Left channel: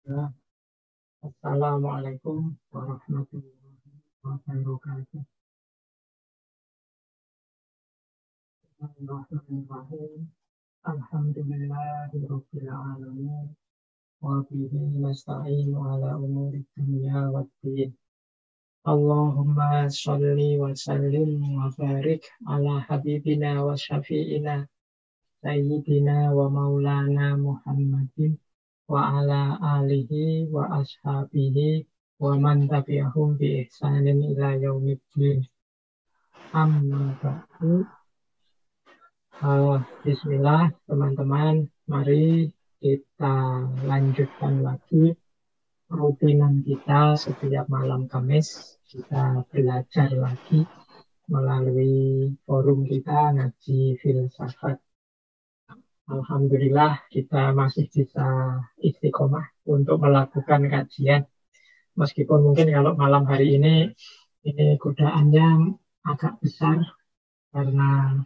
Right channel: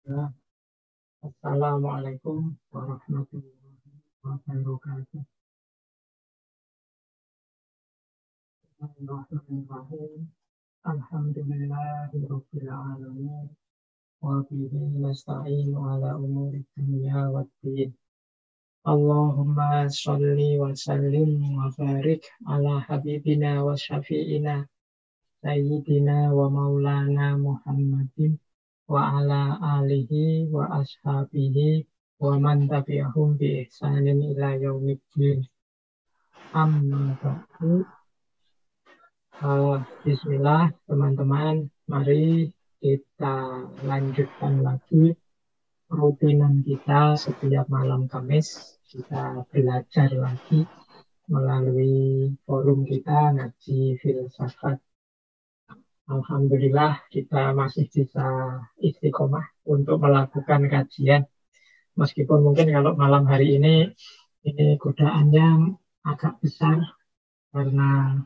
Ya, Assalamualaikum warahmatullahi wabarakatuh. Bismillahirrahmanirrahim. Alhamdulillahirabbil alamin. Wa bihi nasta'inu ala umuri dunya waddin. Allahumma sholli wa sallim wa barik ala habibina wa syafi'ina sayyidina wa maulana Muhammadin wa ala alihi wa ashabihi wa man tabi'ahum bi ihsanin ila yaumiddin. Amma ba'du. Bismillah teman-teman, mari kita lanjutkan lagi rutinan kita setiap malam Kamis. Kita belajar lagi melalui forum kita ngaji filsafat. Alhamdulillah kita masih bisa istiqomah untuk melakukan kajian. Meskipun mungkin kalau malam hari ini godaannya agak besar karena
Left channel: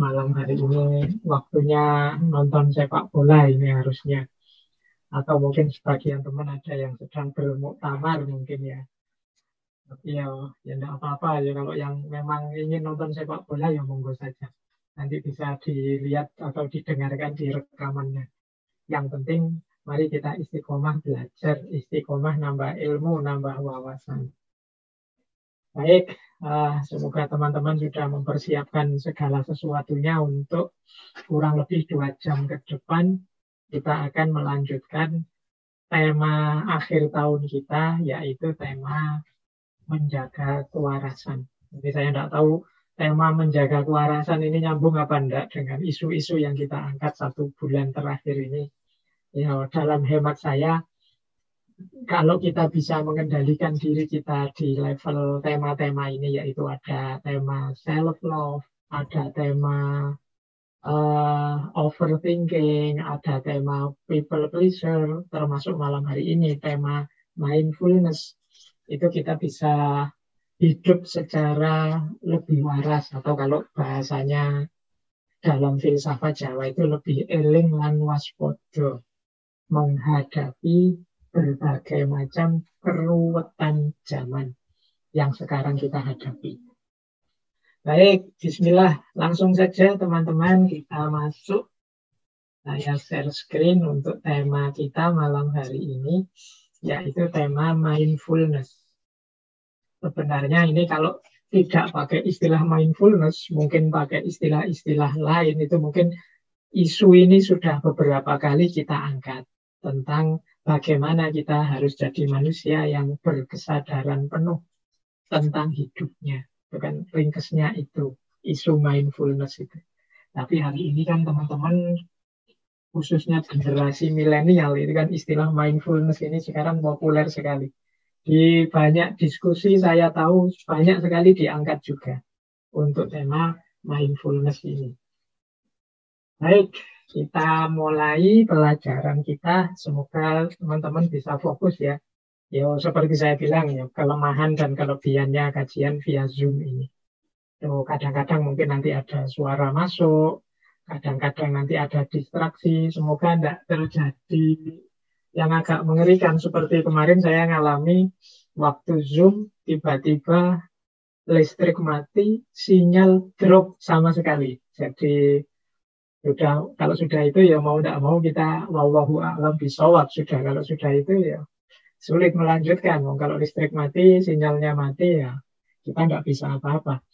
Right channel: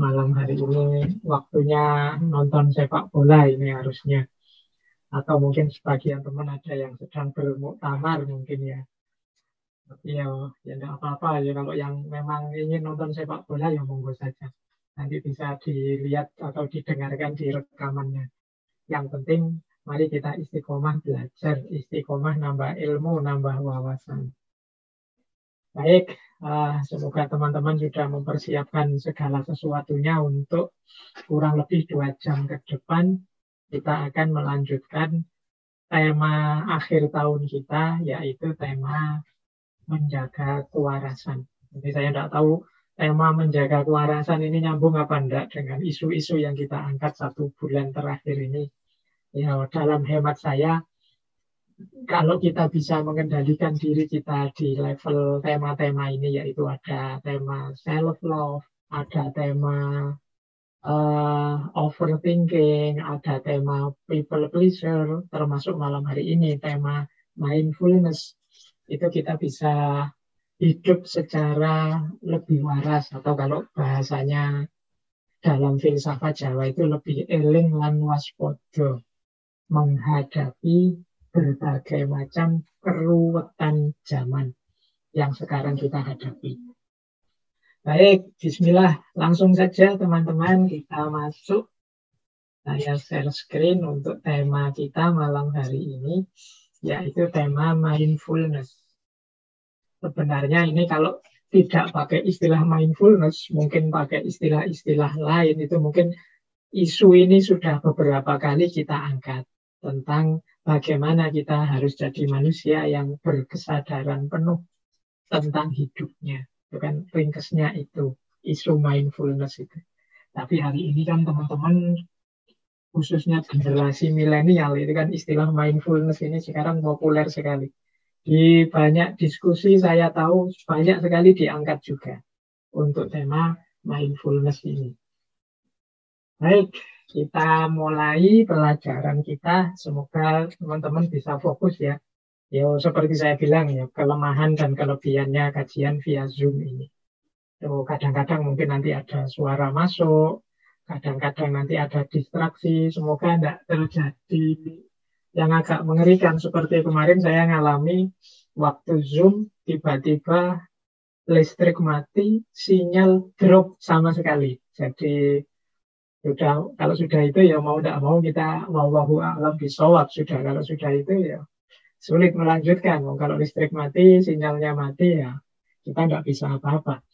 malam hari ini waktunya nonton sepak bola ini harusnya. Atau mungkin sebagian teman ada yang sedang bermuktamar mungkin ya. Tapi ya enggak apa-apa ya kalau yang memang ingin nonton sepak bola ya monggo saja. Nanti bisa dilihat atau didengarkan di rekamannya. Yang penting mari kita istiqomah belajar, istiqomah nambah ilmu, nambah wawasan. Baik, semoga teman-teman sudah mempersiapkan segala sesuatunya untuk kurang lebih 2 jam ke depan kita akan melanjutkan tema akhir tahun kita, yaitu tema menjaga kewarasan. Jadi saya tidak tahu tema menjaga kewarasan ini nyambung apa enggak dengan isu-isu yang kita angkat 1 bulan terakhir ini. Ya, dalam hemat saya, kalau kita bisa mengendalikan diri kita di level tema-tema ini, yaitu ada tema self-love, ada tema overthinking, ada tema people pleaser, termasuk malam hari ini tema mindfulness, itu kita bisa hidup secara lebih waras, atau kalau bahasanya dalam filsafat Jawa itu lebih eling lan waspada menghadapi berbagai macam keruwetan zaman yang sekarang kita hadapi. Baik, bismillah. Langsung saja teman-teman kita masuk. Saya share screen untuk tema kita malam hari ini, yaitu tema mindfulness. Sebenarnya ini kalau tidak pakai istilah mindfulness, mungkin pakai istilah-istilah lain, itu mungkin isu ini sudah beberapa kali kita angkat tentang bagaimana kita harus jadi manusia yang berkesadaran penuh tentang hidupnya. Itu kan ringkesnya itu, isu mindfulness itu. Tapi hari ini kan teman-teman, khususnya generasi milenial, itu kan istilah mindfulness ini sekarang populer sekali. Di banyak diskusi saya tahu banyak sekali diangkat juga untuk tema mindfulness ini. Baik, kita mulai pelajaran kita. Semoga teman-teman bisa fokus ya. Ya, seperti saya bilang ya, kelemahan dan kelebihannya kajian via Zoom ini. Tuh, kadang-kadang mungkin nanti ada suara masuk, kadang-kadang nanti ada distraksi. Semoga tidak terjadi yang agak mengerikan. Seperti kemarin saya ngalami waktu Zoom, tiba-tiba listrik mati, sinyal drop sama sekali. Jadi sudah, kalau sudah itu ya mau tidak mau kita wallahu a'lam bishawab sudah. Kalau sudah itu ya sulit melanjutkan. Kalau listrik mati, sinyalnya mati ya kita nggak bisa apa-apa.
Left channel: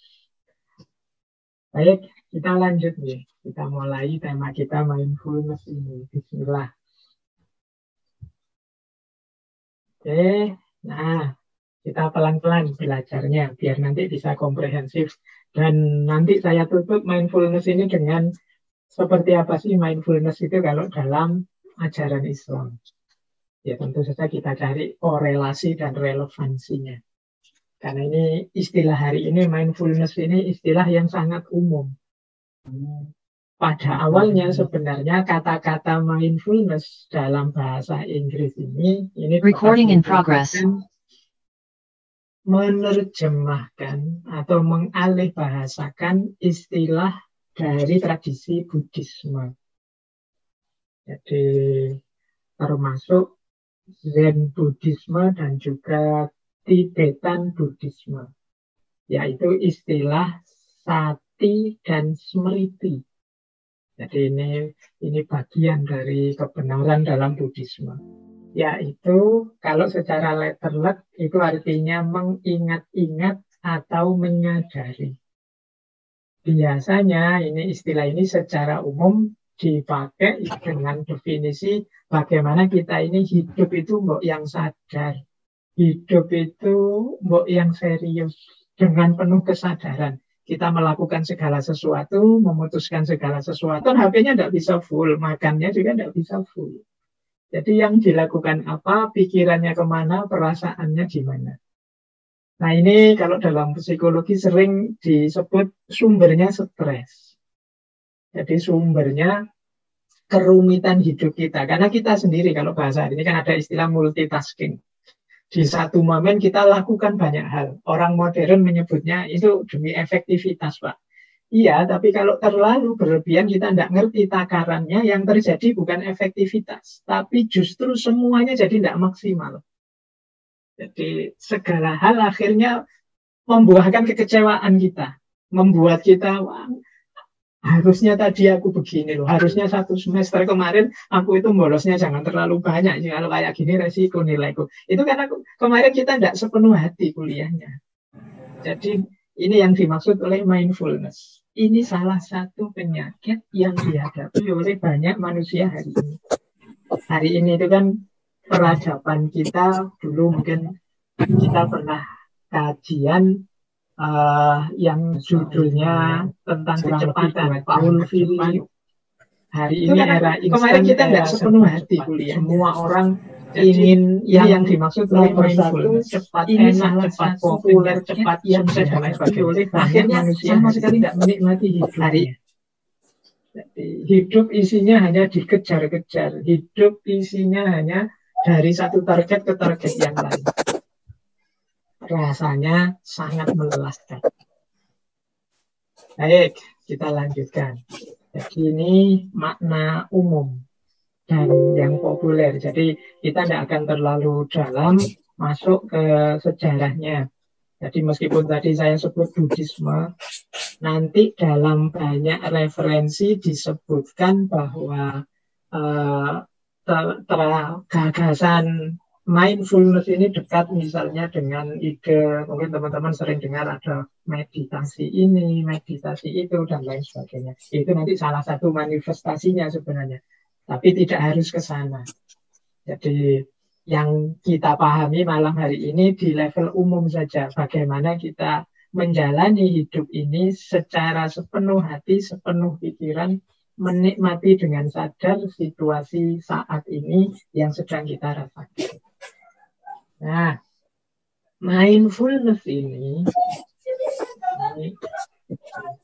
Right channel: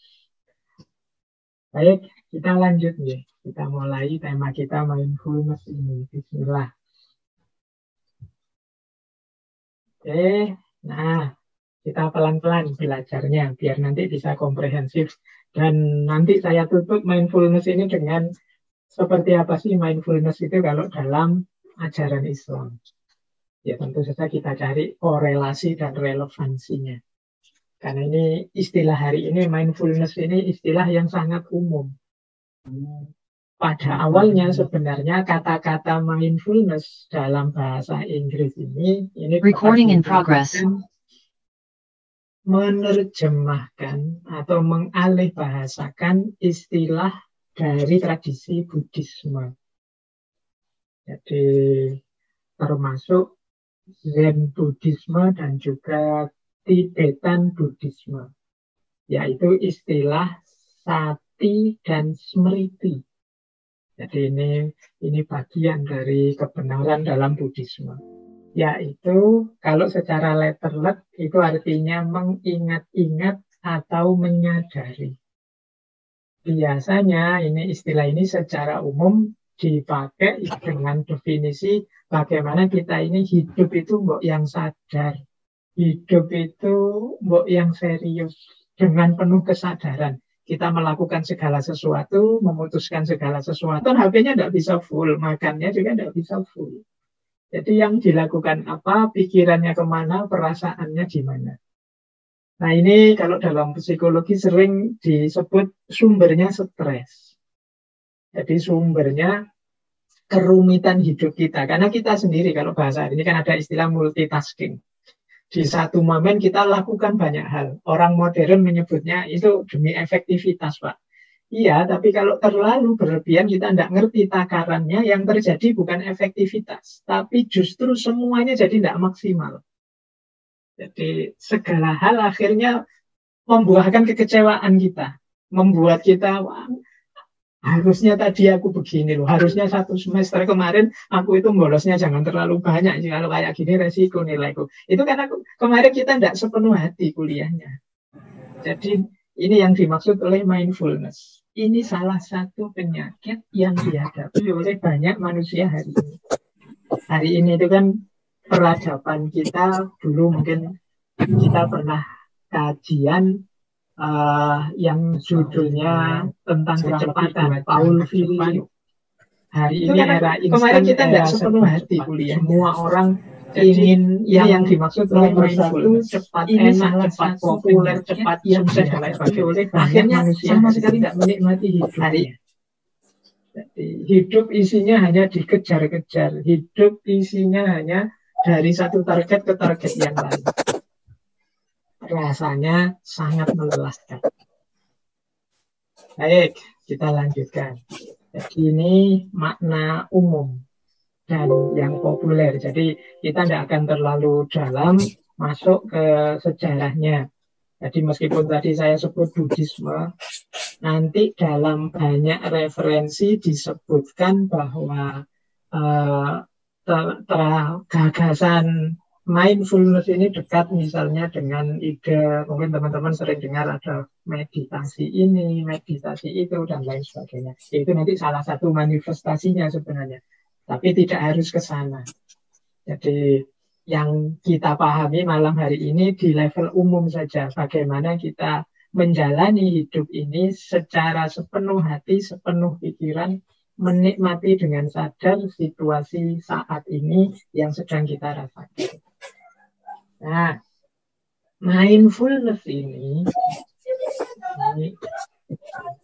Baik, kita lanjut nih. Kita mulai tema kita mindfulness ini. Bismillah. Oke, nah kita pelan-pelan belajarnya biar nanti bisa komprehensif. Dan nanti saya tutup mindfulness ini dengan seperti apa sih mindfulness itu kalau dalam ajaran Islam. Ya tentu saja kita cari korelasi dan relevansinya. Karena ini istilah hari ini, mindfulness ini istilah yang sangat umum. Pada awalnya sebenarnya kata-kata mindfulness dalam bahasa Inggris ini Recording in progress. Menerjemahkan atau mengalih bahasakan istilah dari tradisi Buddhisme. Jadi termasuk Zen Buddhisme dan juga Tibetan Buddhisme, yaitu istilah sati dan smriti. Jadi ini bagian dari kebenaran dalam Buddhisme. Yaitu kalau secara letterlet itu artinya mengingat-ingat atau menyadari. Biasanya istilah ini secara umum dipakai dengan definisi bagaimana kita ini hidup itu mbok yang sadar, hidup itu mbok yang serius, dengan penuh kesadaran. Kita melakukan segala sesuatu, memutuskan segala sesuatu, HP-nya tidak bisa full, makannya juga tidak bisa full. Jadi yang dilakukan apa, pikirannya kemana, perasaannya gimana. Nah ini kalau dalam psikologi sering disebut sumbernya stres. Jadi sumbernya kerumitan hidup kita. Karena kita sendiri kalau bahasa ini kan ada istilah multitasking. Di satu momen kita lakukan banyak hal. Orang modern menyebutnya itu demi efektivitas, Pak. Iya, tapi kalau terlalu berlebihan kita tidak ngerti takarannya, yang terjadi bukan efektivitas. Tapi justru semuanya jadi tidak maksimal. Jadi segala hal akhirnya membuahkan kekecewaan kita. Membuat kita, wah, harusnya tadi aku begini loh. Harusnya satu semester kemarin aku itu bolosnya jangan terlalu banyak. Kalau kayak gini resiko nilaiku. Itu karena kemarin kita tidak sepenuh hati kuliahnya. Jadi ini yang dimaksud oleh mindfulness. Ini salah satu penyakit yang dihadapi oleh banyak manusia hari ini. Hari ini itu kan peradaban kita dulu mungkin kita pernah kajian yang judulnya tentang kecepatan, Paul Virilio. Hari ini era kemarin kita tidak sepenuh hati kuliah. Semua orang ingin yang dimaksud nomor satu, cepat enak, cepat populer, cepat sukses dan lain sebagainya. Akhirnya sama sekali tidak menikmati hidup hari. Jadi, hidup isinya hanya dikejar-kejar. Hidup isinya hanya dari satu target ke target yang lain. Rasanya sangat melelahkan. Baik, kita lanjutkan. Jadi ini makna umum dan yang populer. Jadi kita tidak akan terlalu dalam masuk ke sejarahnya. Jadi meskipun tadi saya sebut Buddhisme, nanti dalam banyak referensi disebutkan bahwa gagasan mindfulness ini dekat misalnya dengan ide, mungkin teman-teman sering dengar ada meditasi ini, meditasi itu, dan lain sebagainya. Itu nanti salah satu manifestasinya sebenarnya. Tapi tidak harus ke sana. Jadi yang kita pahami malam hari ini di level umum saja. Bagaimana kita menjalani hidup ini secara sepenuh hati, sepenuh pikiran, menikmati dengan sadar situasi saat ini yang sedang kita rasakan. Nah, mindfulness ini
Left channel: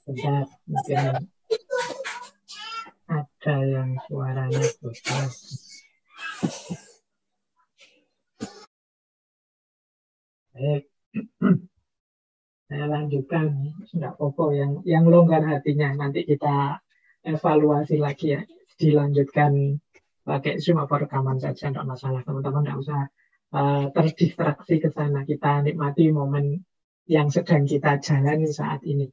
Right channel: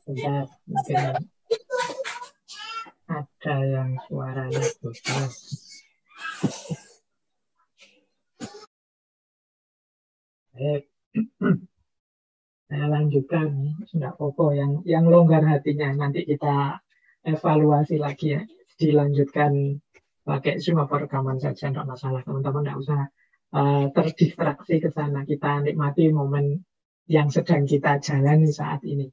bentar, mungkin ada yang suaranya besar. Baik, saya lanjutkan, tidak apa-apa yang longgar hatinya nanti kita evaluasi lagi ya, dilanjutkan pakai Zoom apa rekaman saja, tidak masalah, teman-teman tidak usah terdistraksi ke sana. Kita nikmati momen yang sedang kita jalani saat ini.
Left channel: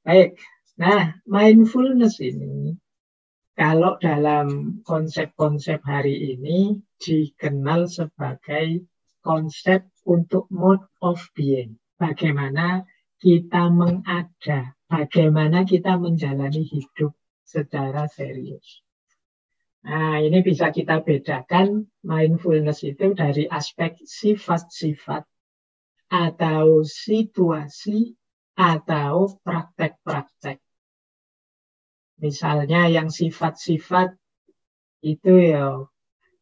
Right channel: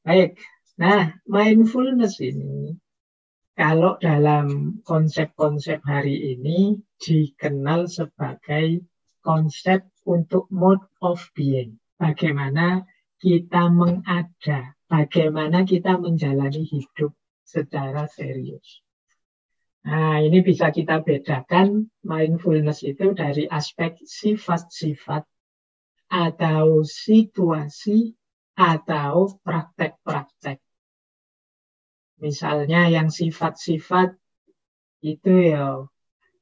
Baik, nah mindfulness ini kalau dalam konsep-konsep hari ini dikenal sebagai konsep untuk mode of being. Bagaimana kita mengada, bagaimana kita menjalani hidup secara serius. Nah, ini bisa kita bedakan mindfulness itu dari aspek sifat-sifat atau situasi atau praktek-praktek. Misalnya yang sifat-sifat itu ya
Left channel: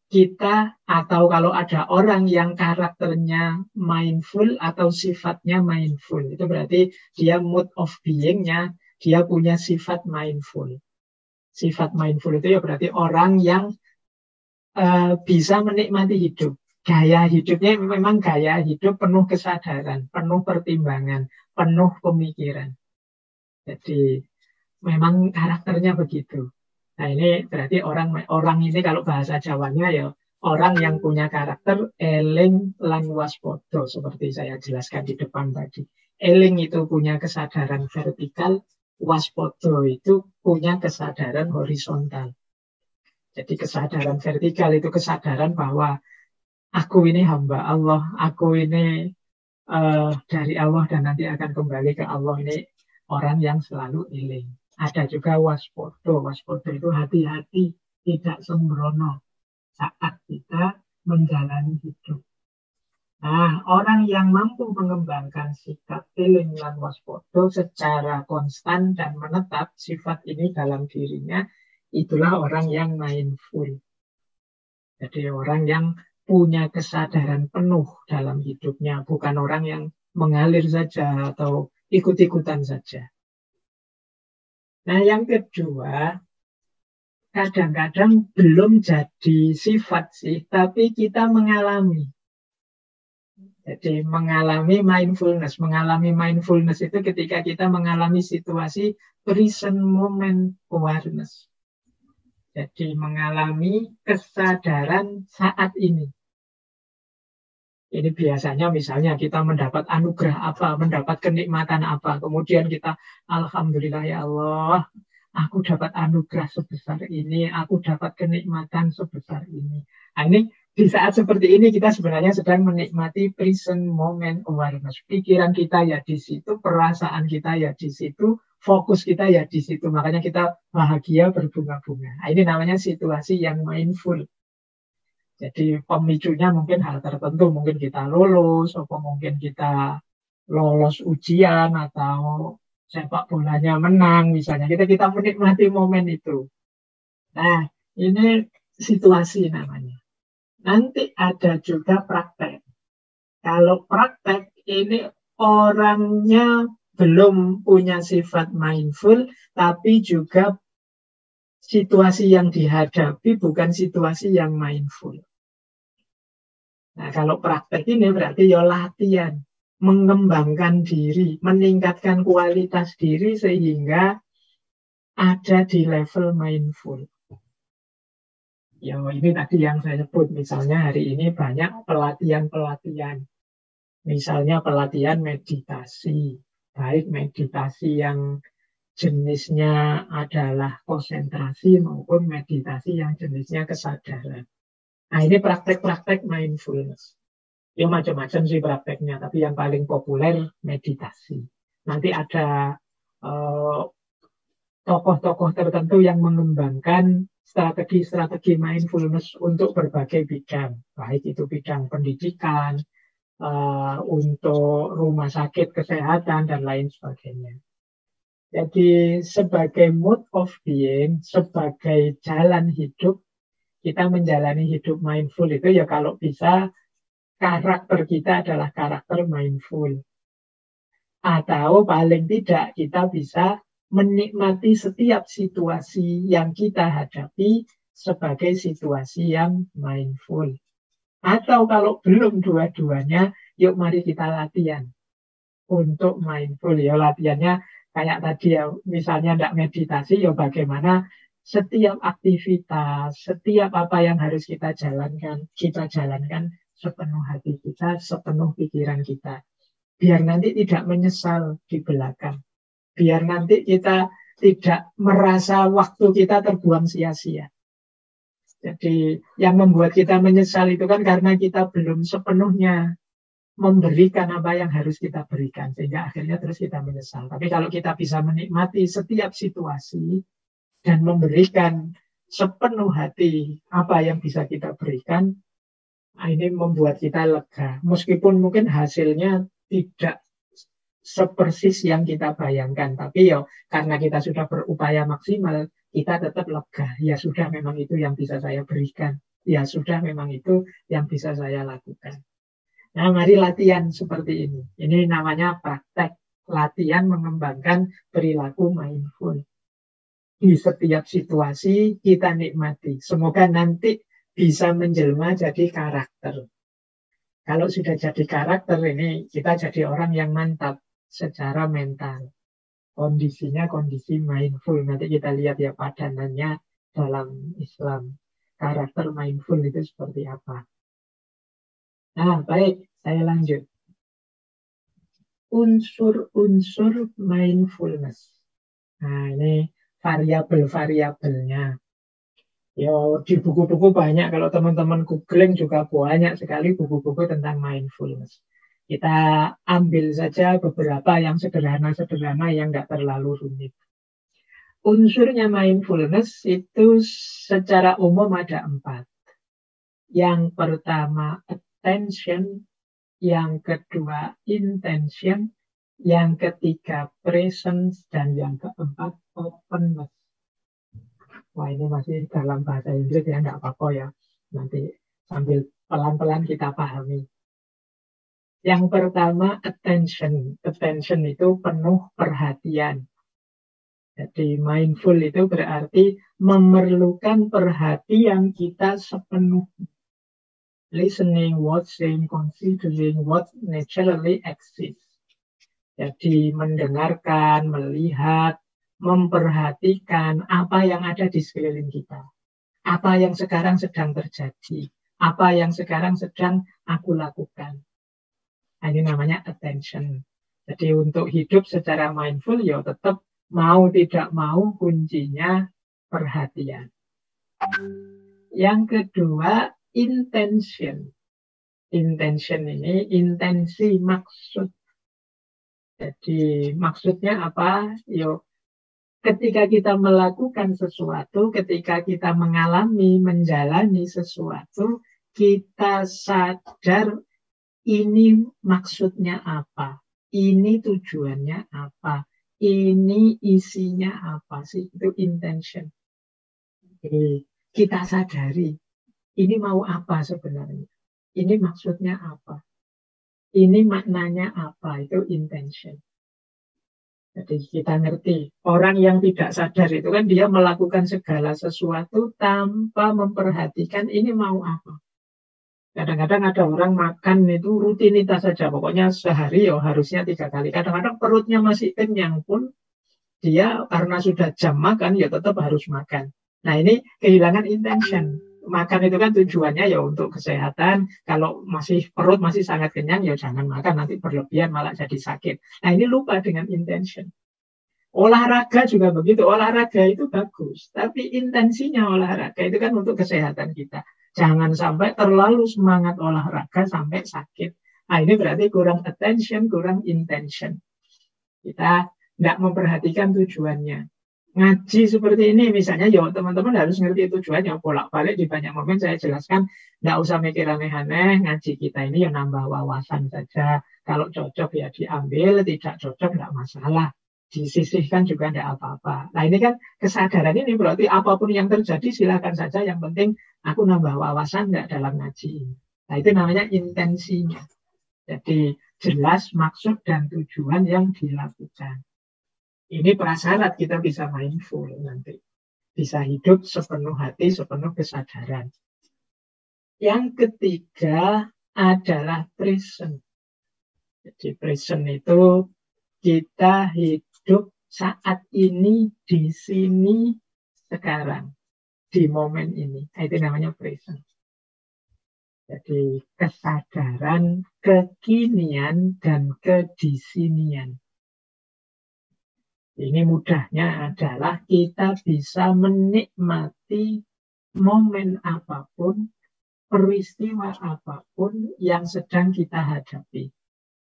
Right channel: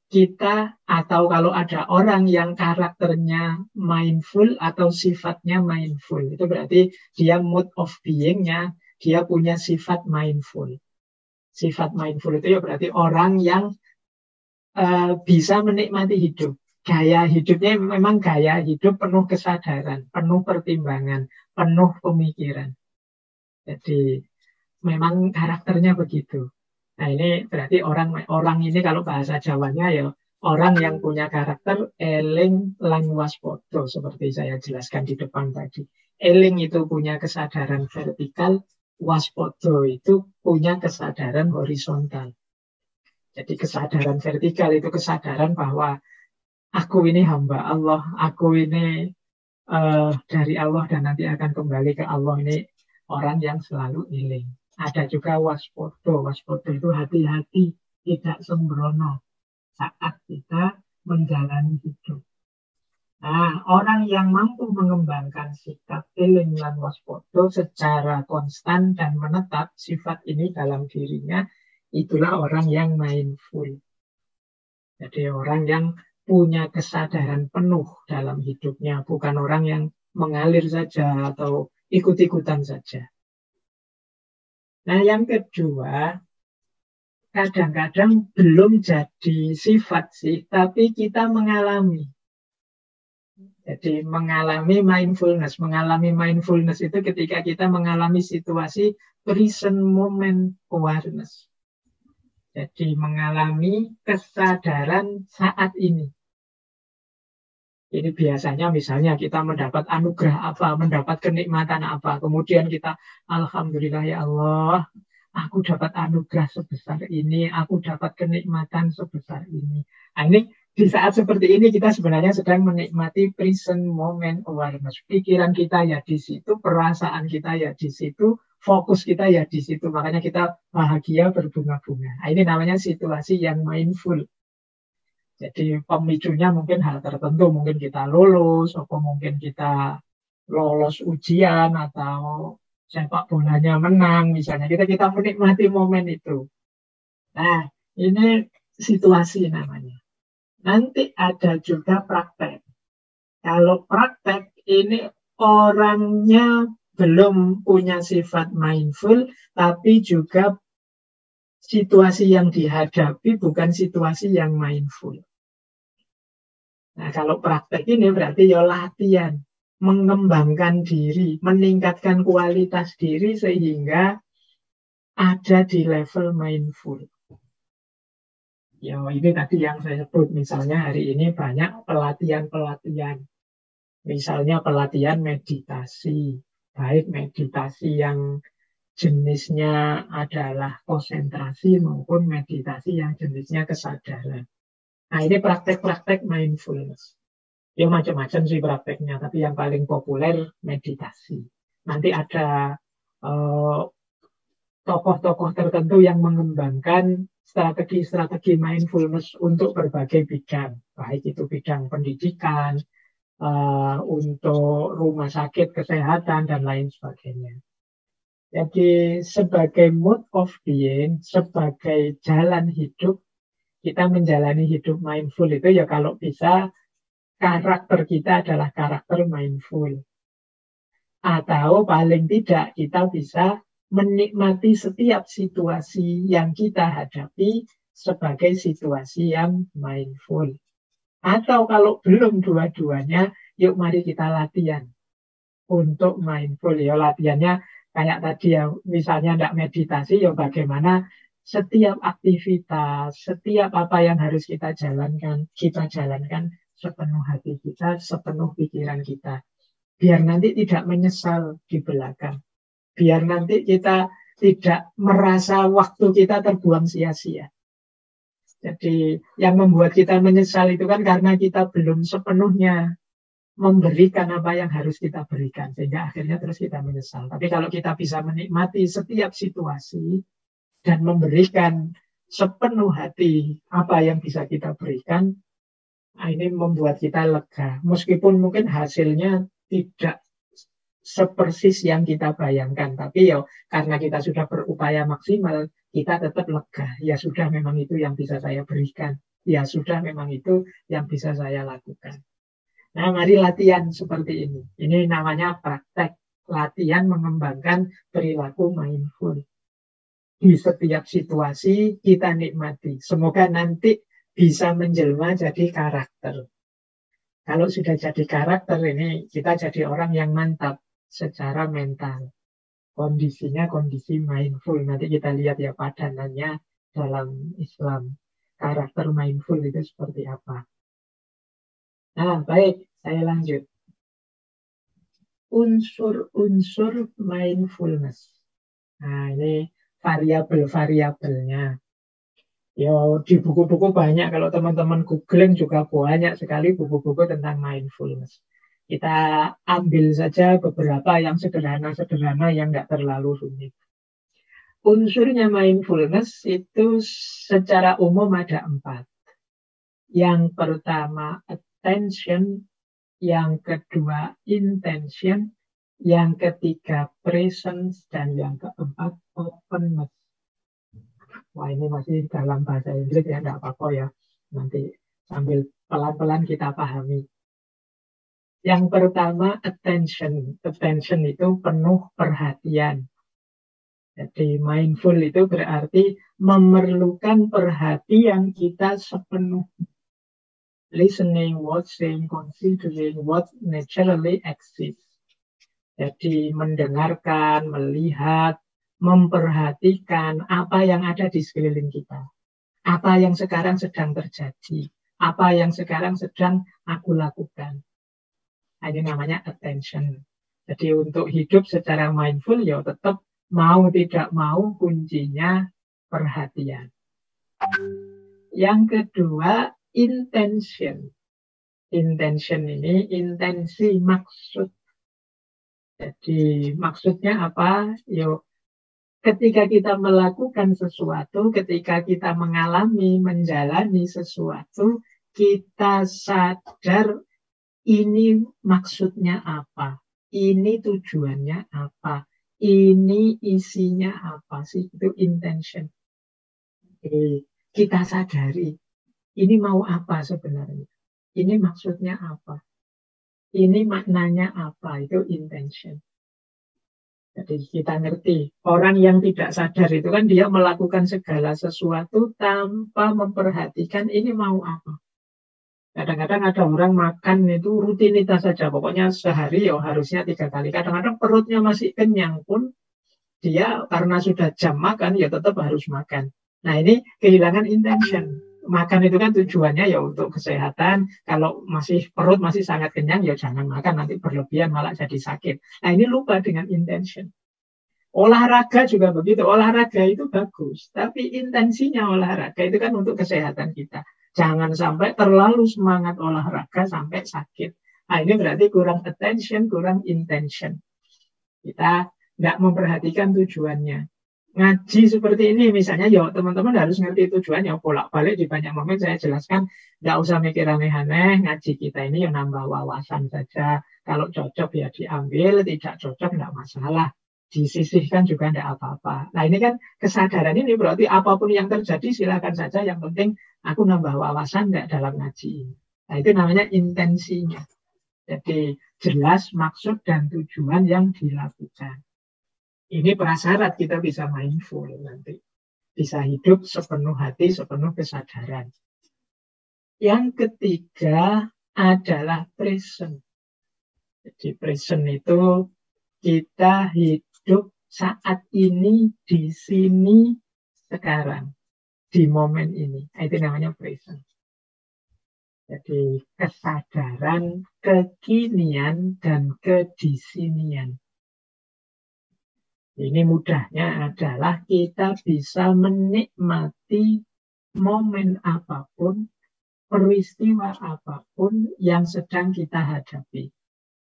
kita, atau kalau ada orang yang karakternya mindful atau sifatnya mindful, itu berarti dia mode of being-nya, dia punya sifat mindful. Sifat mindful itu ya berarti orang yang bisa menikmati hidup. Gaya hidupnya memang gaya hidup penuh kesadaran, penuh pertimbangan, penuh pemikiran. Jadi memang karakternya begitu. Nah ini berarti orang ini kalau bahasa Jawanya ya Orang yang punya karakter eling lan waspada seperti saya jelaskan di depan tadi. Eling itu punya kesadaran vertikal, waspada itu punya kesadaran horizontal. Jadi kesadaran vertikal itu kesadaran bahwa aku ini hamba Allah, aku ini dari Allah dan nanti akan kembali ke Allah. Ini orang yang selalu eling. Ada juga waspada. Waspada itu hati-hati, tidak sembrono saat kita menjalani hidup. Nah, orang yang mampu mengembangkan sikap eling lan waspada secara konstan dan menetap sifat ini dalam dirinya, itulah orang yang mindful. Jadi orang yang punya kesadaran penuh dalam hidupnya, bukan orang yang mengalir saja atau ikut-ikutan saja. Nah, yang kedua, kadang-kadang belum jadi sifat sih, tapi kita mengalami. Jadi mengalami mindfulness. Mengalami mindfulness itu ketika kita mengalami situasi present moment awareness. Jadi mengalami kesadaran saat ini. Ini biasanya misalnya kita mendapat anugerah apa, mendapat kenikmatan apa. Kemudian kita, Alhamdulillah ya Allah, aku dapat anugerah sebesar ini, aku dapat kenikmatan sebesar ini. Nah, ini di saat seperti ini kita sebenarnya sedang menikmati present moment awareness. Pikiran kita ya di situ, perasaan kita ya di situ, fokus kita ya di situ. Makanya kita bahagia berbunga-bunga. Nah, ini namanya situasi yang mindful. Jadi pemicunya mungkin hal tertentu, mungkin kita lulus, atau mungkin kita lolos ujian, atau sepak bolanya menang, misalnya. Kita menikmati momen itu. Nah, ini situasi namanya. Nanti ada juga praktek. Kalau praktek ini orangnya belum punya sifat mindful, tapi juga situasi yang dihadapi bukan situasi yang mindful. Nah, kalau praktek ini berarti ya latihan, mengembangkan diri, meningkatkan kualitas diri sehingga ada di level mindful. Ya, ini tadi yang saya sebut, misalnya hari ini banyak pelatihan-pelatihan. Misalnya pelatihan meditasi, baik meditasi yang jenisnya adalah konsentrasi maupun meditasi yang jenisnya kesadaran. Nah, ini praktek-praktek mindfulness. Ya macam-macam sih prakteknya, tapi yang paling populer meditasi. Nanti ada eh, tokoh-tokoh tertentu yang mengembangkan strategi-strategi mindfulness untuk berbagai bidang, baik itu bidang pendidikan, untuk rumah sakit, kesehatan, dan lain sebagainya. Jadi sebagai mode of being, sebagai jalan hidup, kita menjalani hidup mindful itu ya kalau bisa karakter kita adalah karakter mindful. Atau paling tidak kita bisa menikmati setiap situasi yang kita hadapi sebagai situasi yang mindful. Atau kalau belum dua-duanya, yuk mari kita latihan untuk mindful. Ya latihannya kayak tadi ya, misalnya tidak meditasi, ya bagaimana setiap aktivitas, setiap apa yang harus kita jalankan sepenuh hati kita, sepenuh pikiran kita. Biar nanti tidak menyesal di belakang. Biar nanti kita tidak merasa waktu kita terbuang sia-sia. Jadi yang membuat kita menyesal itu kan karena kita belum sepenuhnya memberikan apa yang harus kita berikan. Sehingga akhirnya terus kita menyesal. Tapi kalau kita bisa menikmati setiap situasi dan memberikan sepenuh hati apa yang bisa kita berikan, nah ini membuat kita lega. Meskipun mungkin hasilnya tidak sepersis yang kita bayangkan. Tapi ya karena kita sudah berupaya maksimal, kita tetap lega. Ya sudah memang itu yang bisa saya berikan. Ya sudah memang itu yang bisa saya lakukan. Nah, mari latihan seperti ini. Ini namanya praktek. Latihan mengembangkan perilaku mindful. Di setiap situasi kita nikmati. Semoga nanti bisa menjelma jadi karakter. Kalau sudah jadi karakter ini, kita jadi orang yang mantap secara mental. Kondisinya kondisi mindful. Nanti kita lihat ya padanannya dalam Islam. karakter mindful itu seperti apa. Nah, baik, saya lanjut. Unsur-unsur mindfulness. Nah, ini variabel-variabelnya. Ya, di buku-buku banyak, kalau teman-teman googling juga banyak sekali buku-buku tentang mindfulness. Kita ambil saja beberapa yang sederhana-sederhana yang nggak terlalu rumit. Unsurnya mindfulness itu secara umum ada 4. Yang pertama attention, yang kedua intention, yang ketiga presence, dan yang keempat openness. Wah, ini masih dalam bahasa Inggris ya, nggak apa-apa ya. Nanti sambil pelan-pelan kita pahami. Yang pertama attention. Attention itu penuh perhatian. Jadi mindful itu berarti memerlukan perhatian kita sepenuhnya. Listening, watching, considering what naturally exists. Jadi mendengarkan, melihat, memperhatikan apa yang ada di sekeliling kita. Apa yang sekarang sedang terjadi. Apa yang sekarang sedang aku lakukan. Nah, ini namanya attention. Jadi untuk hidup secara mindful ya tetap mau tidak mau kuncinya perhatian. Yang kedua, intention. Intention ini intensi maksud. Jadi maksudnya apa? Yo, ketika kita melakukan sesuatu, ketika kita mengalami, menjalani sesuatu, kita sadar ini maksudnya apa, ini tujuannya apa, ini isinya apa sih, itu intention. Jadi, kita sadari, ini mau apa sebenarnya, ini maksudnya apa, ini maknanya apa, itu intention. Jadi kita ngerti, orang yang tidak sadar itu kan dia melakukan segala sesuatu tanpa memperhatikan ini mau apa. Kadang-kadang ada orang makan itu rutinitas saja, pokoknya sehari ya harusnya 3 kali. Kadang-kadang perutnya masih kenyang pun, dia karena sudah jam makan ya tetap harus makan. Nah, ini kehilangan intention. Makan itu kan tujuannya ya untuk kesehatan. Kalau perut masih sangat kenyang ya jangan makan, nanti berlebihan malah jadi sakit. Nah, ini lupa dengan intention. Olahraga juga begitu. Olahraga itu bagus, tapi intensinya olahraga itu kan untuk kesehatan kita. Jangan sampai terlalu semangat olahraga sampai sakit. Nah, ini berarti kurang attention, kurang intention. Kita nggak memperhatikan tujuannya. Ngaji seperti ini misalnya, ya teman-teman harus ngerti tujuannya. Bolak-balik di banyak momen saya jelaskan, nggak usah mikir aneh-aneh. Ngaji kita ini ya nambah wawasan saja. Kalau cocok ya diambil, tidak cocok nggak masalah. Disisihkan juga tidak apa-apa. Nah, ini kan kesadaran ini berarti apapun yang terjadi silakan saja, yang penting aku nambah wawasan nggak dalam ngaji. Nah, itu namanya intensinya. Jadi jelas maksud dan tujuan yang dilakukan. Ini prasyarat kita bisa mindful nanti. Bisa hidup sepenuh hati, sepenuh kesadaran. Yang ketiga adalah present. Jadi present itu kita hidup saat ini, di sini, sekarang, di momen ini. Itu namanya present. Jadi kesadaran, kekinian, dan kedisinian. Ini mudahnya adalah kita bisa menikmati momen apapun, peristiwa apapun yang sedang kita hadapi.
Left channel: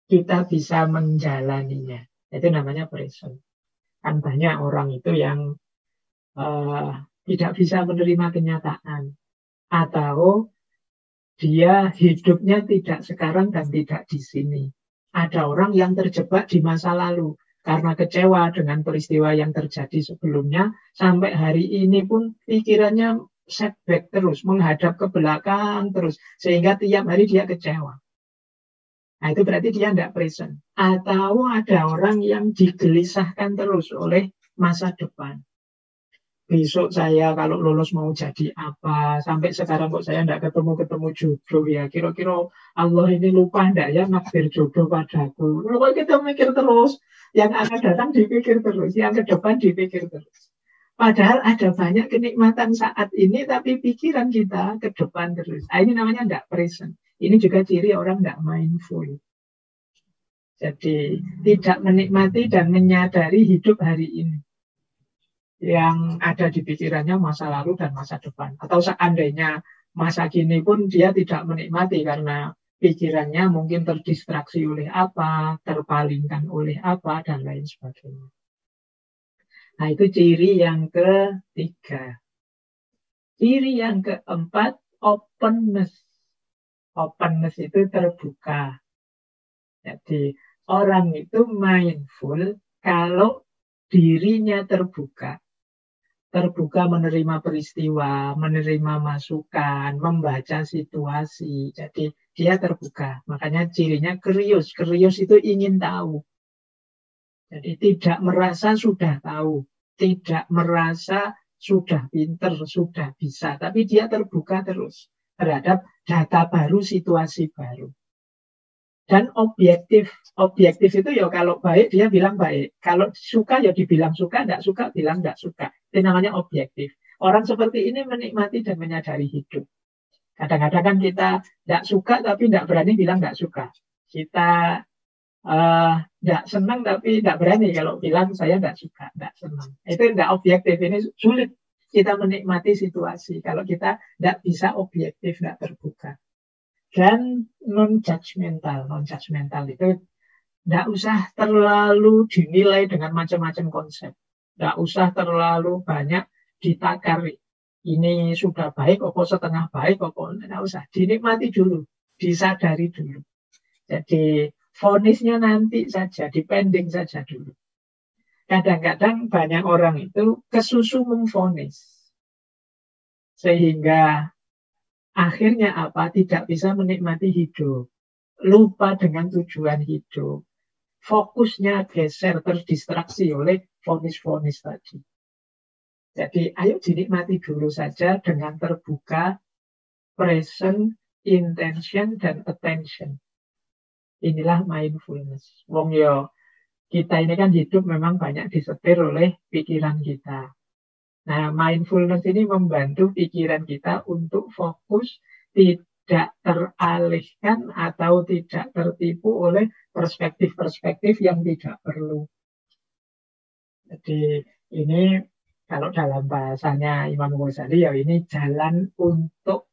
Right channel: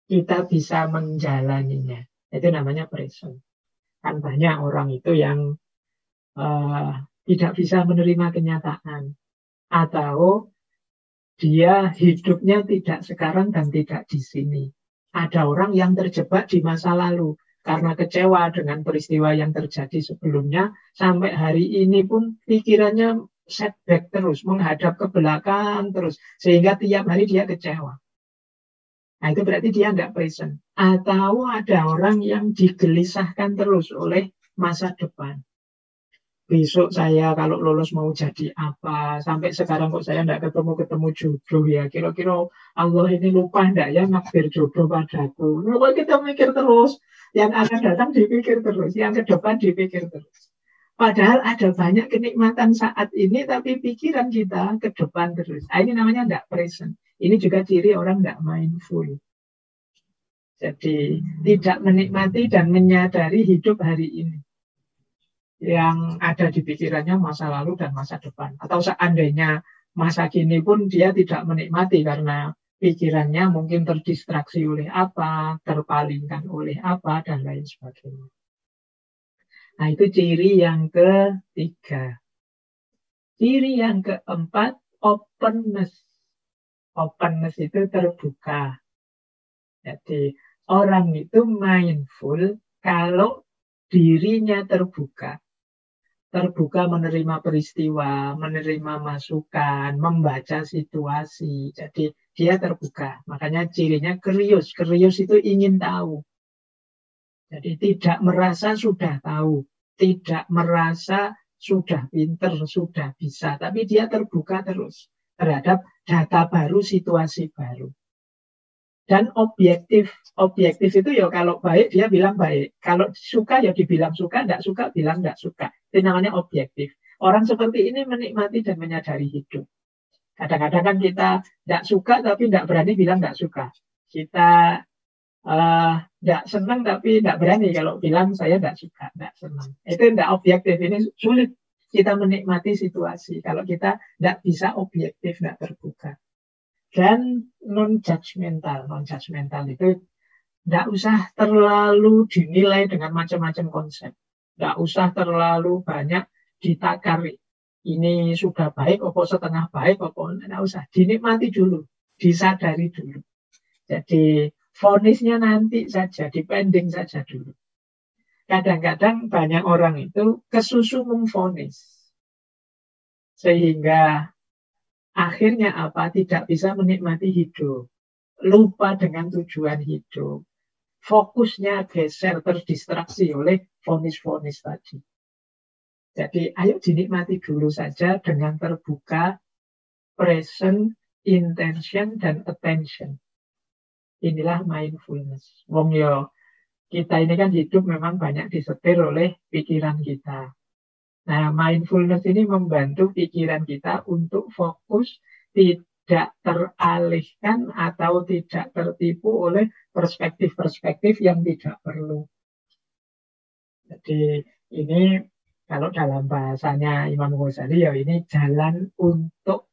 Kita bisa menjalaninya. Itu namanya present. Kan banyak orang itu yang tidak bisa menerima kenyataan. Atau dia hidupnya tidak sekarang dan tidak di sini. Ada orang yang terjebak di masa lalu. Karena kecewa dengan peristiwa yang terjadi sebelumnya. Sampai hari ini pun pikirannya setback terus. Menghadap ke belakang terus. Sehingga tiap hari dia kecewa. Nah, itu berarti dia tidak present. Atau ada orang yang digelisahkan terus oleh masa depan. Besok saya kalau lulus mau jadi apa? Sampai sekarang kok saya tidak ketemu jodoh ya. Kira-kira Allah ini lupa enggak ya nakdir jodoh padaku. Kalau kita mikir terus, yang akan datang dipikir terus, yang ke depan dipikir terus. Padahal ada banyak kenikmatan saat ini, tapi pikiran kita ke depan terus. Ini namanya tidak present. Ini juga ciri orang tidak mindful. Jadi tidak menikmati dan menyadari hidup hari ini. Yang ada di pikirannya masa lalu dan masa depan. Atau seandainya masa kini pun dia tidak menikmati karena pikirannya mungkin terdistraksi oleh apa, terpalingkan oleh apa, dan lain sebagainya. Nah, itu ciri yang ketiga. Ciri yang keempat, openness. Openness itu terbuka. Jadi, orang itu mindful kalau dirinya terbuka. Terbuka menerima peristiwa, menerima masukan, membaca situasi. Jadi, dia terbuka. Makanya cirinya curious. Curious itu ingin tahu. Jadi tidak merasa sudah tahu, tidak merasa sudah pinter, sudah bisa, tapi dia terbuka terus terhadap data baru, situasi baru. Dan objektif itu ya kalau baik dia bilang baik, kalau suka ya dibilang suka, tidak suka bilang tidak suka. Itu namanya objektif. Orang seperti ini menikmati dan menyadari hidup. Kadang-kadang kan kita tidak suka tapi tidak berani bilang tidak suka. Kita tidak senang tapi tidak berani kalau bilang saya tidak suka, tidak senang. Itu tidak objektif. Ini sulit kita menikmati situasi kalau kita tidak bisa objektif, tidak terbuka. Dan non-judgmental. Non-judgmental itu tidak usah terlalu dinilai dengan macam-macam konsep. Tidak usah terlalu banyak ditakari. Ini sudah baik, apa setengah baik, apa tidak usah. Dinikmati dulu, disadari dulu. Jadi vonisnya nanti saja, depending saja dulu. Kadang-kadang banyak orang itu kesusu memvonis. Sehingga akhirnya apa? Tidak bisa menikmati hidup. Lupa dengan tujuan hidup. Fokusnya geser, terdistraksi oleh vonis-vonis tadi. Jadi ayo dinikmati dulu saja dengan terbuka, present, intention, dan attention. Inilah mindfulness. Wong yo, kita ini kan hidup memang banyak disetir oleh pikiran kita. Nah, mindfulness ini membantu pikiran kita untuk fokus, tidak teralihkan atau tidak tertipu oleh perspektif-perspektif yang tidak perlu. Jadi ini kalau dalam bahasanya Imam Ghazali ya ini jalan untuk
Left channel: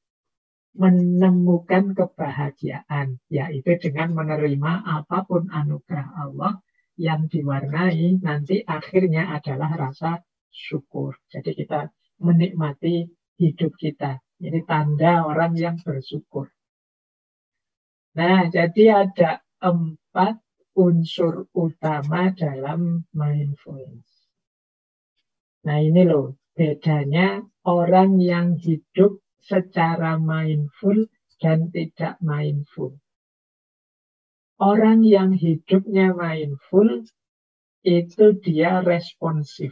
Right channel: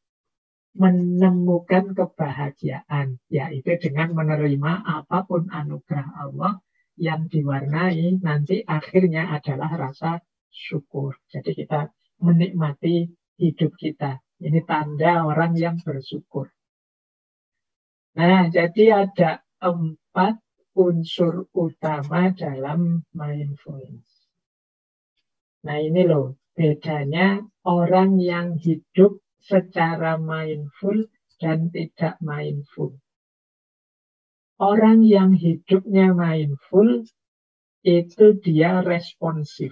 menemukan kebahagiaan, yaitu dengan menerima apapun anugerah Allah yang diwarnai nanti akhirnya adalah rasa syukur. Jadi kita menikmati hidup kita. Ini tanda orang yang bersyukur. Nah, jadi ada 4 unsur utama dalam mindfulness. Nah, ini loh bedanya orang yang hidup secara mindful dan tidak mindful. Orang yang hidupnya mindful itu dia responsif.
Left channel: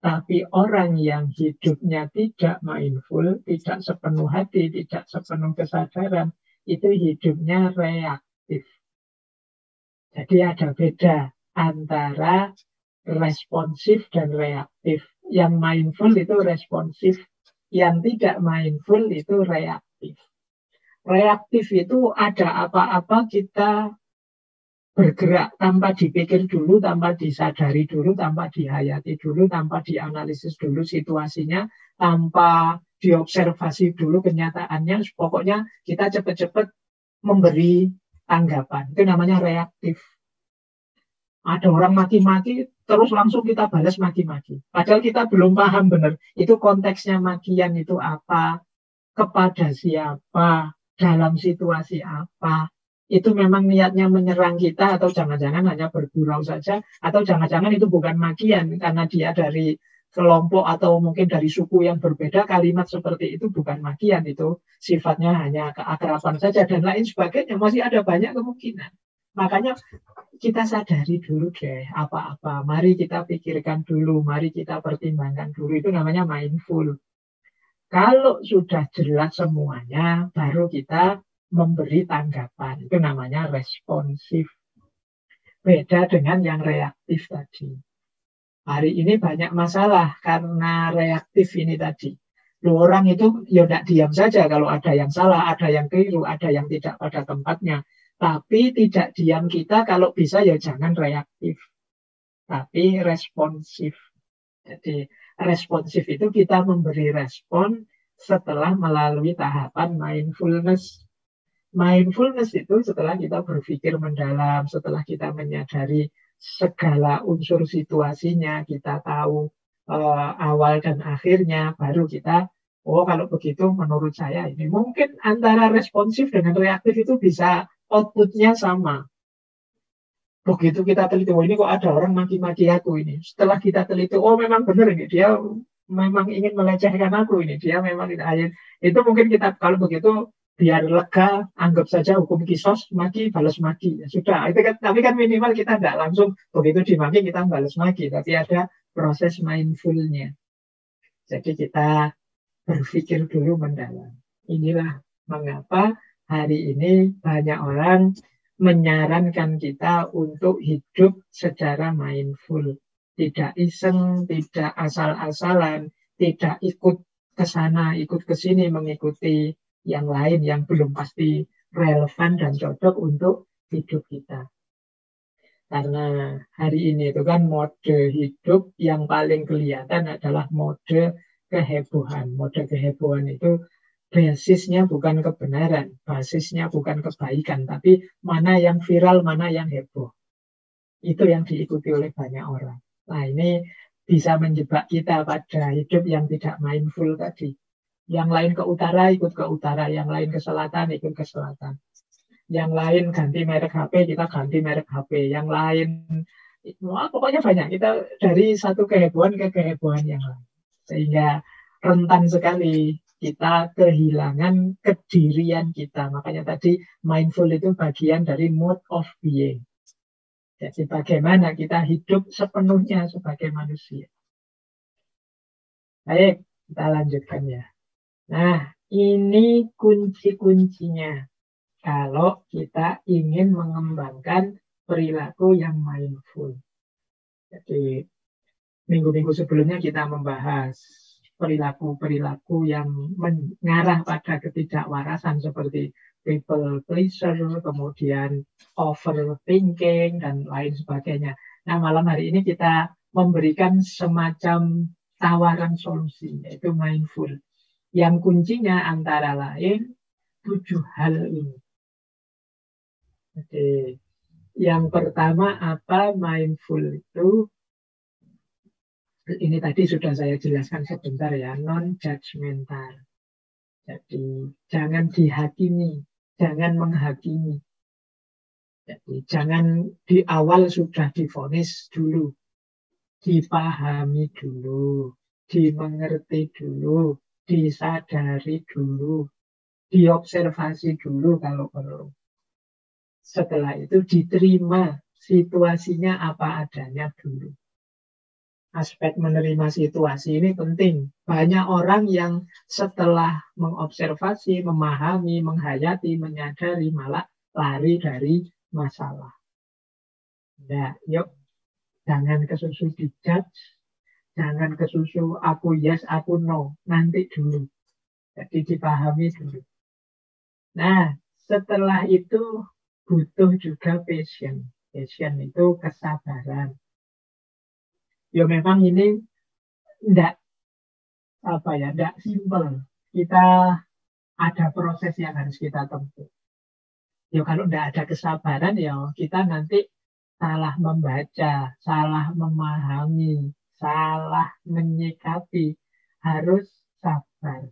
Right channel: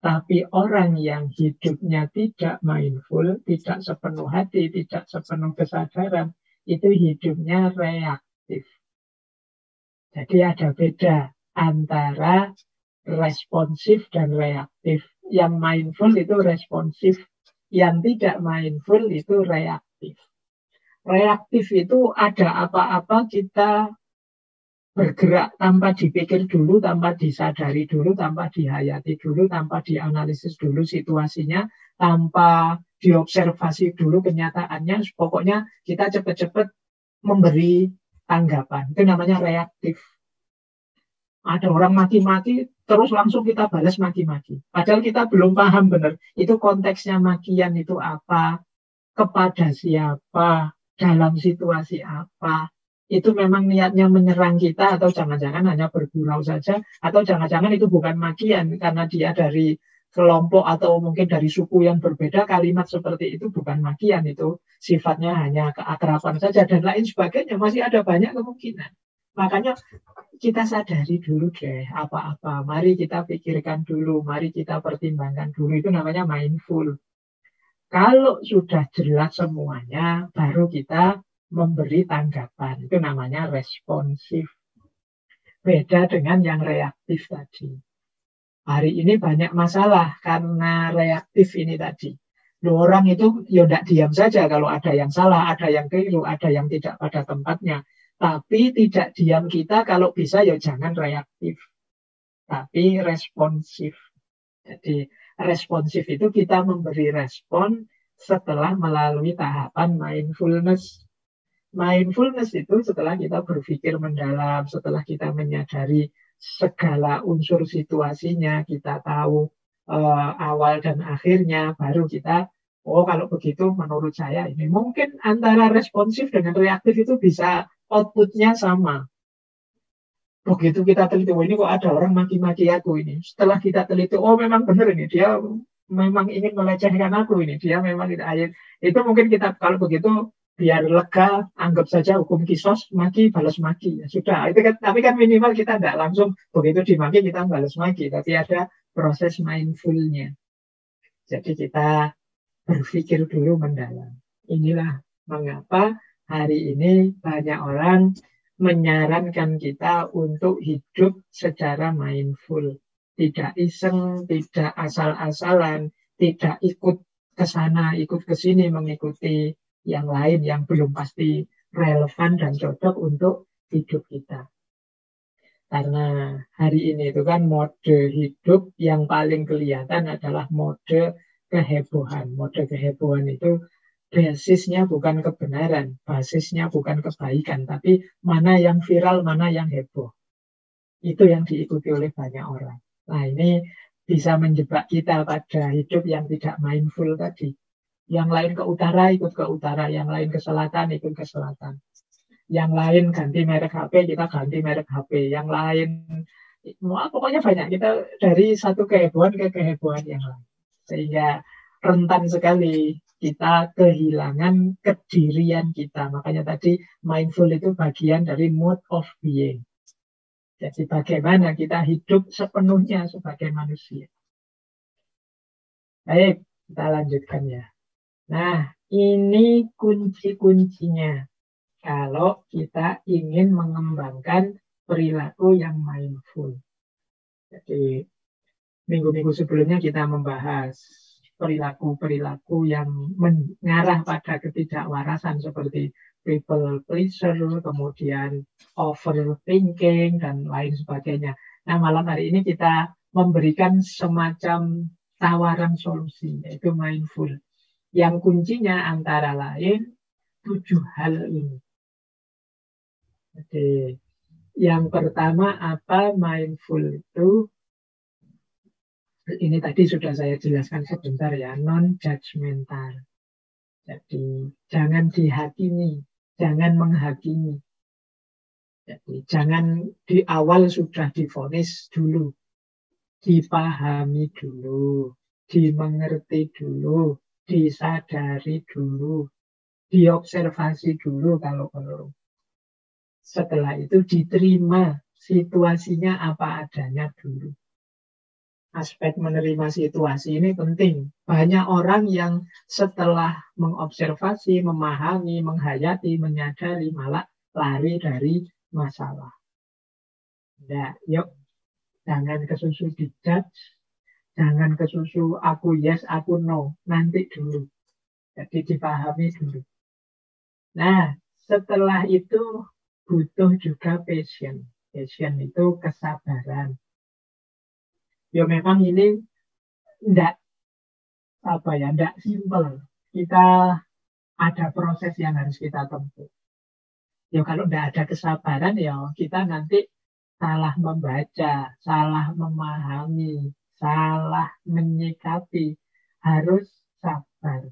Tapi orang yang hidupnya tidak mindful, tidak sepenuh hati, tidak sepenuh kesadaran, itu hidupnya reaktif. Jadi ada beda antara responsif dan reaktif. Yang mindful itu responsif, yang tidak mindful itu reaktif. Reaktif itu ada apa-apa kita bergerak tanpa dipikir dulu, tanpa disadari dulu, tanpa dihayati dulu, tanpa dianalisis dulu situasinya, tanpa diobservasi dulu kenyataannya. Pokoknya kita cepat-cepat memberi tanggapan. Itu namanya reaktif. Ada orang maki-maki, terus langsung kita balas maki-maki. Padahal kita belum paham benar. Itu konteksnya makian itu apa, kepada siapa, dalam situasi apa. Itu memang niatnya menyerang kita atau jangan-jangan hanya bergurau saja. Atau jangan-jangan itu bukan makian karena dia dari kelompok atau mungkin dari suku yang berbeda. Kalimat seperti itu bukan makian. Itu sifatnya hanya keakraban saja dan lain sebagainya. Masih ada banyak kemungkinan. Makanya kita sadari dulu deh apa-apa. Mari kita pikirkan dulu, mari kita pertimbangkan dulu. Itu namanya mindful. Kalau sudah jelas semuanya, baru kita memberi tanggapan. Itu namanya responsif. Beda dengan yang reaktif tadi. hari ini banyak masalah karena reaktif ini tadi. Loh, orang itu ya tidak diam saja kalau ada yang salah, ada yang keliru, ada yang tidak pada tempatnya. Tapi tidak diam kita kalau bisa ya jangan reaktif, tapi responsif. Jadi responsif itu kita memberi respon setelah melalui tahapan mindfulness. Mindfulness itu setelah kita berpikir mendalam, setelah kita menyadari segala unsur situasinya, kita tahu awal dan akhirnya, baru kita, oh kalau begitu menurut saya ini. Mungkin antara responsif dengan reaktif itu bisa outputnya sama. Begitu kita teliti, oh ini kok ada orang maki-maki aku ini. Setelah kita teliti, oh memang benar ini, dia memang ingin melecehkan aku ini. Dia memang itu mungkin kita kalau begitu biar lega, anggap saja hukum kisos, maki balas maki. Ya sudah, itu kan, tapi kan minimal kita tidak langsung begitu dimaki kita balas maki, tapi ada proses mindfulnya. Jadi kita berpikir dulu mendalam. Inilah mengapa hari ini banyak orang menyarankan kita untuk hidup secara mindful. Tidak iseng, tidak asal-asalan, tidak ikut ke sana, ikut ke sini mengikuti yang lain yang belum pasti relevan dan cocok untuk hidup kita. Karena hari ini itu kan mode hidup yang paling kelihatan adalah mode kehebohan. Mode kehebohan itu basisnya bukan kebenaran, basisnya bukan kebaikan, tapi mana yang viral, mana yang heboh. Itu yang diikuti oleh banyak orang. Nah ini bisa menjebak kita pada hidup yang tidak mindful tadi. Yang lain ke utara ikut ke utara, yang lain ke selatan ikut ke selatan. Yang lain ganti merek HP, kita ganti merek HP. Yang lain, pokoknya banyak. Kita dari satu kehebohan ke kehebohan yang lain. Sehingga rentan sekali kita kehilangan kedirian kita. Makanya tadi mindful itu bagian dari mode of being. Jadi bagaimana kita hidup sepenuhnya sebagai manusia. Baik, kita lanjutkan ya. Nah, ini kunci-kuncinya. Kalau kita ingin mengembangkan perilaku yang mindful. Jadi minggu-minggu sebelumnya kita membahas perilaku-perilaku yang mengarah pada ketidakwarasan seperti people pleaser, kemudian overthinking, dan lain sebagainya. Nah, malam hari ini kita memberikan semacam tawaran solusi, yaitu mindful. Yang kuncinya antara lain 7 hal ini. Jadi, yang pertama apa mindful itu? Ini tadi sudah saya jelaskan sebentar ya, non-judgmental. Jadi, jangan dihakimi, jangan menghakimi. Jadi, jangan di awal sudah divonis dulu, dipahami dulu, dimengerti dulu, disadari dulu, diobservasi dulu kalau perlu. Setelah itu diterima situasinya apa adanya dulu. Aspek menerima situasi ini penting. Banyak orang yang setelah mengobservasi, memahami, menghayati, menyadari malah lari dari masalah. Ya, yuk, jangan kesusu dijudge, jangan kesusu aku yes, aku no, nanti dulu. Jadi dipahami dulu. Nah, setelah itu butuh juga passion. Passion itu kesabaran. Ya memang ini enggak simpel. Kita ada proses yang harus kita tempuh. Ya kalau enggak ada kesabaran ya kita nanti salah membaca, salah memahami, salah menyikapi. Harus sabar.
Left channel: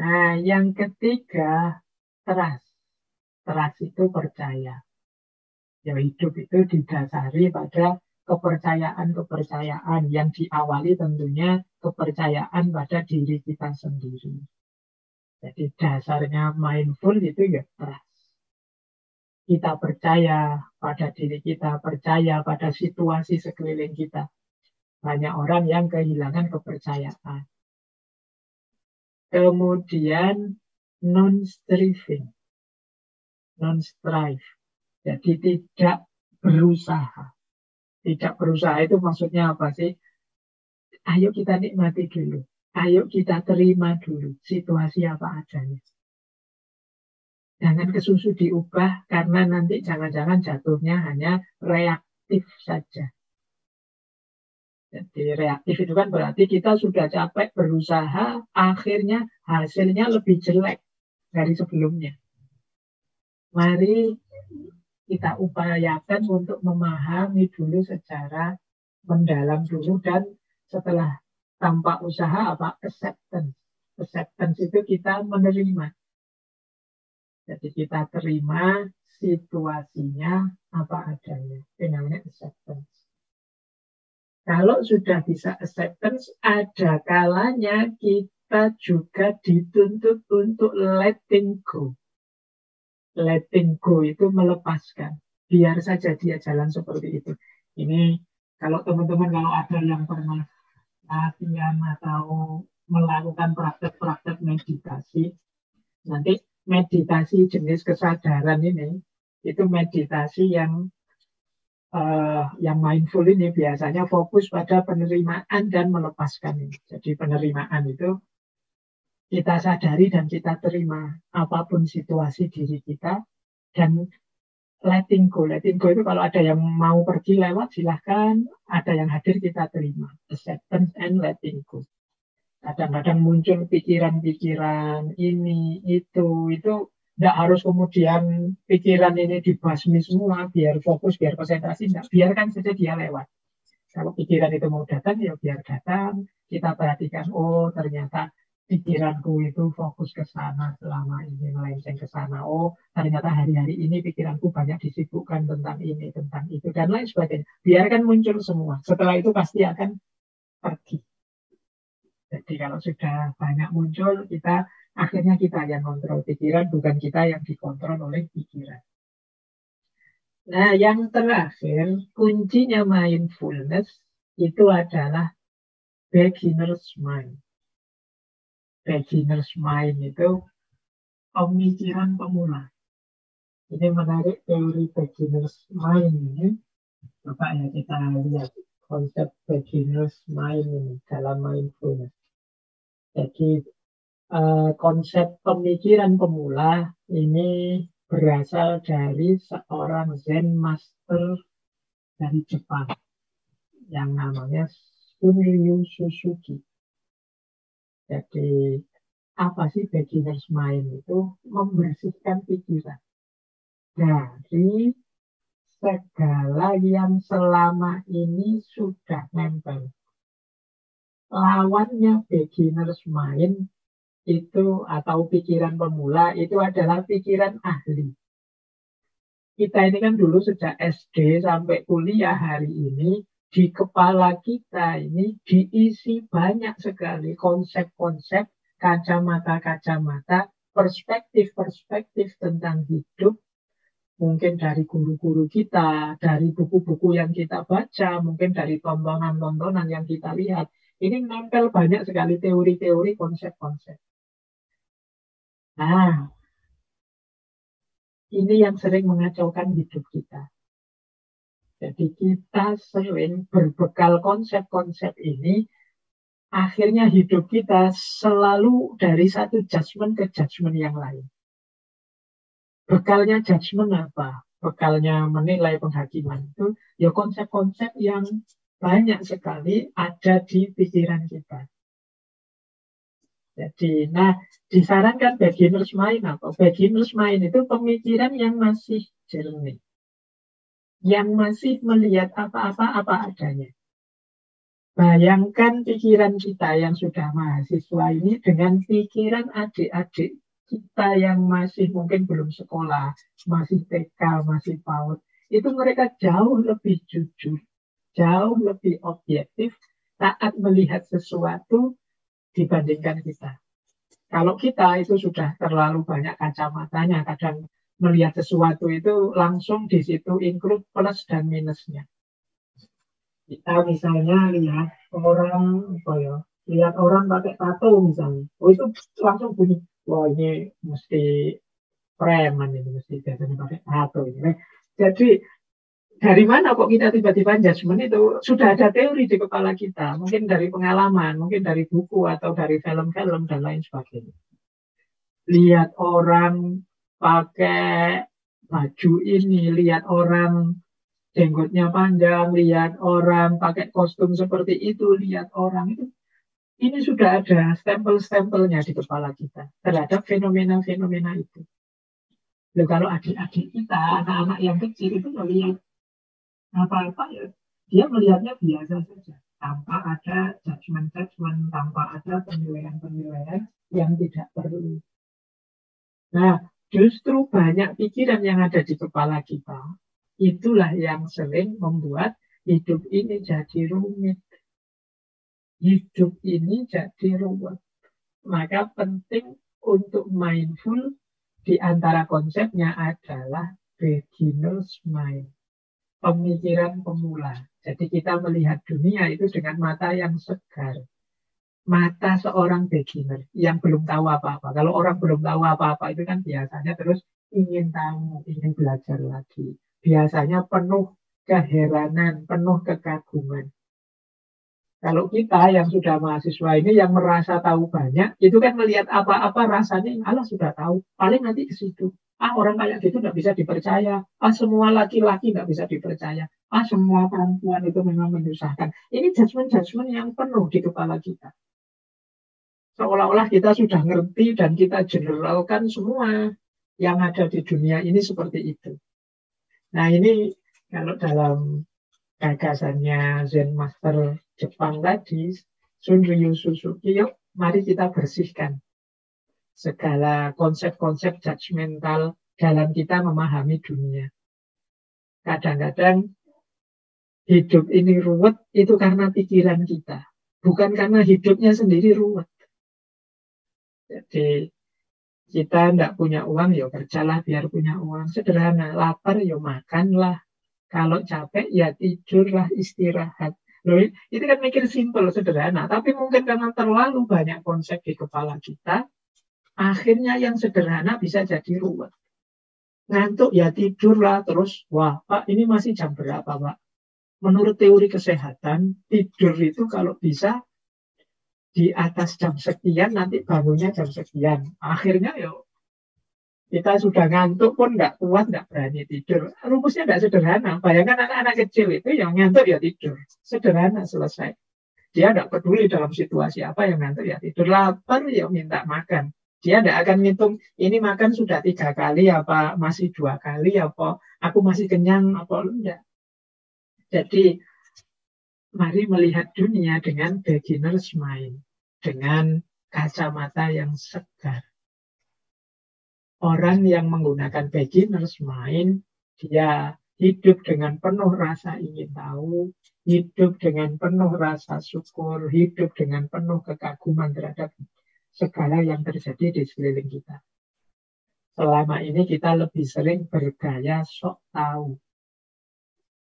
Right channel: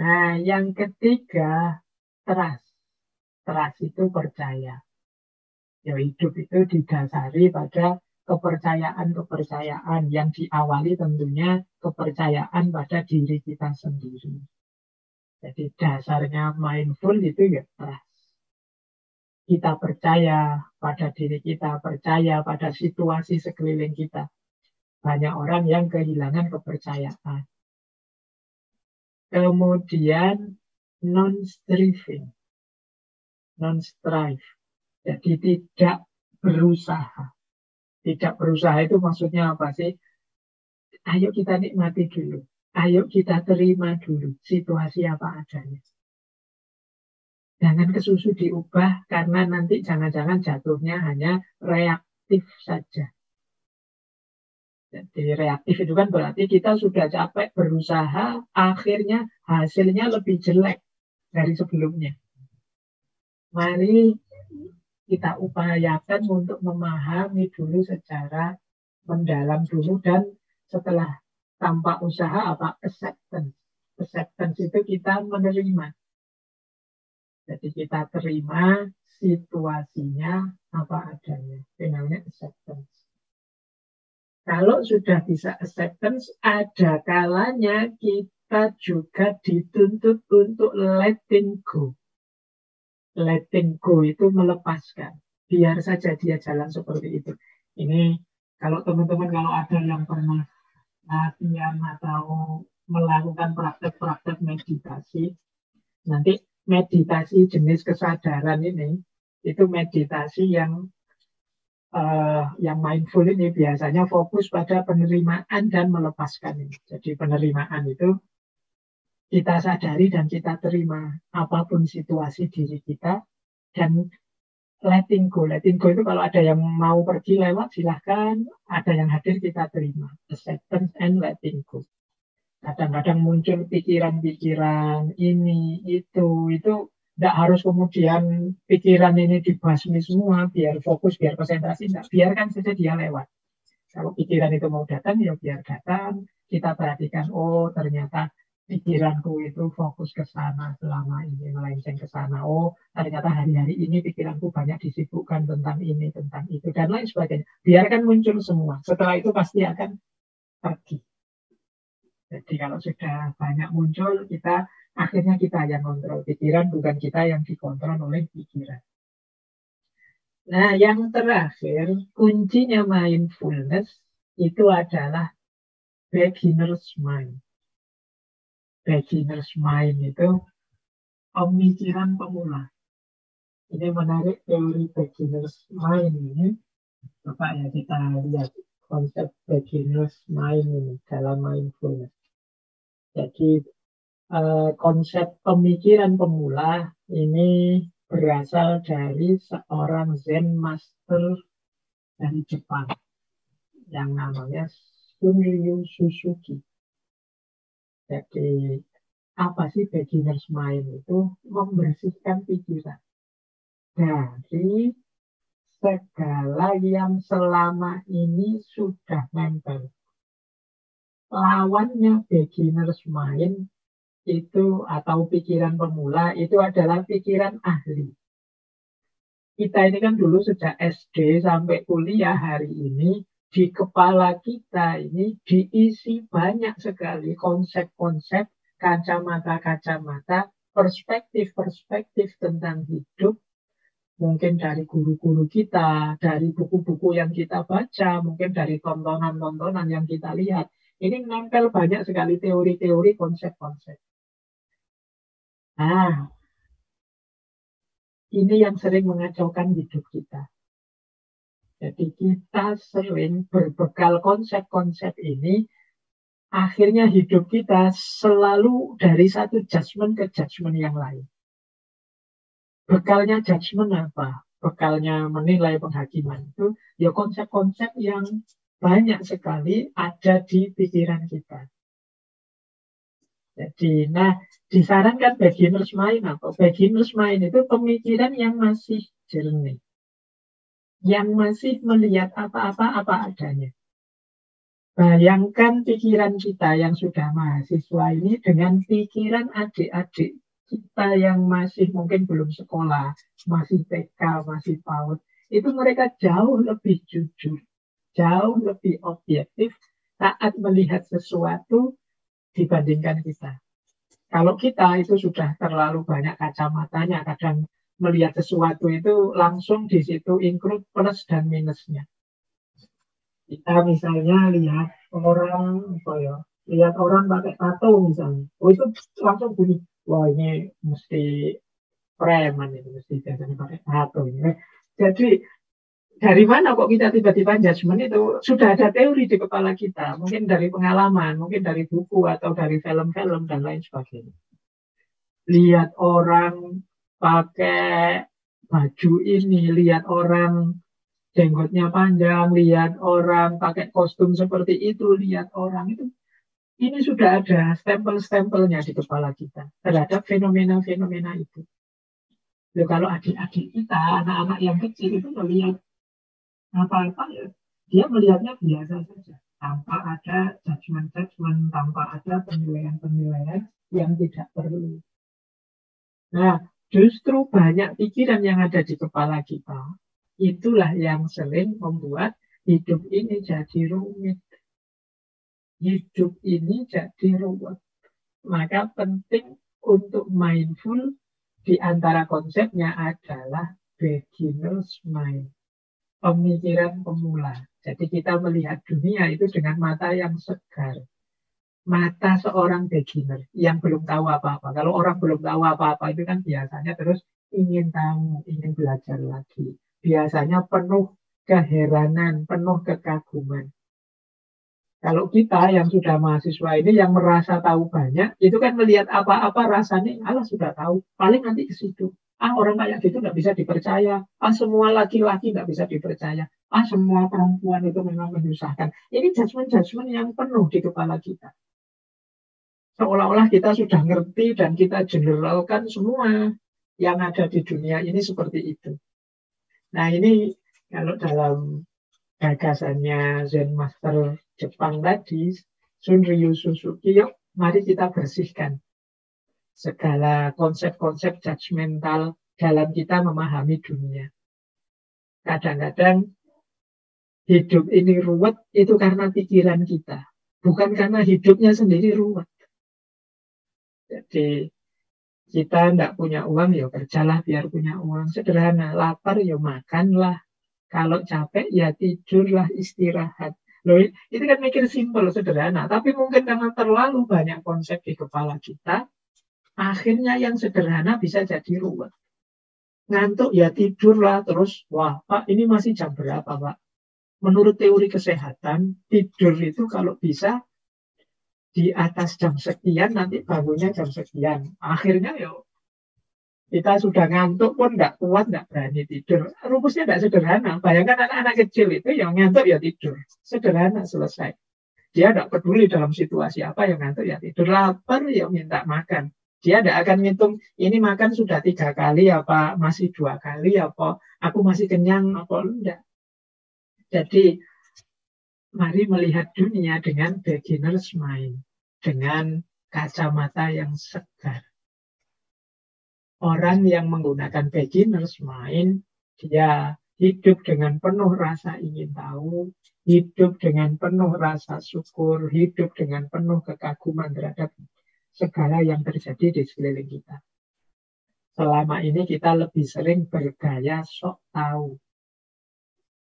Nah, yang ketiga, trust. Trust itu percaya. Ya, hidup itu didasari pada kepercayaan-kepercayaan yang diawali tentunya kepercayaan pada diri kita sendiri. Jadi dasarnya mindful itu ya trust. Kita percaya pada diri kita, percaya pada situasi sekeliling kita. Banyak orang yang kehilangan kepercayaan. Kemudian non-striving, non-strive. Jadi tidak berusaha. Tidak berusaha itu maksudnya apa sih? Ayo kita nikmati dulu. Ayo kita terima dulu situasi apa adanya. Jangan kesusu diubah karena nanti jangan-jangan jatuhnya hanya reaktif saja. Jadi reaktif itu kan berarti kita sudah capek berusaha, akhirnya hasilnya lebih jelek dari sebelumnya. Mari kita upayakan untuk memahami dulu secara mendalam dulu dan setelah tanpa usaha apa acceptance. Acceptance itu kita menerima. Jadi kita terima situasinya apa adanya. Itu namanya acceptance. Kalau sudah bisa acceptance, ada kalanya kita juga dituntut untuk letting go. Letting go itu melepaskan. Biar saja dia jalan seperti itu. Ini kalau teman-teman kalau ada yang pernah latihan atau melakukan praktek-praktek meditasi, nanti meditasi jenis kesadaran ini, itu meditasi yang mindful ini biasanya fokus pada penerimaan dan melepaskan. Jadi penerimaan itu kita sadari dan kita terima apapun situasi diri kita dan letting go. Letting go itu kalau ada yang mau pergi lewat silahkan, ada yang hadir kita terima. Acceptance and letting go. Kadang-kadang muncul pikiran-pikiran ini, itu tidak harus kemudian pikiran ini dibasmi semua, biar fokus, biar konsentrasi, enggak. Biarkan saja dia lewat. Kalau pikiran itu mau datang, ya biar datang. Kita perhatikan, oh ternyata pikiranku itu fokus ke sana selama ini, melenceng ke sana. Oh ternyata hari-hari ini pikiranku banyak disibukkan tentang ini, tentang itu, dan lain sebagainya. Biarkan muncul semua. Setelah itu pasti akan pergi. Jadi kalau sudah banyak muncul, akhirnya kita yang kontrol pikiran, bukan kita yang dikontrol oleh pikiran. Nah, yang terakhir, kuncinya mindfulness itu adalah beginner's mind. Beginner's mind itu pemikiran pemula. Ini menarik teori beginner's mind ini. Coba ya kita lihat konsep beginner's mind ini dalam mindfulness. Jadi konsep pemikiran pemula ini berasal dari seorang Zen Master dari Jepang yang namanya Shunryu Suzuki. Jadi apa sih beginner's mind itu? Membersihkan pikiran dari segala yang selama ini sudah nempel. Lawannya beginner's mind itu atau pikiran pemula itu adalah pikiran ahli. Kita ini kan dulu sejak SD sampai kuliah hari ini di kepala kita ini diisi banyak sekali konsep-konsep, kacamata-kacamata, perspektif-perspektif tentang hidup. Mungkin dari guru-guru kita, dari buku-buku yang kita baca, mungkin dari tontonan-tontonan yang kita lihat. Ini menempel banyak sekali teori-teori, konsep-konsep. Nah, ini yang sering mengacaukan hidup kita. Jadi kita sering berbekal konsep-konsep ini, akhirnya hidup kita selalu dari satu judgement ke judgement yang lain. Bekalnya judgement apa? Bekalnya menilai penghakiman itu, ya konsep-konsep yang banyak sekali ada di pikiran kita. Jadi, disarankan beginner's mind apa? Beginner's mind itu pemikiran yang masih jernih. Yang masih melihat apa-apa apa adanya. Bayangkan pikiran kita yang sudah mahasiswa ini dengan pikiran adik-adik kita yang masih mungkin belum sekolah, masih TK, masih PAUD. Itu mereka jauh lebih jujur, jauh lebih objektif saat melihat sesuatu dibandingkan kita. Kalau kita itu sudah terlalu banyak kacamatanya, kadang melihat sesuatu itu langsung di situ include plus dan minusnya. Kita misalnya lihat orang pakai tato misalnya, itu langsung bunyi, wah ini mesti preman ini, mesti biasanya pakai tato ini. Jadi Dari mana kok kita tiba-tiba judgment itu? Sudah ada teori di kepala kita, mungkin dari pengalaman, mungkin dari buku atau dari film-film dan lain sebagainya. Lihat orang pakai baju ini, lihat orang jenggotnya panjang, lihat orang pakai kostum seperti itu, lihat orang itu. Ini sudah ada stempel-stempelnya di kepala kita terhadap fenomena-fenomena itu. Loh, kalau adik-adik kita, anak-anak yang kecil itu melihat apa-apa ya, dia melihatnya biasa saja, tanpa ada judgment-judgment, tanpa ada penilaian-penilaian yang tidak perlu. Nah, justru banyak pikiran yang ada di kepala kita. Itulah yang sering membuat hidup ini jadi rumit. Hidup ini jadi ruwet. Maka penting untuk mindful di antara konsepnya adalah beginner's mind. Pemikiran pemula. Jadi kita melihat dunia itu dengan mata yang segar. Mata seorang beginner yang belum tahu apa-apa. Kalau orang belum tahu apa-apa itu kan biasanya terus ingin tahu, ingin belajar lagi. Biasanya penuh keheranan, penuh kekaguman. Kalau kita yang sudah mahasiswa ini yang merasa tahu banyak, itu kan melihat apa-apa rasanya, Allah sudah tahu, paling nanti ke situ. Ah, orang kayak gitu nggak bisa dipercaya. Ah, semua laki-laki nggak bisa dipercaya. Ah, semua perempuan itu memang menyusahkan. Ini judgment-judgment yang penuh di kepala kita. Seolah-olah kita sudah ngerti dan kita generalkan semua yang ada di dunia ini seperti itu. Nah, ini kalau dalam gagasannya Zen Master Jepang tadi, Shunryu Suzuki, yuk mari kita bersihkan segala konsep-konsep judgmental dalam kita memahami dunia. Kadang-kadang hidup ini ruwet itu karena pikiran kita, bukan karena hidupnya sendiri ruwet. Jadi kita tidak punya uang, ya kerjalah biar punya uang. Sederhana, lapar, ya makanlah. Kalau capek, ya tidurlah, istirahat. Loh, itu kan mikir simpel, sederhana. Tapi mungkin dengan terlalu banyak konsep di kepala kita, akhirnya yang sederhana bisa jadi ruwet. Ngantuk, ya tidurlah. Terus, wah Pak, ini masih jam berapa Pak? Menurut teori kesehatan, tidur itu kalau bisa di atas jam sekian, nanti bangunnya jam sekian. Akhirnya ya kita sudah ngantuk pun nggak kuat, nggak berani tidur. Rumusnya nggak sederhana. Bayangkan anak-anak kecil itu yang ngantuk ya tidur. Sederhana, selesai. Dia nggak peduli dalam situasi apa, yang ngantuk ya tidur. Lapar ya minta makan. Dia nggak akan ngitung, ini makan sudah 3 kali, apa masih 2 kali, apa aku masih kenyang, apa enggak. Jadi mari melihat dunia dengan beginner's mind. Dengan kacamata yang segar. Orang yang menggunakan beginner's mind, dia hidup dengan penuh rasa ingin tahu, hidup dengan penuh rasa syukur, hidup dengan penuh kekaguman terhadap segala yang terjadi di sekeliling kita. Selama ini kita lebih sering bergaya sok tahu.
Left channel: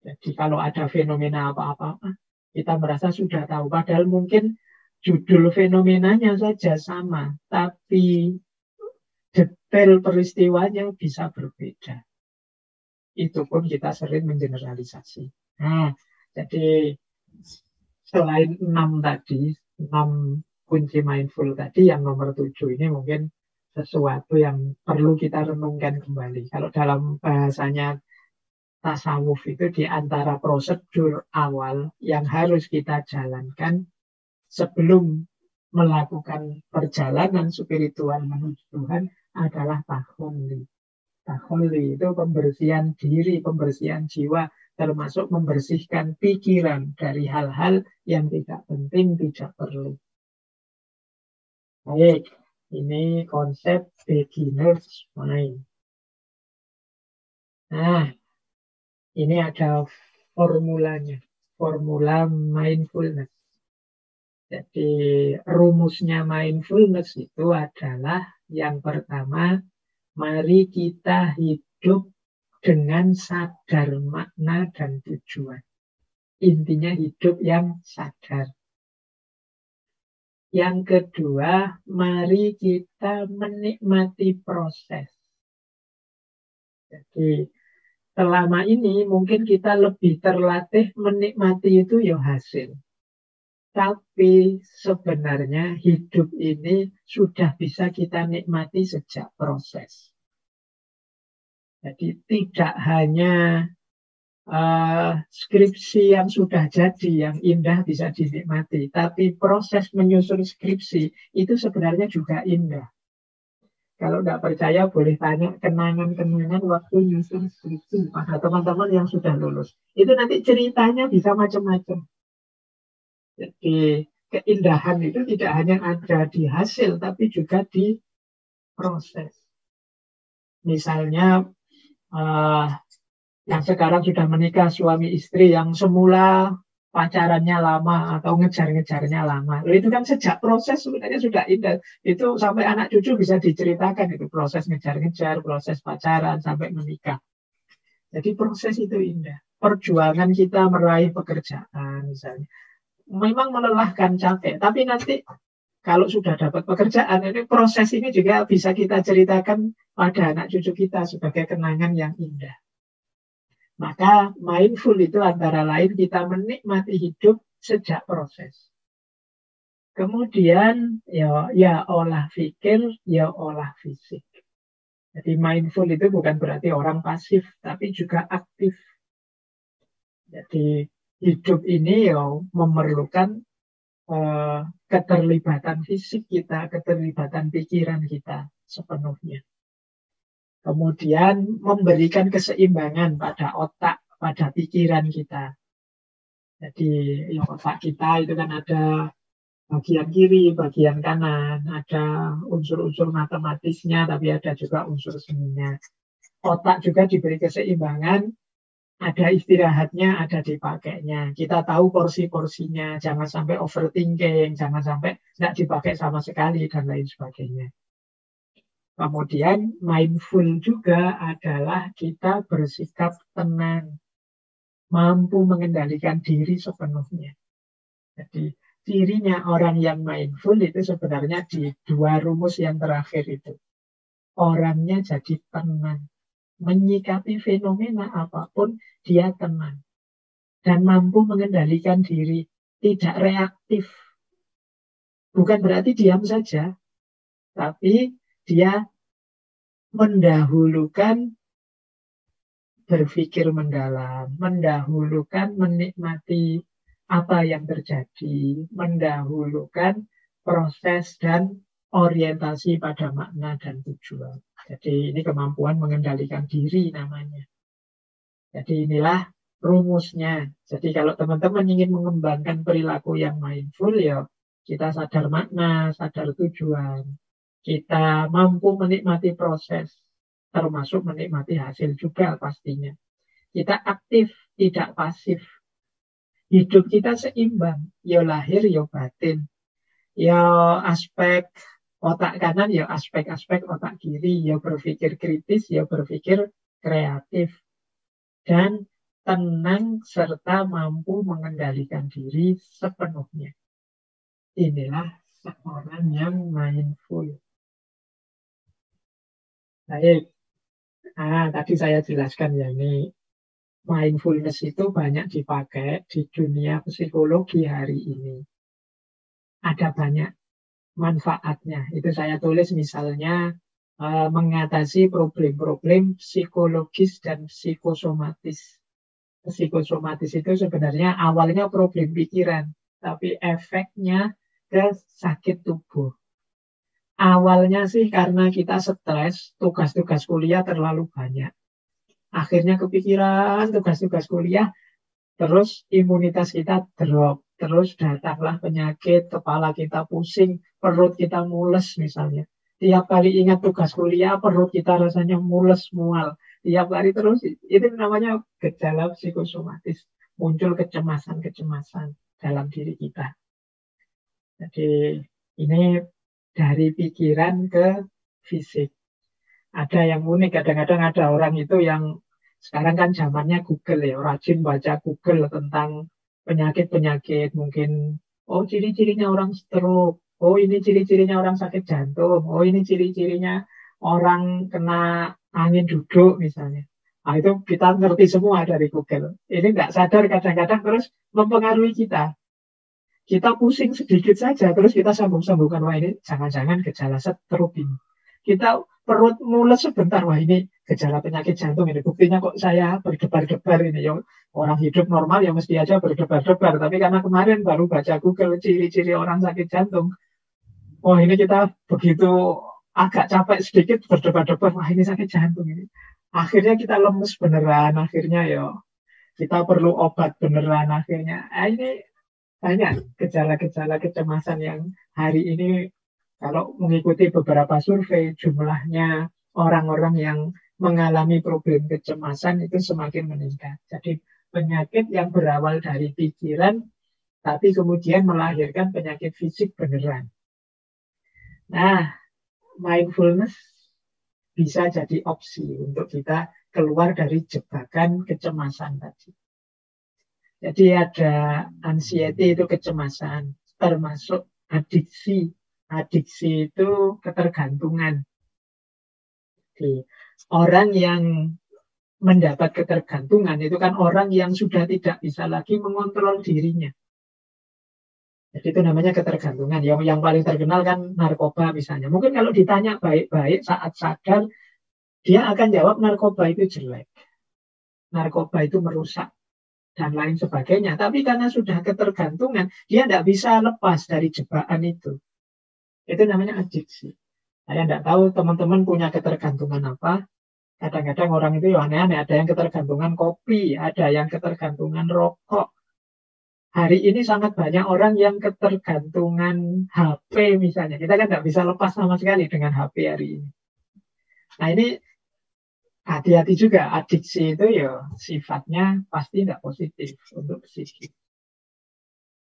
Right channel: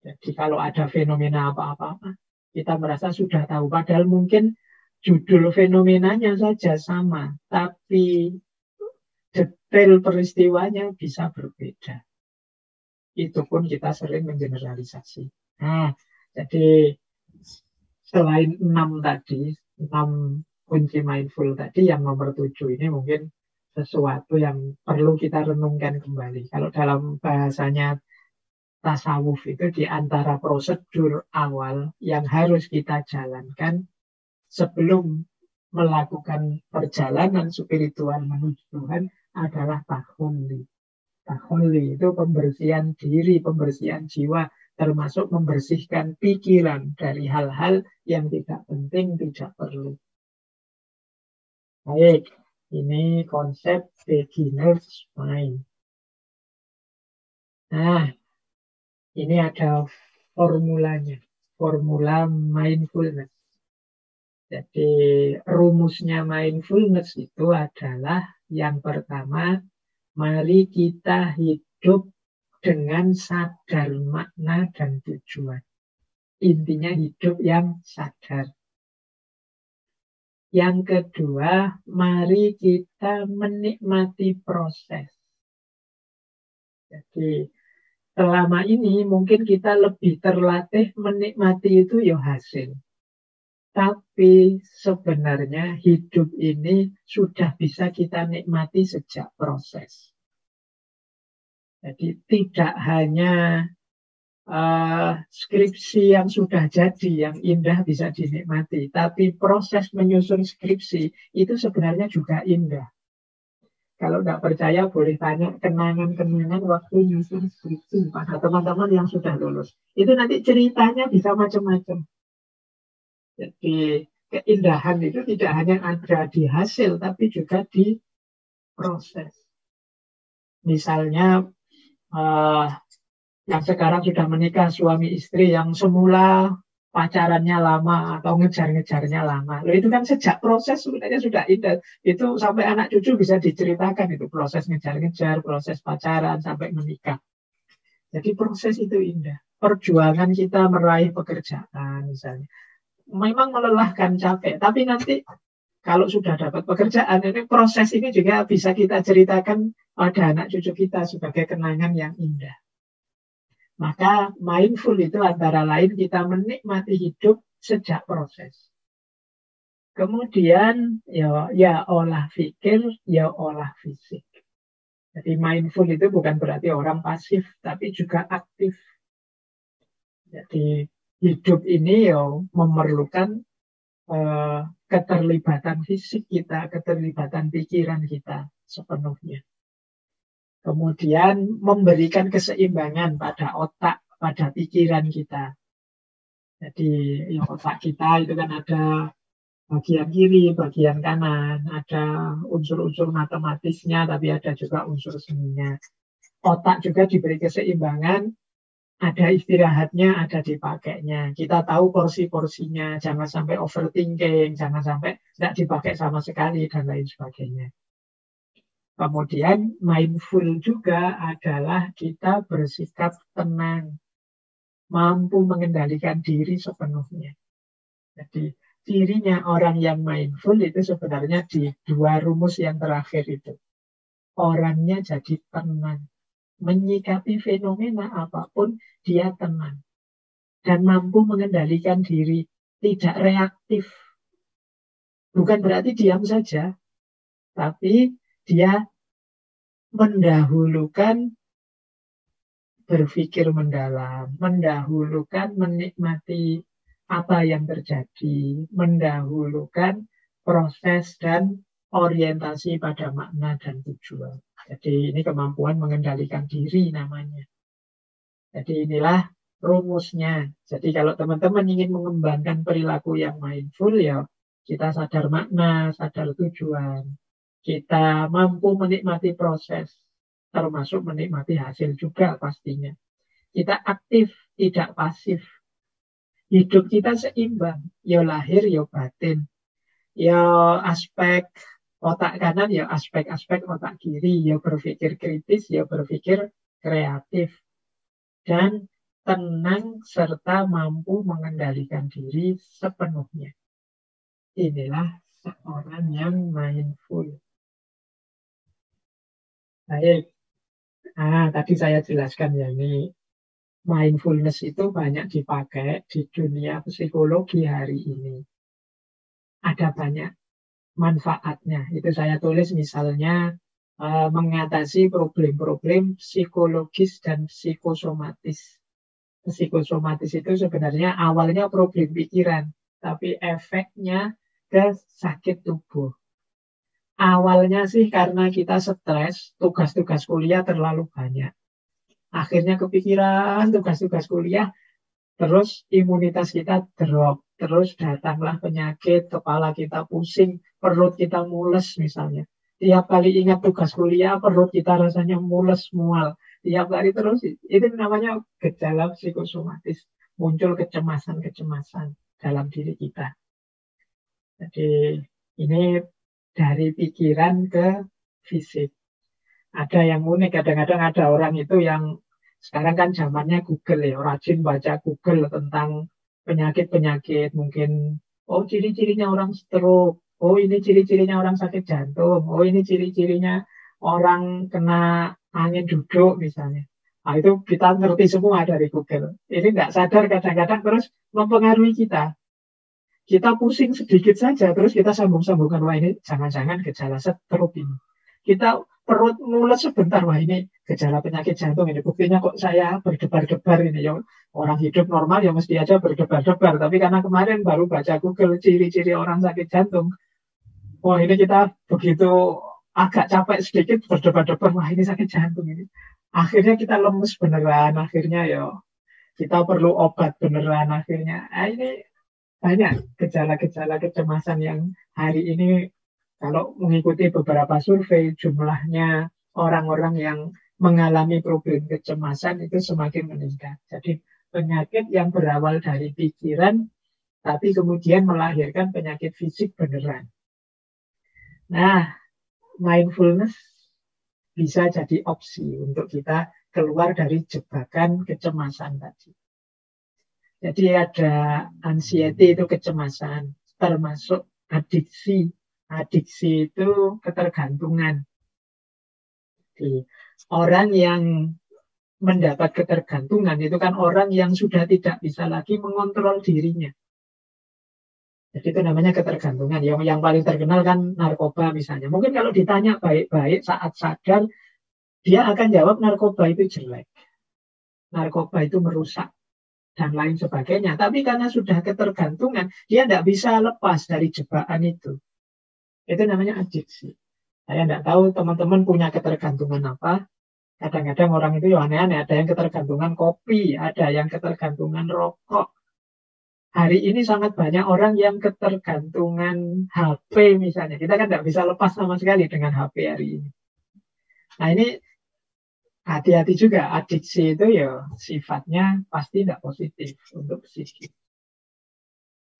Jadi kalau ada fenomena apa-apa, kita merasa sudah tahu. Padahal mungkin judul fenomenanya saja sama, tapi detail peristiwanya bisa berbeda. Itu pun kita sering mengeneralisasi. Nah, jadi selain 6 tadi, 6 kunci mindful tadi, yang nomor 7 ini mungkin sesuatu yang perlu kita renungkan kembali. Kalau dalam bahasanya tasawuf itu di antara prosedur awal yang harus kita jalankan sebelum melakukan perjalanan spiritual menuju Tuhan adalah takhulli. Takhulli itu pembersihan diri, pembersihan jiwa, termasuk membersihkan pikiran dari hal-hal yang tidak penting, tidak perlu. Baik, ini konsep beginner's mind. Nah, ini ada formulanya, formula mindfulness. Jadi rumusnya mindfulness itu adalah yang pertama, mari kita hidup dengan sadar makna dan tujuan. Intinya hidup yang sadar. Yang kedua, mari kita menikmati proses. Jadi selama ini mungkin kita lebih terlatih menikmati itu ya hasil. Tapi sebenarnya hidup ini sudah bisa kita nikmati sejak proses. Jadi tidak hanya skripsi yang sudah jadi, yang indah bisa dinikmati. Tapi proses menyusun skripsi itu sebenarnya juga indah. Kalau nggak percaya boleh tanya kenangan-kenangan waktu nyusun skripsi pada teman-teman yang sudah lulus. Itu nanti ceritanya bisa macam-macam. Jadi keindahan itu tidak hanya ada di hasil, tapi juga di proses. Misalnya yang sekarang sudah menikah suami istri yang semula pacarannya lama atau ngejar-ngejarnya lama. Loh, itu kan sejak proses sebenarnya sudah indah. Itu sampai anak cucu bisa diceritakan itu proses ngejar-ngejar, proses pacaran sampai menikah. Jadi proses itu indah. Perjuangan kita meraih pekerjaan misalnya. Memang melelahkan, capek. Tapi nanti kalau sudah dapat pekerjaan, ini proses ini juga bisa kita ceritakan pada anak cucu kita sebagai kenangan yang indah. Maka mindful itu antara lain kita menikmati hidup sejak proses. Kemudian ya olah pikir, ya olah fisik. Jadi mindful itu bukan berarti orang pasif, tapi juga aktif. Jadi hidup ini ya memerlukan keterlibatan fisik kita, keterlibatan pikiran kita sepenuhnya. Kemudian memberikan keseimbangan pada otak, pada pikiran kita. Jadi ya, otak kita itu kan ada bagian kiri, bagian kanan, ada unsur-unsur matematisnya, tapi ada juga unsur seninya. Otak juga diberi keseimbangan, ada istirahatnya, ada dipakainya. Kita tahu porsi-porsinya, jangan sampai overthinking, jangan sampai tidak dipakai sama sekali, dan lain sebagainya. Kemudian mindful juga adalah kita bersikap tenang, mampu mengendalikan diri sepenuhnya. Jadi cirinya orang yang mindful itu sebenarnya di dua rumus yang terakhir itu. Orangnya jadi tenang. Menyikapi fenomena apapun, dia tenang. Dan mampu mengendalikan diri. Tidak reaktif. Bukan berarti diam saja. Tapi dia mendahulukan berpikir mendalam. Mendahulukan menikmati apa yang terjadi. Mendahulukan proses dan orientasi pada makna dan tujuan. Jadi ini kemampuan mengendalikan diri namanya. Jadi inilah rumusnya. Jadi kalau teman-teman ingin mengembangkan perilaku yang mindful, ya kita sadar makna, sadar tujuan. Kita mampu menikmati proses, termasuk menikmati hasil juga pastinya. Kita aktif, tidak pasif. Hidup kita seimbang, ya lahir, ya batin. Ya aspek otak kanan, ya aspek-aspek otak kiri, ya berpikir kritis, ya berpikir kreatif. Dan tenang serta mampu mengendalikan diri sepenuhnya. Inilah seorang yang mindful. Baik. Tadi saya jelaskan ya, ini mindfulness itu banyak dipakai di dunia psikologi hari ini. Ada banyak manfaatnya. Itu saya tulis misalnya mengatasi problem-problem psikologis dan psikosomatis. Psikosomatis itu sebenarnya awalnya problem pikiran, tapi efeknya ke sakit tubuh. Awalnya sih karena kita stres, tugas-tugas kuliah terlalu banyak. Akhirnya kepikiran tugas-tugas kuliah, terus imunitas kita drop. Terus datanglah penyakit, kepala kita pusing, perut kita mules misalnya. Tiap kali ingat tugas kuliah, perut kita rasanya mules, mual. Tiap kali terus, itu namanya gejala psikosomatis. Muncul kecemasan-kecemasan dalam diri kita. Jadi ini dari pikiran ke fisik. Ada yang unik, kadang-kadang ada orang itu yang sekarang kan zamannya Google ya, rajin baca Google tentang penyakit-penyakit. Mungkin, oh ciri-cirinya orang stroke, oh ini ciri-cirinya orang sakit jantung, oh ini ciri-cirinya orang kena angin duduk misalnya. Nah, itu kita ngerti semua dari Google. Ini nggak sadar kadang-kadang terus mempengaruhi kita. Kita pusing sedikit saja, terus kita sambung-sambungkan, wah ini jangan-jangan gejala stroke ini. Kita perut mules sebentar, wah ini gejala penyakit jantung ini. Buktinya kok saya berdebar-debar ini. Ya, orang hidup normal ya mesti aja berdebar-debar. Tapi karena kemarin baru baca Google ciri-ciri orang sakit jantung, wah ini kita begitu agak capek sedikit berdebar-debar, wah ini sakit jantung ini. Akhirnya kita lemes beneran, akhirnya ya kita perlu obat beneran akhirnya. Ini banyak gejala-gejala kecemasan yang hari ini kalau mengikuti beberapa survei jumlahnya orang-orang yang mengalami problem kecemasan itu semakin meningkat. Jadi penyakit yang berawal dari pikiran tapi kemudian melahirkan penyakit fisik beneran. Nah, mindfulness bisa jadi opsi untuk kita keluar dari jebakan kecemasan tadi. Jadi ada anxiety itu kecemasan, termasuk adiksi. Adiksi itu ketergantungan. Jadi, orang yang mendapat ketergantungan itu kan orang yang sudah tidak bisa lagi mengontrol dirinya. Jadi itu namanya ketergantungan. Yang paling terkenal kan narkoba misalnya. Mungkin kalau ditanya baik-baik saat sadar, dia akan jawab narkoba itu jelek. Narkoba itu merusak dan lain sebagainya. Tapi karena sudah ketergantungan, dia tidak bisa lepas dari jebakan itu. Itu namanya adiksi. Saya tidak tahu teman-teman punya ketergantungan apa. Kadang-kadang orang itu aneh-aneh. Ada yang ketergantungan kopi, ada yang ketergantungan rokok. Hari ini sangat banyak orang yang ketergantungan HP misalnya. Kita kan tidak bisa lepas sama sekali dengan HP hari ini. Nah ini hati-hati juga, adiksi itu ya sifatnya pasti tidak positif untuk psikis.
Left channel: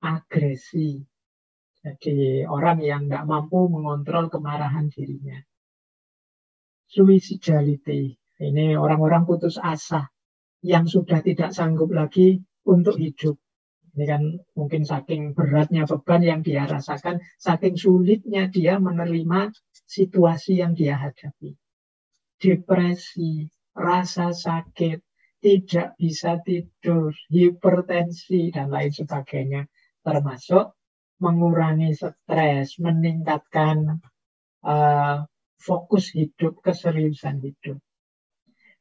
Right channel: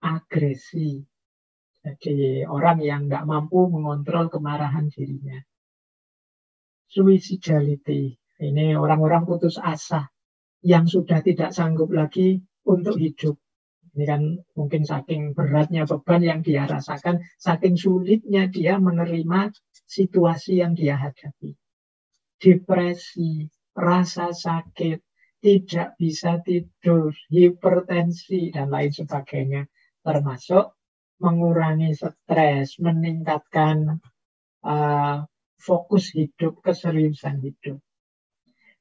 Agresi. Jadi orang yang nggak mampu mengontrol kemarahan dirinya. Suicidality. Ini orang-orang putus asa yang sudah tidak sanggup lagi untuk hidup. Ini kan mungkin saking beratnya beban yang dia rasakan, saking sulitnya dia menerima situasi yang dia hadapi. Depresi, rasa sakit, tidak bisa tidur, hipertensi, dan lain sebagainya. Termasuk mengurangi stres, meningkatkan fokus hidup, keseriusan hidup.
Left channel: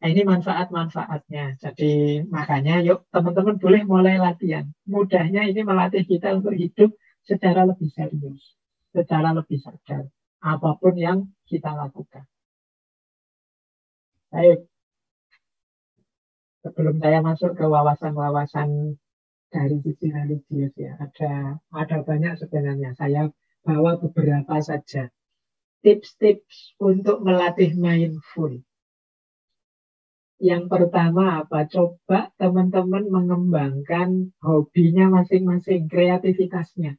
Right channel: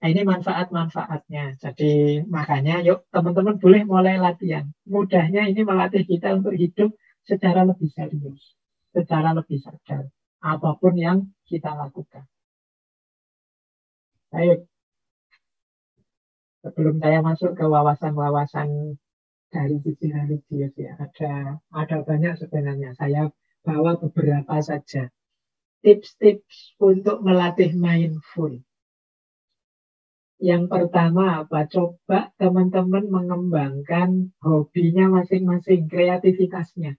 Nah, ini manfaat-manfaatnya. Jadi makanya yuk teman-teman boleh mulai latihan. Mudahnya ini melatih kita untuk hidup secara lebih serius, secara lebih sadar. Apapun yang kita lakukan. Baik, sebelum saya masuk ke wawasan-wawasan dari sisi religius ya, ada banyak sebenarnya. Saya bawa beberapa saja tips-tips untuk melatih mindful. Yang pertama apa? Coba teman-teman mengembangkan hobinya masing-masing, kreativitasnya.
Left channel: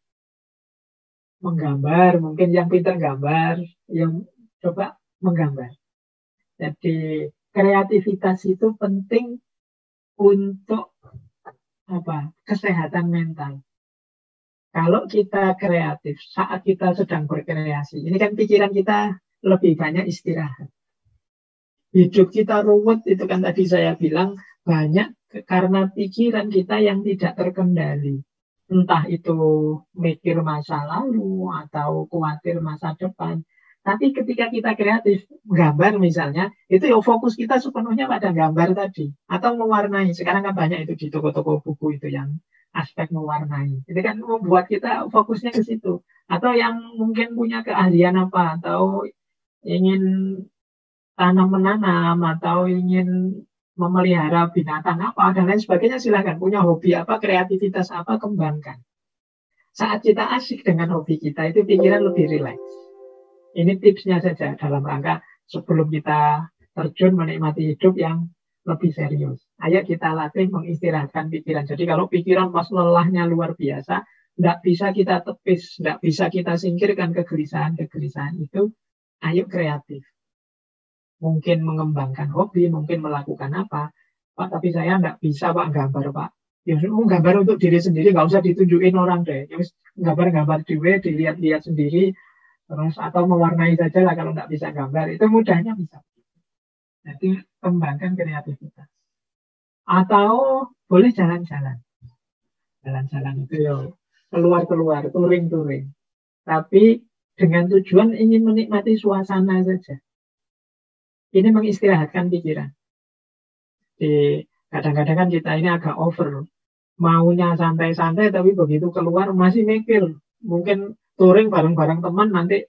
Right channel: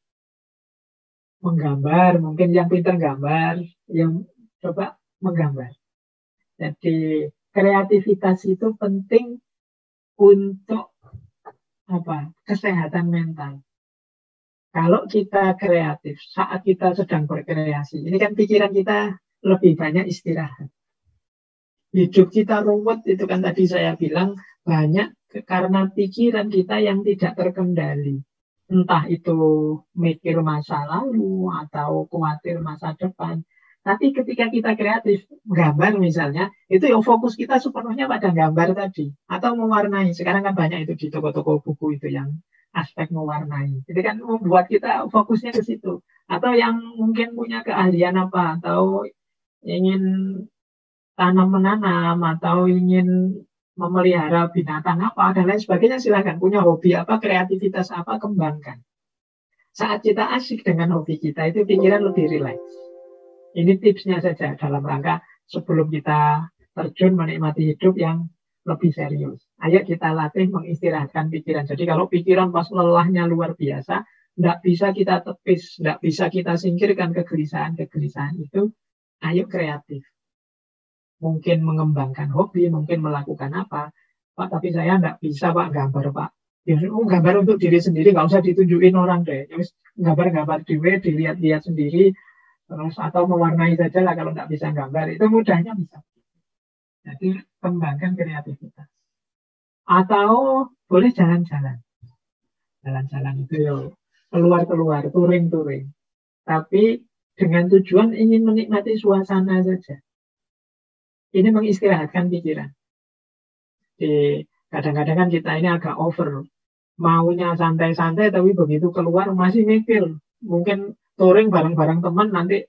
Menggambar, mungkin yang pintar gambar, yang coba menggambar. Jadi kreativitas itu penting untuk apa? Kesehatan mental. Kalau kita kreatif saat kita sedang berkreasi, ini kan pikiran kita lebih banyak istirahat. Hidup kita ruwet, itu kan tadi saya bilang banyak karena pikiran kita yang tidak terkendali. Entah itu mikir masa lalu atau khawatir masa depan. Tapi ketika kita kreatif, gambar misalnya, itu yang fokus kita sepenuhnya pada gambar tadi. Atau mewarnai. Sekarang kan banyak itu di toko-toko buku itu yang aspek mewarnai. Jadi kan membuat kita fokusnya ke situ. Atau yang mungkin punya keahlian apa, atau ingin tanam menanam, atau ingin memelihara binatang apa, dan lain sebagainya, silahkan. Punya hobi apa, kreativitas apa, kembangkan. Saat kita asik dengan hobi kita, itu pikiran lebih rileks. Ini tipsnya saja dalam rangka sebelum kita terjun menikmati hidup yang lebih serius. Ayo kita latih mengistirahatkan pikiran. Jadi kalau pikiran pas lelahnya luar biasa, tidak bisa kita tepis, tidak bisa kita singkirkan kegelisahan-kegelisahan itu, ayo kreatif. Mungkin mengembangkan hobi, mungkin melakukan apa. Pak, tapi saya tidak bisa Pak gambar Pak. Ya, gambar untuk diri sendiri, nggak usah ditunjukin orang deh. Gambar-gambar dilihat-lihat sendiri, terus atau mewarnai saja lah kalau nggak bisa gambar. Itu mudahnya bisa. Jadi kembangkan kreativitas. Atau boleh jalan-jalan. Jalan-jalan itu ya keluar-keluar, touring-touring. Tapi dengan tujuan ingin menikmati suasana saja. Ini mengistirahatkan pikiran. Kadang-kadang kan kita ini agak over. Maunya santai-santai, tapi begitu keluar masih mikir. Mungkin touring bareng-bareng teman, nanti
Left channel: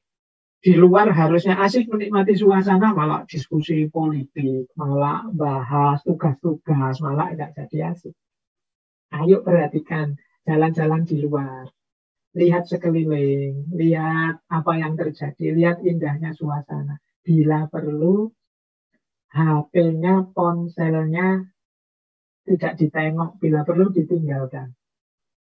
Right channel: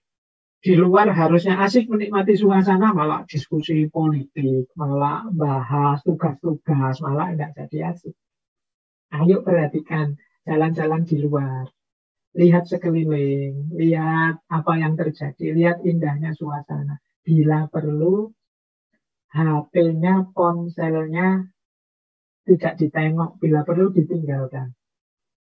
di luar harusnya asik menikmati suasana, malah diskusi politik, malah bahas tugas-tugas, malah nggak jadi asik. Ayo perhatikan jalan-jalan di luar. Lihat sekeliling, lihat apa yang terjadi, lihat indahnya suasana. Bila perlu, HP-nya, ponselnya tidak ditengok, bila perlu ditinggalkan.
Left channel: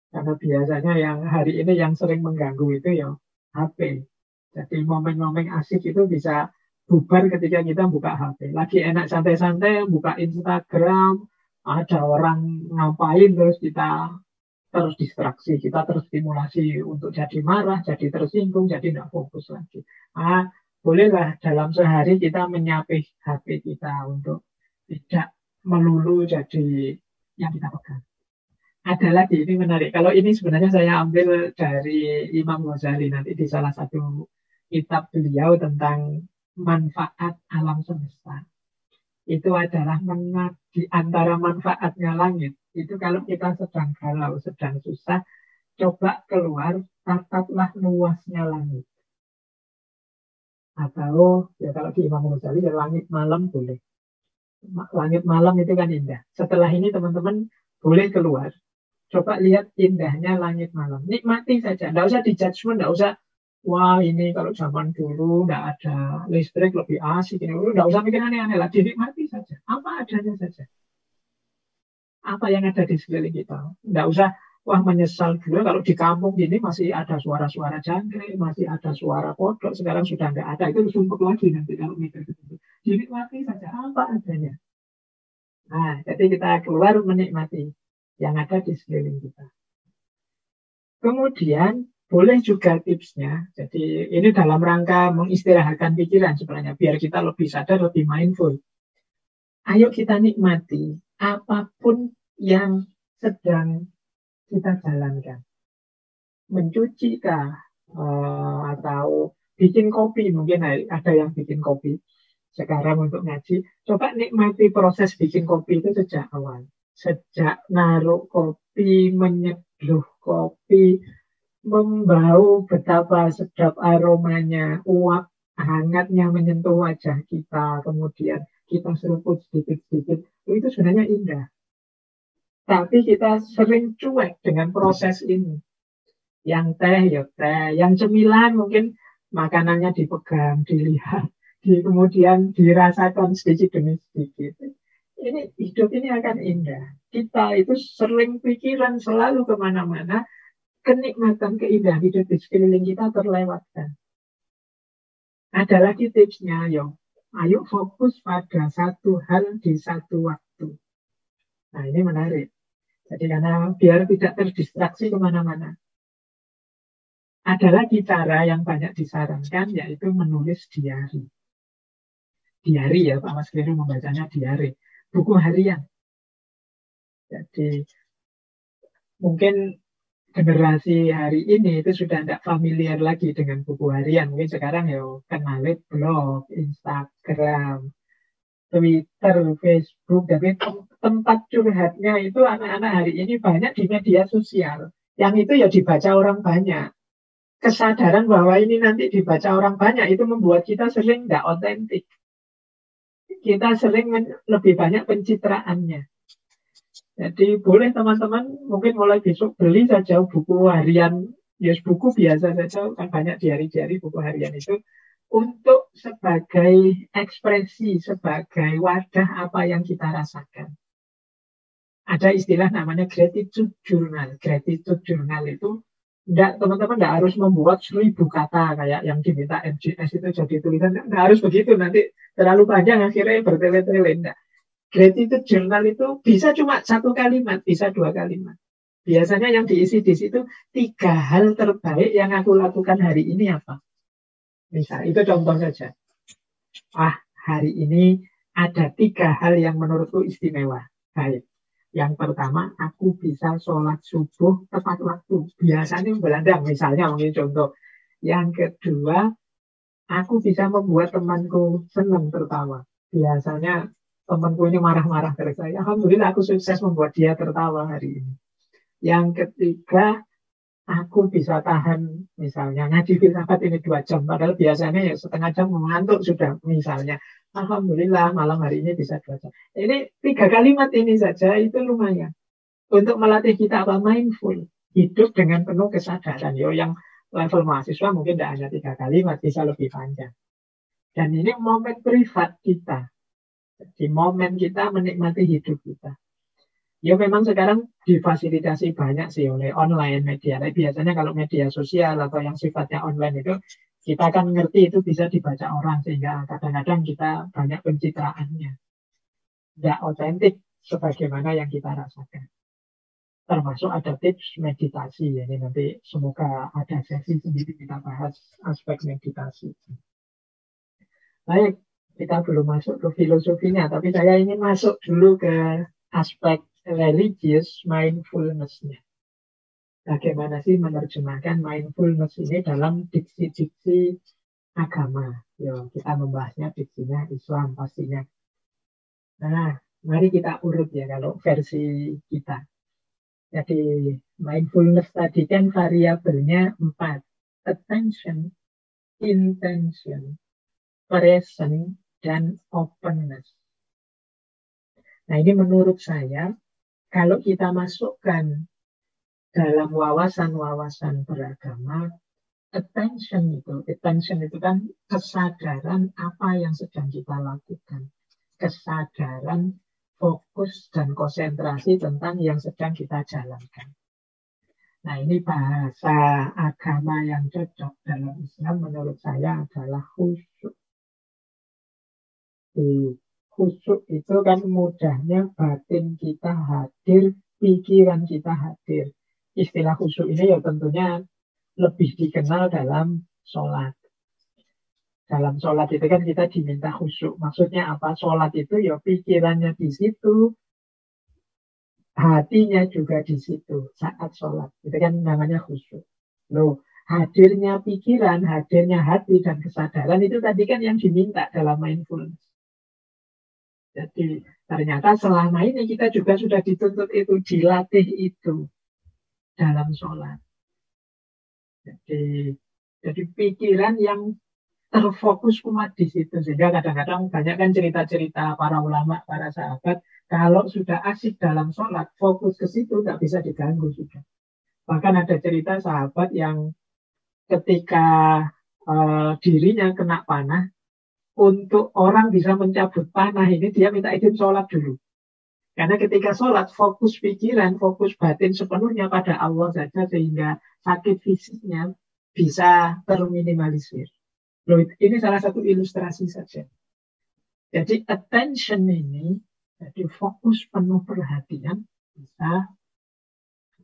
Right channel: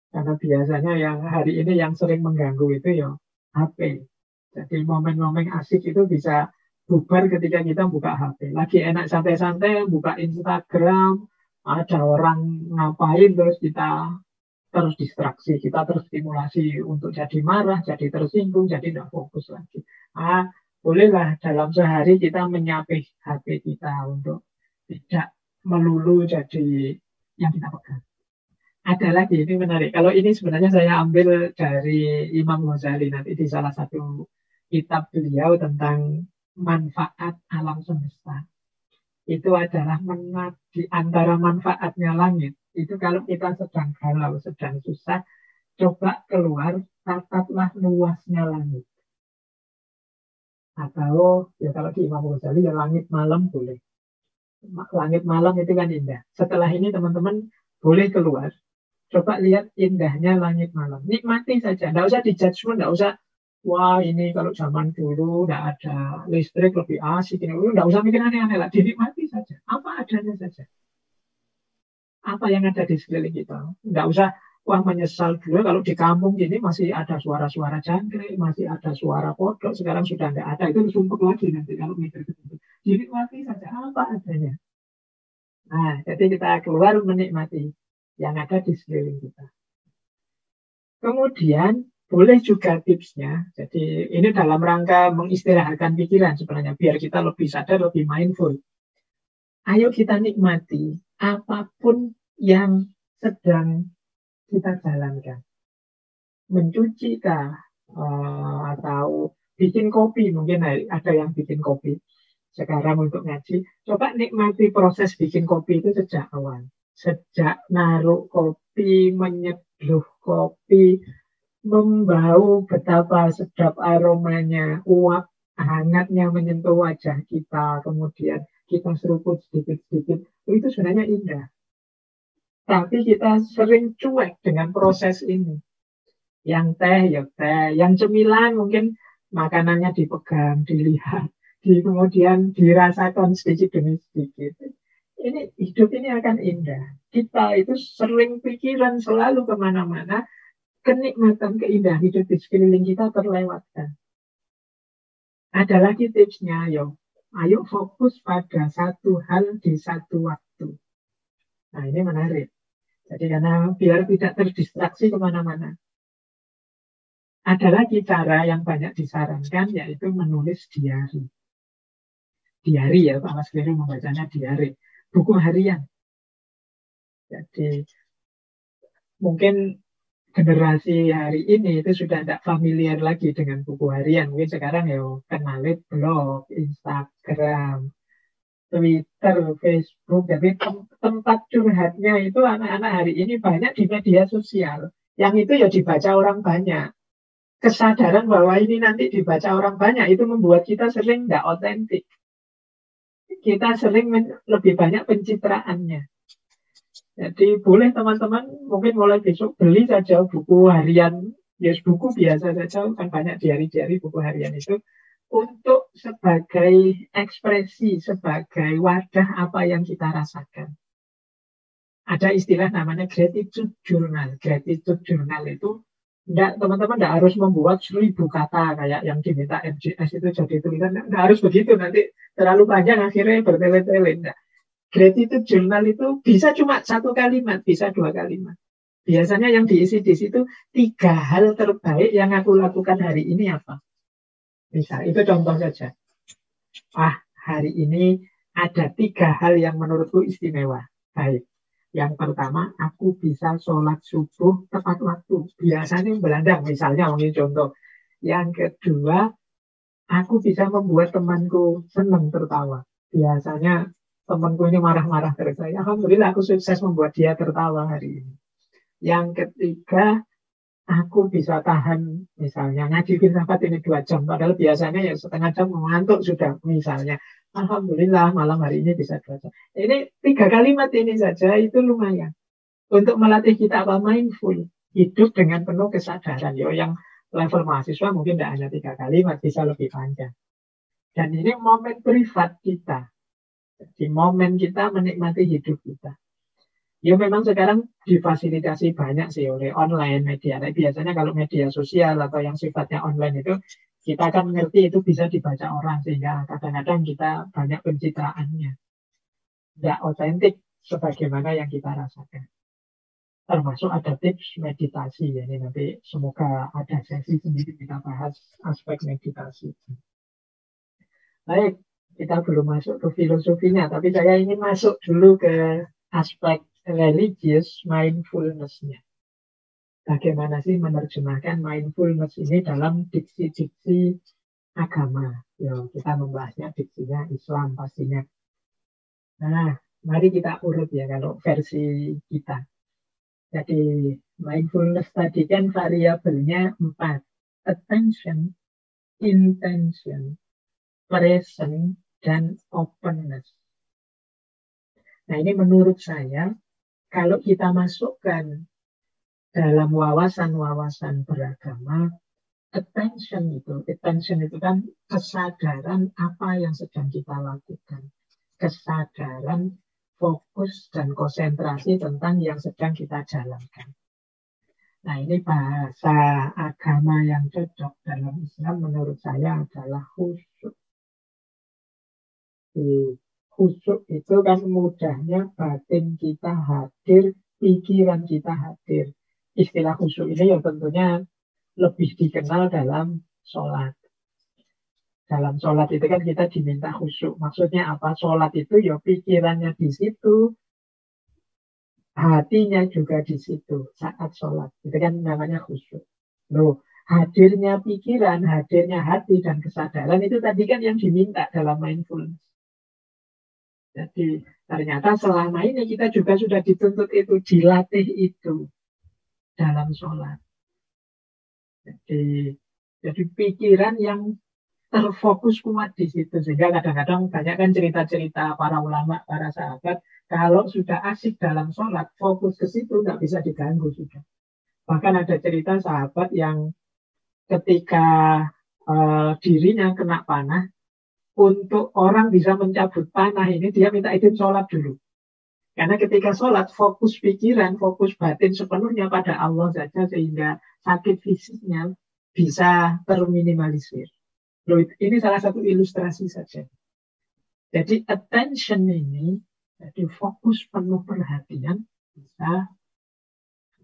Karena biasanya yang hari ini yang sering mengganggu itu ya HP. Jadi momen-momen asik itu bisa bubar ketika kita buka HP. Lagi enak santai-santai, buka Instagram, ada orang ngapain terus kita terus distraksi, kita terstimulasi untuk jadi marah, jadi tersinggung, jadi tidak fokus lagi. Bolehlah dalam sehari kita menyapih HP kita untuk tidak melulu jadi yang kita pegang. Ada lagi, ini menarik. Kalau ini sebenarnya saya ambil dari Imam Ghazali nanti di salah satu kitab beliau tentang manfaat alam semesta. Itu adalah di antara manfaatnya langit. Itu kalau kita sedang galau, sedang susah, coba keluar, tataplah luasnya langit. Atau ya kalau di Imam Ghazali ya langit malam boleh. Langit malam itu kan indah. Setelah ini teman-teman boleh keluar. Coba lihat indahnya langit malam. Nikmati saja. Tidak usah di-judgment, tidak usah wah ini kalau zaman dulu tidak ada listrik lebih asik. Tidak usah mikir aneh-aneh lah. Dinikmati saja. Apa adanya saja. Apa yang ada di sekeliling kita. Tidak usah wah menyesal dulu kalau di kampung ini masih ada suara-suara jangkrik, masih ada suara kodok. Sekarang sudah tidak ada. Itu sumpuk lagi nanti kalau mikir gitu. Dinikmati saja apa adanya. Nah, jadi kita keluar menikmati yang ada di sekeliling kita. Kemudian boleh juga tipsnya, jadi ini dalam rangka mengistirahatkan pikiran sebenarnya, biar kita lebih sadar, lebih mindful. Ayo kita nikmati apapun yang sedang kita jalankan. Mencuci kah, atau bikin kopi, mungkin ada yang bikin kopi. Sekarang untuk ngaji, coba nikmati proses bikin kopi itu sejak awal. Sejak naruh kopi, menyeduh kopi, membau betapa sedap aromanya, uap hangatnya menyentuh wajah kita, kemudian kita seruput sedikit-sedikit, itu sebenarnya indah. Tapi kita sering cuek dengan proses ini. Yang teh, ya teh. Yang cemilan mungkin makanannya dipegang, dilihat, kemudian dirasakan sedikit demi sedikit. Ini hidup ini akan indah. Kita itu sering pikiran selalu kemana-mana, kenikmatan keindahan hidup di sekeliling kita terlewatkan. Ada lagi tipsnya, ayo fokus pada satu hal di satu waktu. Nah ini menarik. Jadi karena biar tidak terdistraksi kemana-mana. Ada lagi cara yang banyak disarankan, yaitu menulis diari. Diari ya, Pak Mas Keliru membacanya diari. Buku harian. Jadi mungkin generasi hari ini itu sudah tidak familiar lagi dengan buku harian. Mungkin sekarang ya kenal blog, Instagram, Twitter, Facebook. Tapi tempat curhatnya itu anak-anak hari ini banyak di media sosial. Yang itu ya dibaca orang banyak. Kesadaran bahwa ini nanti dibaca orang banyak itu membuat kita sering tidak otentik. Kita sering lebih banyak pencitraannya. Jadi boleh teman-teman mungkin mulai besok beli saja buku harian, ya buku biasa saja, kan banyak diari-diari buku harian itu, untuk sebagai ekspresi, sebagai wadah apa yang kita rasakan. Ada istilah namanya gratitude journal. Gratitude journal itu teman-teman tidak harus membuat 1000 kata kayak yang diminta MJS itu jadi tulisan. Tidak harus begitu, nanti terlalu panjang akhirnya bertele-tele. Enggak. Gratitude journal itu bisa cuma 1 kalimat, bisa 2 kalimat. Biasanya yang diisi di situ 3 hal terbaik yang aku lakukan hari ini apa. Misal, itu contoh saja. Hari ini ada 3 hal yang menurutku istimewa. Baik. Yang pertama, aku bisa sholat subuh tepat waktu. Biasanya belandang, misalnya mungkin contoh. Yang kedua, aku bisa membuat temanku senang tertawa. Biasanya temanku ini marah-marah dari saya. Alhamdulillah aku sukses membuat dia tertawa hari ini. Yang ketiga, aku bisa tahan misalnya ngaji filsafat ini 2 jam. Padahal biasanya yang setengah jam mengantuk sudah misalnya. Alhamdulillah malam hari ini bisa 2 jam. Ini 3 kalimat ini saja itu lumayan. Untuk melatih kita apa mindful. Hidup dengan penuh kesadaran. Yo, yang level mahasiswa mungkin tidak hanya 3 kalimat, bisa lebih panjang. Dan ini momen privat kita. Jadi momen kita menikmati hidup kita. Ya memang sekarang difasilitasi banyak sih oleh online media. Tapi biasanya kalau media sosial atau yang sifatnya online itu kita kan ngerti itu bisa dibaca orang sehingga kadang-kadang kita banyak pencitraannya. Tidak otentik sebagaimana yang kita rasakan. Termasuk ada tips meditasi. Jadi nanti semoga ada sesi sendiri kita bahas aspek meditasi. Baik, kita belum masuk ke filosofinya, tapi saya ingin masuk dulu ke aspek religious mindfulness-nya. Bagaimana sih menerjemahkan mindfulness ini dalam diksi-diksi agama? Ya, kita membahasnya diksinya Islam pastinya. Nah, mari kita urut ya kalau versi kita. Jadi mindfulness tadi kan variabelnya 4. Attention, intention, present, dan openness. Nah ini menurut saya, kalau kita masukkan dalam wawasan-wawasan beragama, attention itu kan kesadaran apa yang sedang kita lakukan. Kesadaran, fokus, dan konsentrasi tentang yang sedang kita jalankan. Nah ini bahasa agama yang cocok dalam Islam menurut saya adalah khusyuk. Khusyuk itu kan mudahnya batin kita hadir, pikiran kita hadir. Istilah khusyuk ini ya tentunya lebih dikenal dalam sholat. Dalam sholat itu kan kita diminta khusyuk. Maksudnya apa? Sholat itu ya pikirannya di situ, hatinya juga di situ saat sholat. Itu kan namanya khusyuk. Loh, hadirnya pikiran, hadirnya hati dan kesadaran itu tadi kan yang diminta dalam mindfulness. Jadi ternyata selama ini kita juga sudah dituntut itu, dilatih itu dalam sholat. Jadi pikiran yang terfokus kuat di situ. Sehingga kadang-kadang banyak kan cerita-cerita para ulama, para sahabat, kalau sudah asik dalam sholat, fokus ke situ nggak bisa diganggu sudah. Bahkan ada cerita sahabat yang ketika dirinya kena panah, untuk orang bisa mencabut panah ini dia minta izin sholat dulu. Karena ketika sholat fokus pikiran, fokus batin sepenuhnya pada Allah saja sehingga sakit fisiknya bisa terminimalisir. Loh, ini salah satu ilustrasi saja. Jadi attention ini, jadi fokus penuh perhatian bisa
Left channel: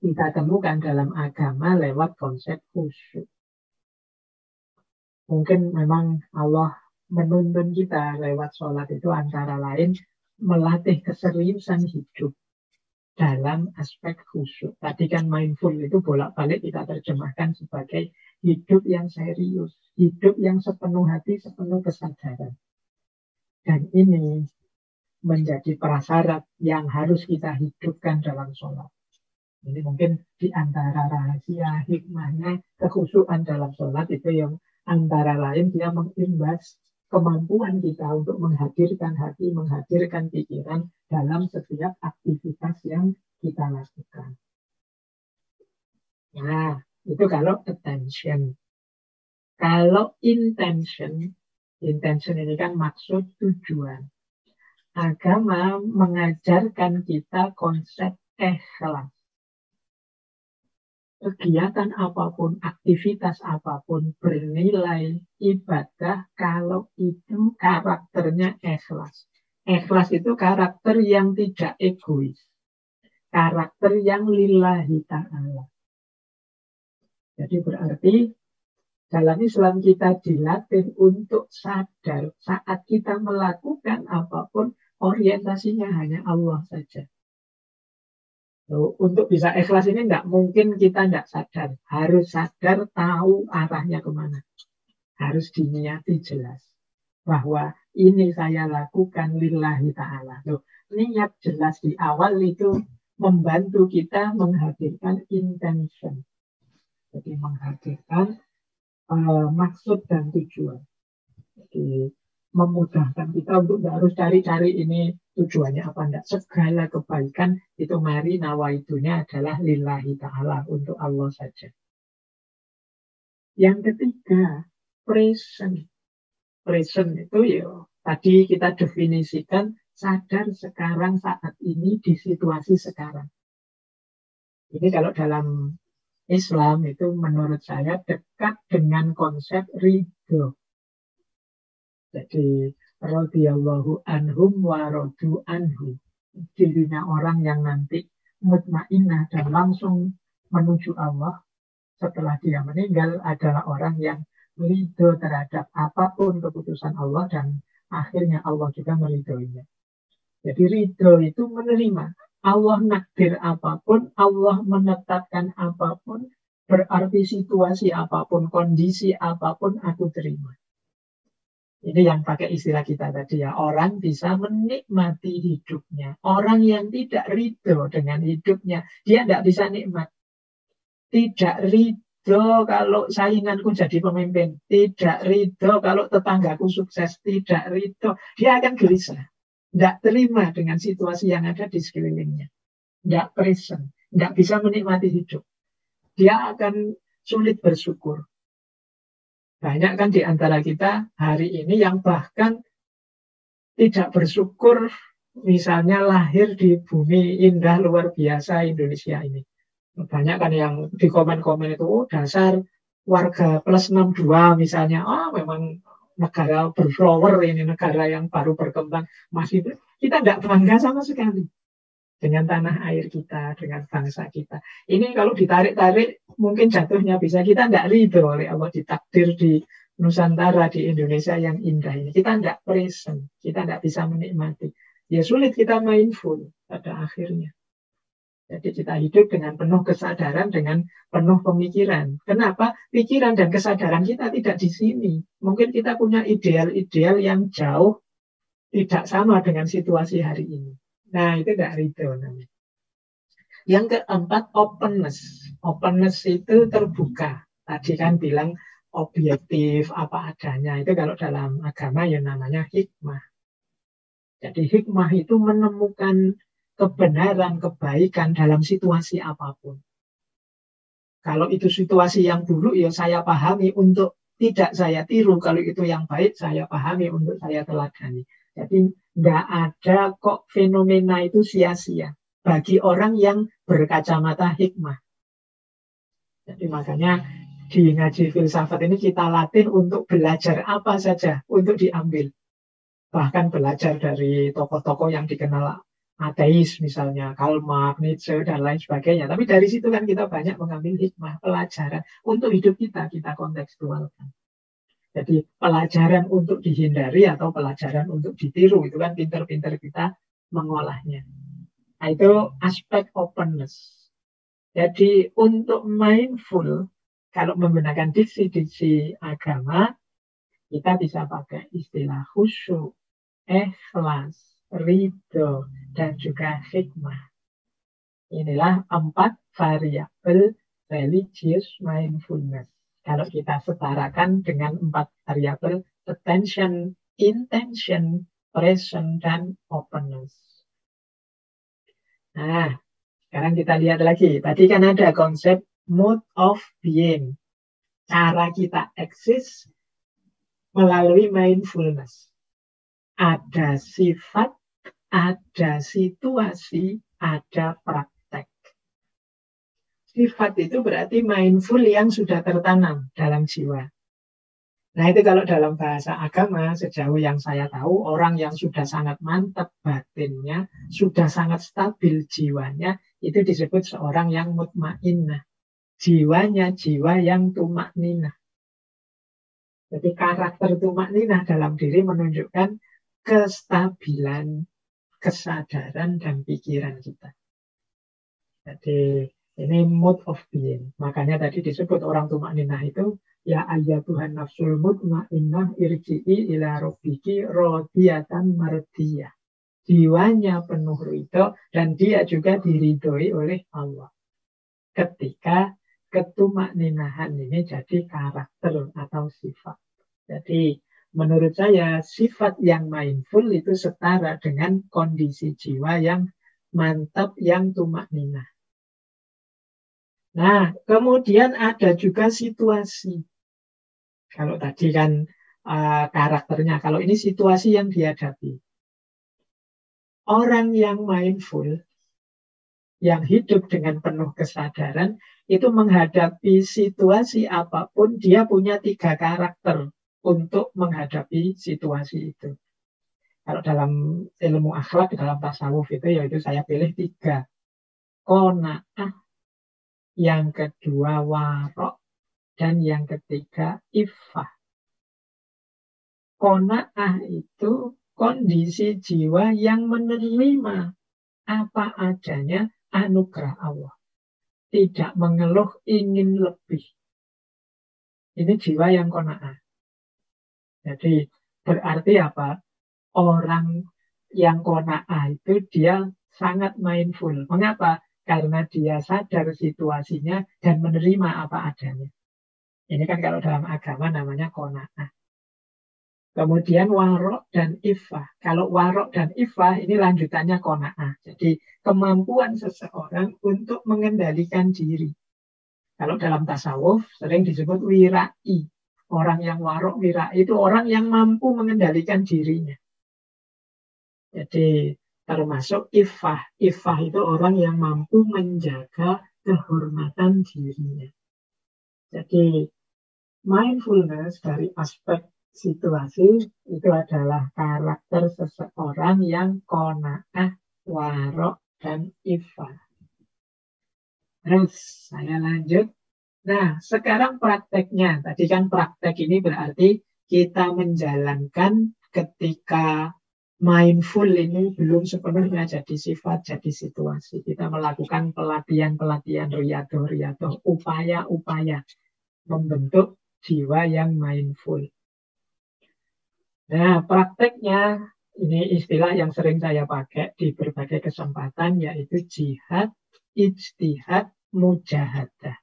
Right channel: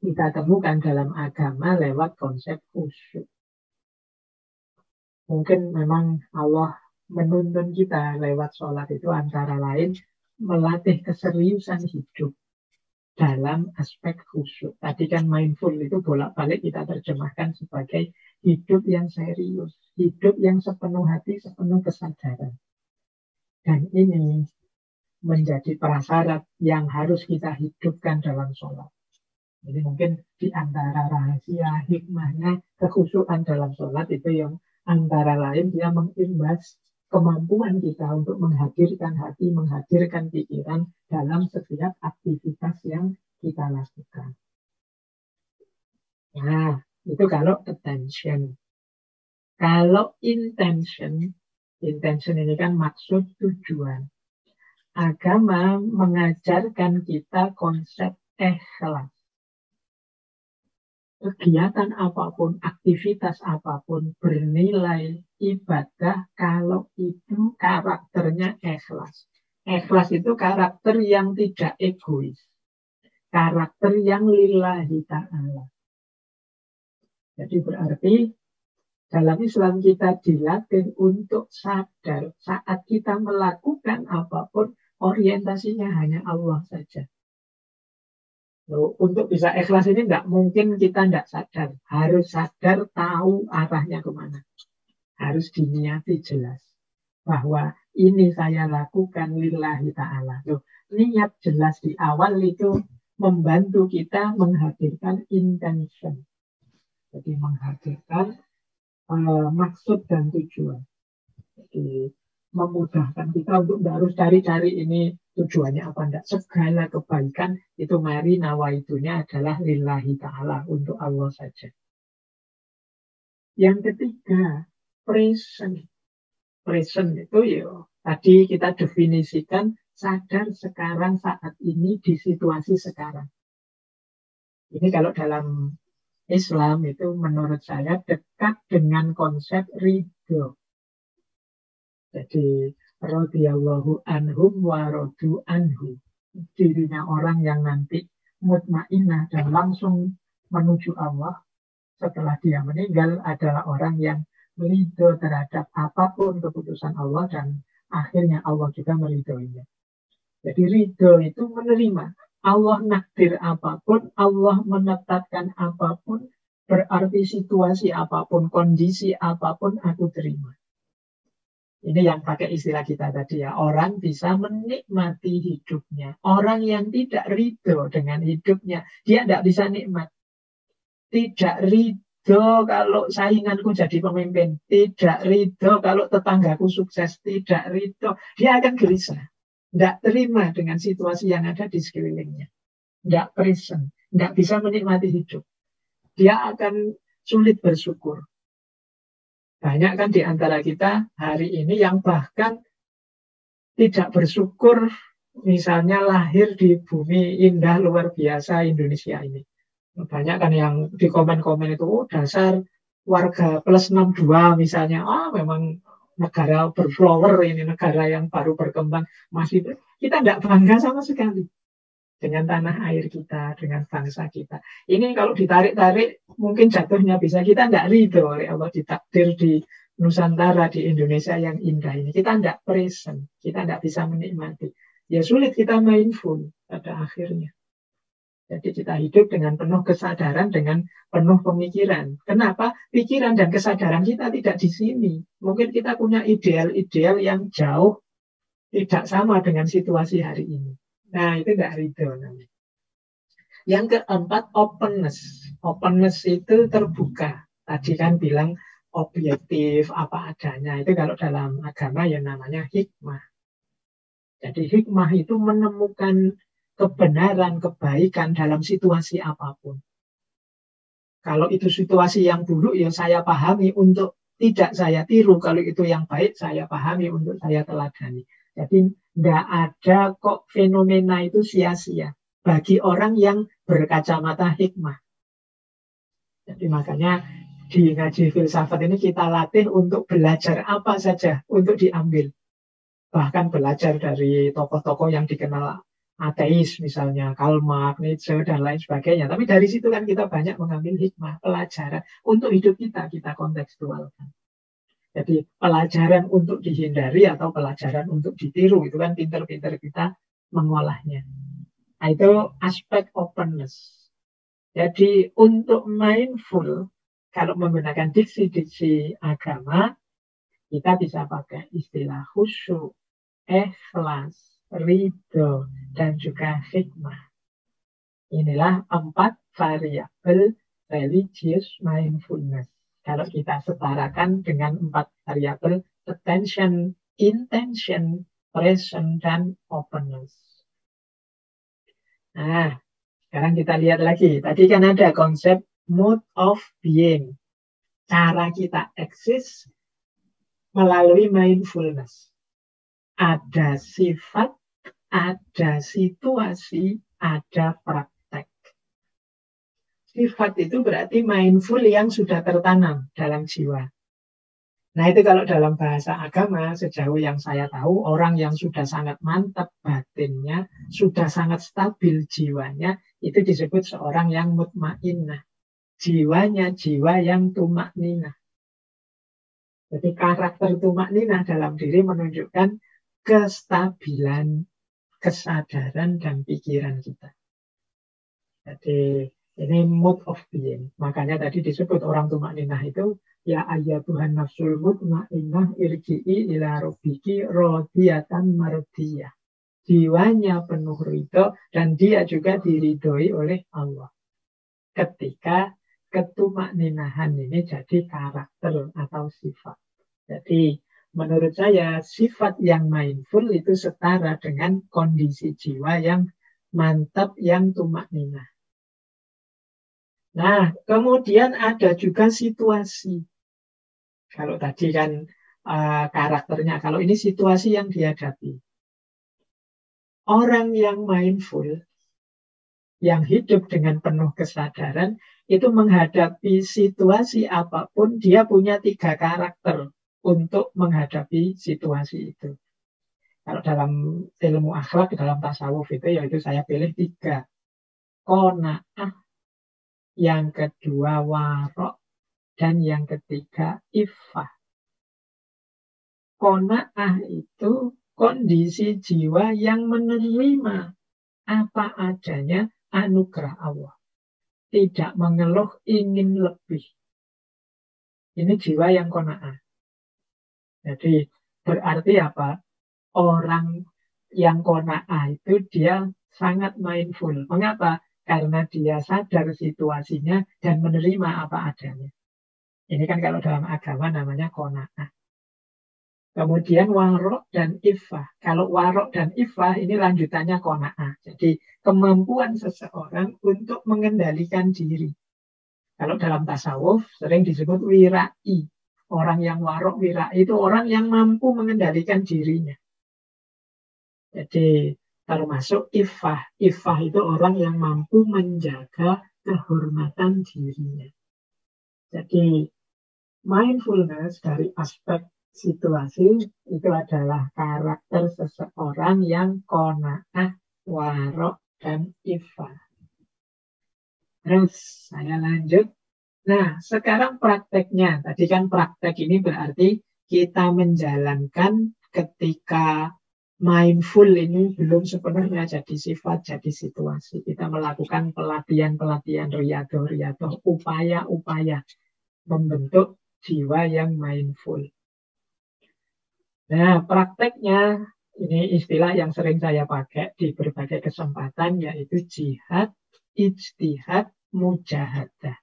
kita temukan dalam agama lewat konsep khusyuk. Mungkin memang Allah menuntun kita lewat sholat itu antara lain melatih keseriusan hidup dalam aspek khusyuk. Tadi kan mindful itu bolak-balik kita terjemahkan sebagai hidup yang serius, hidup yang sepenuh hati, sepenuh kesadaran. Dan ini menjadi prasyarat yang harus kita hidupkan dalam sholat. Jadi mungkin di antara rahasia hikmahnya kekhusyukan dalam sholat itu yang antara lain dia mengimbas kemampuan kita untuk menghadirkan hati, menghadirkan pikiran dalam setiap aktivitas yang kita lakukan. Nah, itu kalau attention. Kalau intention ini kan maksud tujuan. Agama mengajarkan kita konsep ikhlas. Kegiatan apapun, aktivitas apapun bernilai ibadah kalau itu karakternya ikhlas. Ikhlas itu karakter yang tidak egois. Karakter yang lillahi ta'ala. Jadi berarti Dalam Islam kita dilatih untuk sadar saat kita melakukan apapun orientasinya hanya Allah saja. Untuk bisa ikhlas ini nggak mungkin kita nggak sadar. Harus sadar tahu arahnya kemana. Harus diniati jelas. Bahwa ini saya lakukan lillahi ta'ala. Niat jelas di awal itu membantu kita menghadirkan intention. Jadi menghadirkan maksud dan tujuan. Jadi memudahkan kita untuk nggak harus cari-cari ini tujuannya apa enggak. Segala kebaikan itu mari nawaitunya adalah lillahi ta'ala, untuk Allah saja. Yang ketiga, present. Present itu ya tadi kita definisikan sadar sekarang saat ini di situasi sekarang. Ini kalau dalam Islam itu menurut saya dekat dengan konsep ridho. Jadi radhiyallahu anhum wa radu anhu. Dirinya orang yang nanti mutmainnah dan langsung menuju Allah setelah dia meninggal adalah orang yang ridho terhadap apapun keputusan Allah dan akhirnya Allah juga meridhoinya. Jadi ridho itu menerima. Allah nakdir apapun, Allah menetapkan apapun, berarti situasi apapun, kondisi apapun aku terima. Ini yang pakai istilah kita tadi ya. Orang bisa menikmati hidupnya. Orang yang tidak ridho dengan hidupnya, dia tidak bisa nikmat. Tidak ridho kalau sainganku jadi pemimpin. Tidak ridho kalau tetanggaku sukses. Tidak ridho. Dia akan gelisah. Tidak terima dengan situasi yang ada di sekelilingnya. Tidak present. Tidak bisa menikmati hidup. Dia akan sulit bersyukur. Banyak kan di antara kita hari ini yang bahkan tidak bersyukur misalnya lahir di bumi indah luar biasa Indonesia ini. Banyak kan yang di komen-komen itu, oh dasar warga plus 62 misalnya. Memang negara berflower ini, negara yang baru berkembang. Masih kita tidak bangga sama sekali dengan tanah air kita, dengan bangsa kita. Ini kalau ditarik-tarik mungkin jatuhnya bisa kita tidak ridho oleh Allah ditakdir di Nusantara, di Indonesia yang indah ini. Kita tidak present, kita tidak bisa menikmati. Ya sulit kita mindful pada akhirnya. Jadi kita hidup dengan penuh kesadaran, dengan penuh pemikiran. Kenapa? Pikiran dan kesadaran kita tidak di sini. Mungkin kita punya ideal-ideal yang jauh tidak sama dengan situasi hari ini. Nah, itu tidak ridho namanya. Yang keempat, openness. Openness itu terbuka. Tadi kan bilang objektif, apa adanya. Itu kalau dalam agama ya namanya hikmah. Jadi hikmah itu menemukan kebenaran, kebaikan dalam situasi apapun. Kalau itu situasi yang buruk, ya saya pahami untuk tidak saya tiru. Kalau itu yang baik, saya pahami untuk saya teladani. Jadi tidak ada kok fenomena itu sia-sia bagi orang yang berkacamata hikmah. Jadi makanya di ngaji filsafat ini kita latih untuk belajar apa saja untuk diambil. Bahkan belajar dari tokoh-tokoh yang dikenal ateis misalnya, Karl Marx, Nietzsche, dan lain sebagainya. Tapi dari situ kan kita banyak mengambil hikmah, pelajaran untuk hidup kita kontekstualkan. Jadi pelajaran untuk dihindari atau pelajaran untuk ditiru, itu kan pinter-pinter kita mengolahnya. Nah, itu aspek openness. Jadi untuk mindful, kalau menggunakan diksi-diksi agama, kita bisa pakai istilah khusyuk, ikhlas, ridho, dan juga hikmah. Inilah 4 variabel religious mindfulness. Kalau kita setarakan dengan 4 variabel attention, intention, present, dan openness. Nah, sekarang kita lihat lagi. Tadi kan ada konsep mode of being. Cara kita eksis melalui mindfulness. Ada sifat, ada situasi, ada praktek. Sifat itu berarti mindful yang sudah tertanam dalam jiwa. Nah itu kalau dalam bahasa agama, sejauh yang saya tahu, orang yang sudah sangat mantap batinnya, sudah sangat stabil jiwanya, itu disebut seorang yang mutmainnah. Jiwanya jiwa yang tumakninah. Jadi karakter tumakninah dalam diri menunjukkan kestabilan kesadaran dan pikiran kita. Jadi ini mood of being. Makanya tadi disebut orang tumakninah itu ya ayyatuhan nafsul mutmainnah irji'i ila rabbiki radiyatan mardiyah. Jiwanya penuh ridho dan dia juga diridhoi oleh Allah. Ketika ketumakninahan ini jadi karakter atau sifat. Jadi menurut saya sifat yang mindful itu setara dengan kondisi jiwa yang mantap, yang tumakninah. Nah, kemudian ada juga situasi. Kalau tadi kan karakternya, kalau ini situasi yang dihadapi. Orang yang mindful, yang hidup dengan penuh kesadaran, itu menghadapi situasi apapun, dia punya 3 karakter untuk menghadapi situasi itu. Kalau dalam ilmu akhlak, dalam tasawuf itu, yaitu saya pilih 3. Qanaah, yang kedua warok, dan yang ketiga iffah. Qanaah itu kondisi jiwa yang menerima apa adanya anugerah Allah. Tidak mengeluh ingin lebih. Ini jiwa yang qanaah. Jadi berarti apa? Orang yang qanaah itu dia sangat mindful. Mengapa? Karena dia sadar situasinya dan menerima apa adanya. Ini kan kalau dalam agama namanya qanaah. Kemudian warok dan iffah. Kalau warok dan iffah ini lanjutannya qanaah. Jadi kemampuan seseorang untuk mengendalikan diri. Kalau dalam tasawuf sering disebut wirai. Orang yang warok wirai itu orang yang mampu mengendalikan dirinya. Jadi termasuk iffah. Iffah itu orang yang mampu menjaga kehormatan dirinya. Jadi mindfulness dari aspek situasi itu adalah karakter seseorang yang qanaah, warok, dan iffah. Terus saya lanjut. Nah, sekarang prakteknya. Tadi kan praktek ini berarti kita menjalankan ketika mindful ini belum sepenuhnya jadi sifat, jadi situasi. Kita melakukan pelatihan-pelatihan riyadhah, upaya-upaya membentuk jiwa yang mindful. Nah, prakteknya ini istilah yang sering saya pakai di berbagai kesempatan yaitu jihad, ijtihad, mujahadah.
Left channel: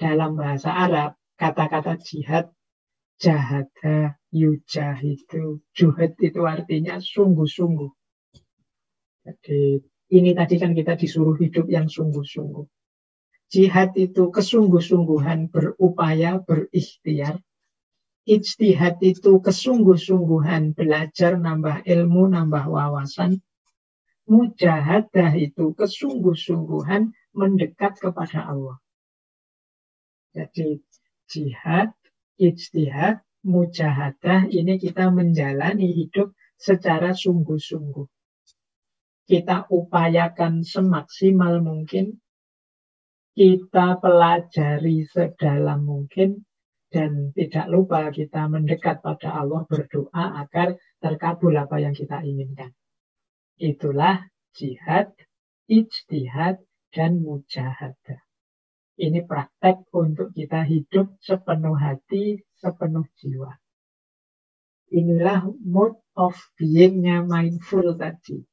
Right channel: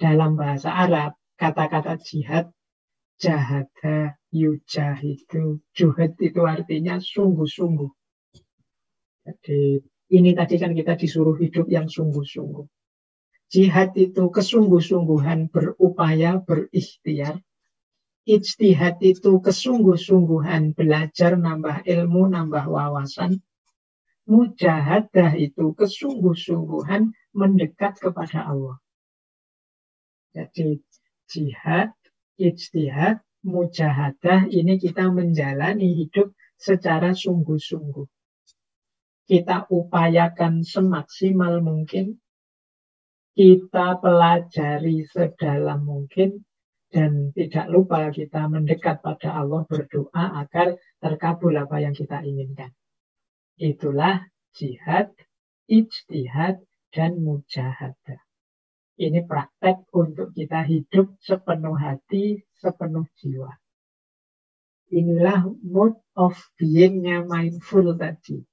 Dalam bahasa Arab, kata-kata jihad, jahada, yujahidu, juhad itu artinya sungguh-sungguh. Jadi ini tadi kan kita disuruh hidup yang sungguh-sungguh. Jihad itu kesungguh-sungguhan berupaya, berikhtiar. Ijtihad itu kesungguh-sungguhan belajar, nambah ilmu, nambah wawasan. Mujahadah itu kesungguh-sungguhan mendekat kepada Allah. Jadi jihad, ijtihad, mujahadah ini kita menjalani hidup secara sungguh-sungguh. Kita upayakan semaksimal mungkin, kita pelajari sedalam mungkin, dan tidak lupa kita mendekat pada Allah, berdoa agar terkabul apa yang kita inginkan. Itulah jihad, ijtihad, dan mujahadah. Ini praktek untuk kita hidup sepenuh hati, sepenuh jiwa. Inilah mode of being-nya mindful tadi.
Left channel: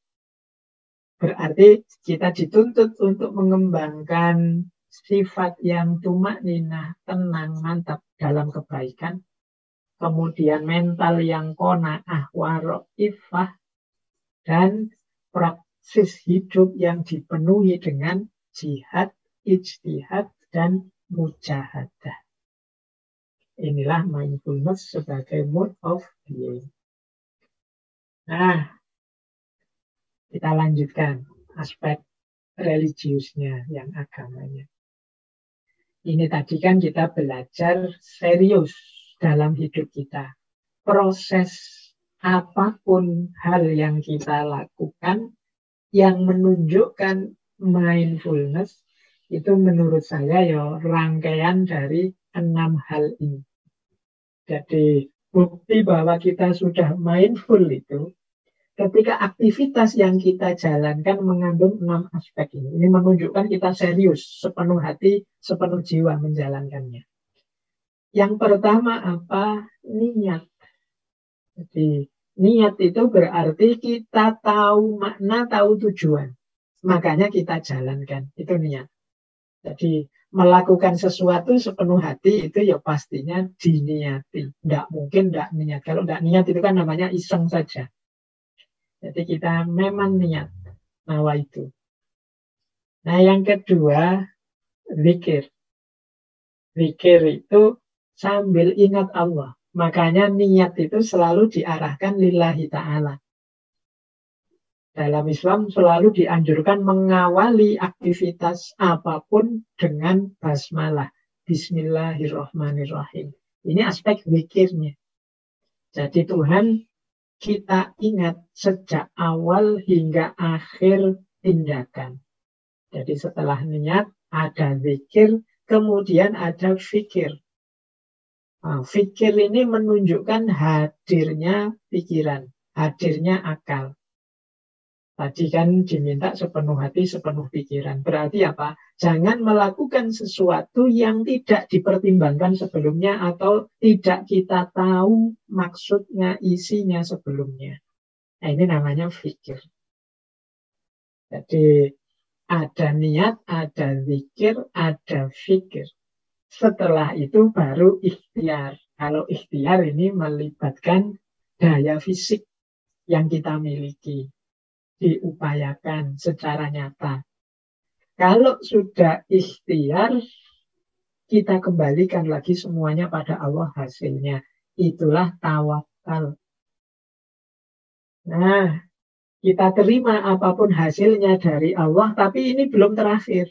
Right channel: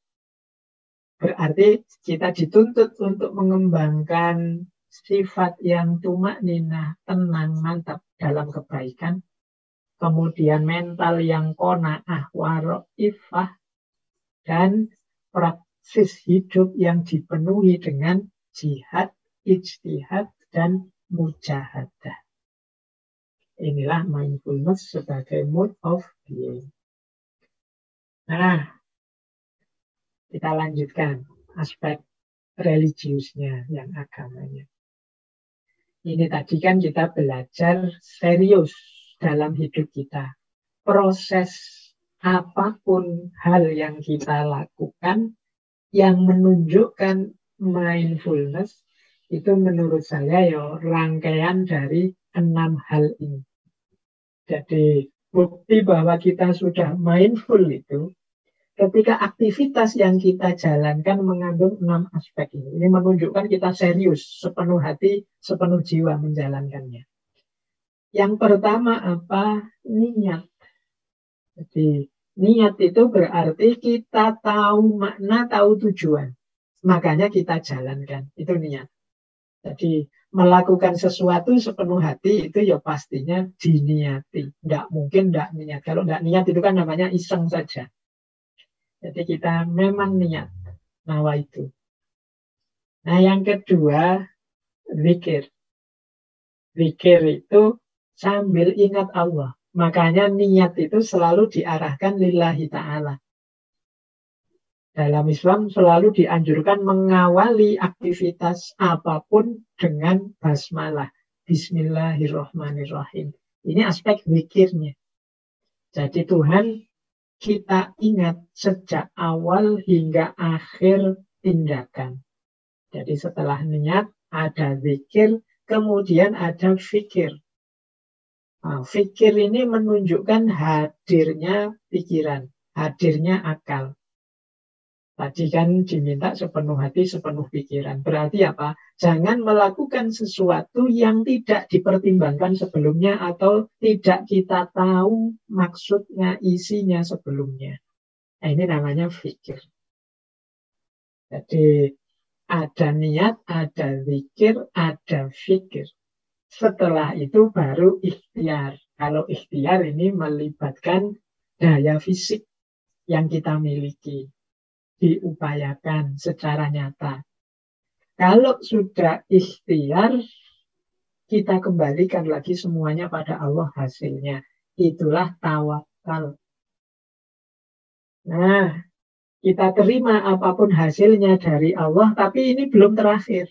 Berarti kita dituntut untuk mengembangkan sifat yang tumakninah, tenang, mantap dalam kebaikan. Kemudian mental yang qanaah, warok, iffah. Dan praksis hidup yang dipenuhi dengan jihad, ijtihad, dan mujahadah. Inilah mindfulness sebagai mode of being. Nah, kita lanjutkan aspek religiusnya, yang agamanya. Ini tadi kan kita belajar serius dalam hidup kita. Proses apapun hal yang kita lakukan yang menunjukkan mindfulness itu menurut saya ya rangkaian dari 6 hal ini. Jadi bukti bahwa kita sudah mindful itu ketika aktivitas yang kita jalankan mengandung 6 aspek ini. Ini menunjukkan kita serius, sepenuh hati, sepenuh jiwa menjalankannya. Yang pertama apa? Niat. Jadi niat itu berarti kita tahu makna, tahu tujuan. Makanya kita jalankan. Itu niat. Jadi melakukan sesuatu sepenuh hati itu ya pastinya diniati. Tidak mungkin tidak niat. Kalau tidak niat itu kan namanya iseng saja. Jadi kita memang niat nawa itu. Nah yang kedua, zikir. Zikir itu sambil ingat Allah. Makanya niat itu selalu diarahkan lillahi ta'ala. Dalam Islam selalu dianjurkan mengawali aktivitas apapun dengan basmalah. Bismillahirrahmanirrahim. Ini aspek zikirnya. Jadi Tuhan kita ingat sejak awal hingga akhir tindakan. Jadi setelah niat ada zikir, kemudian ada fikir. Nah, fikir ini menunjukkan hadirnya pikiran, hadirnya akal. Tadi kan diminta sepenuh hati, sepenuh pikiran. Berarti apa? Jangan melakukan sesuatu yang tidak dipertimbangkan sebelumnya atau tidak kita tahu maksudnya, isinya sebelumnya. Nah, ini namanya fikir. Jadi ada niat, ada zikir, ada fikir. Setelah itu baru ikhtiar. Kalau ikhtiar ini melibatkan daya fisik yang kita miliki. Diupayakan secara nyata. Kalau sudah ikhtiar, kita kembalikan lagi semuanya pada Allah hasilnya. Itulah tawakal. Nah, kita terima apapun hasilnya dari Allah, tapi ini belum terakhir.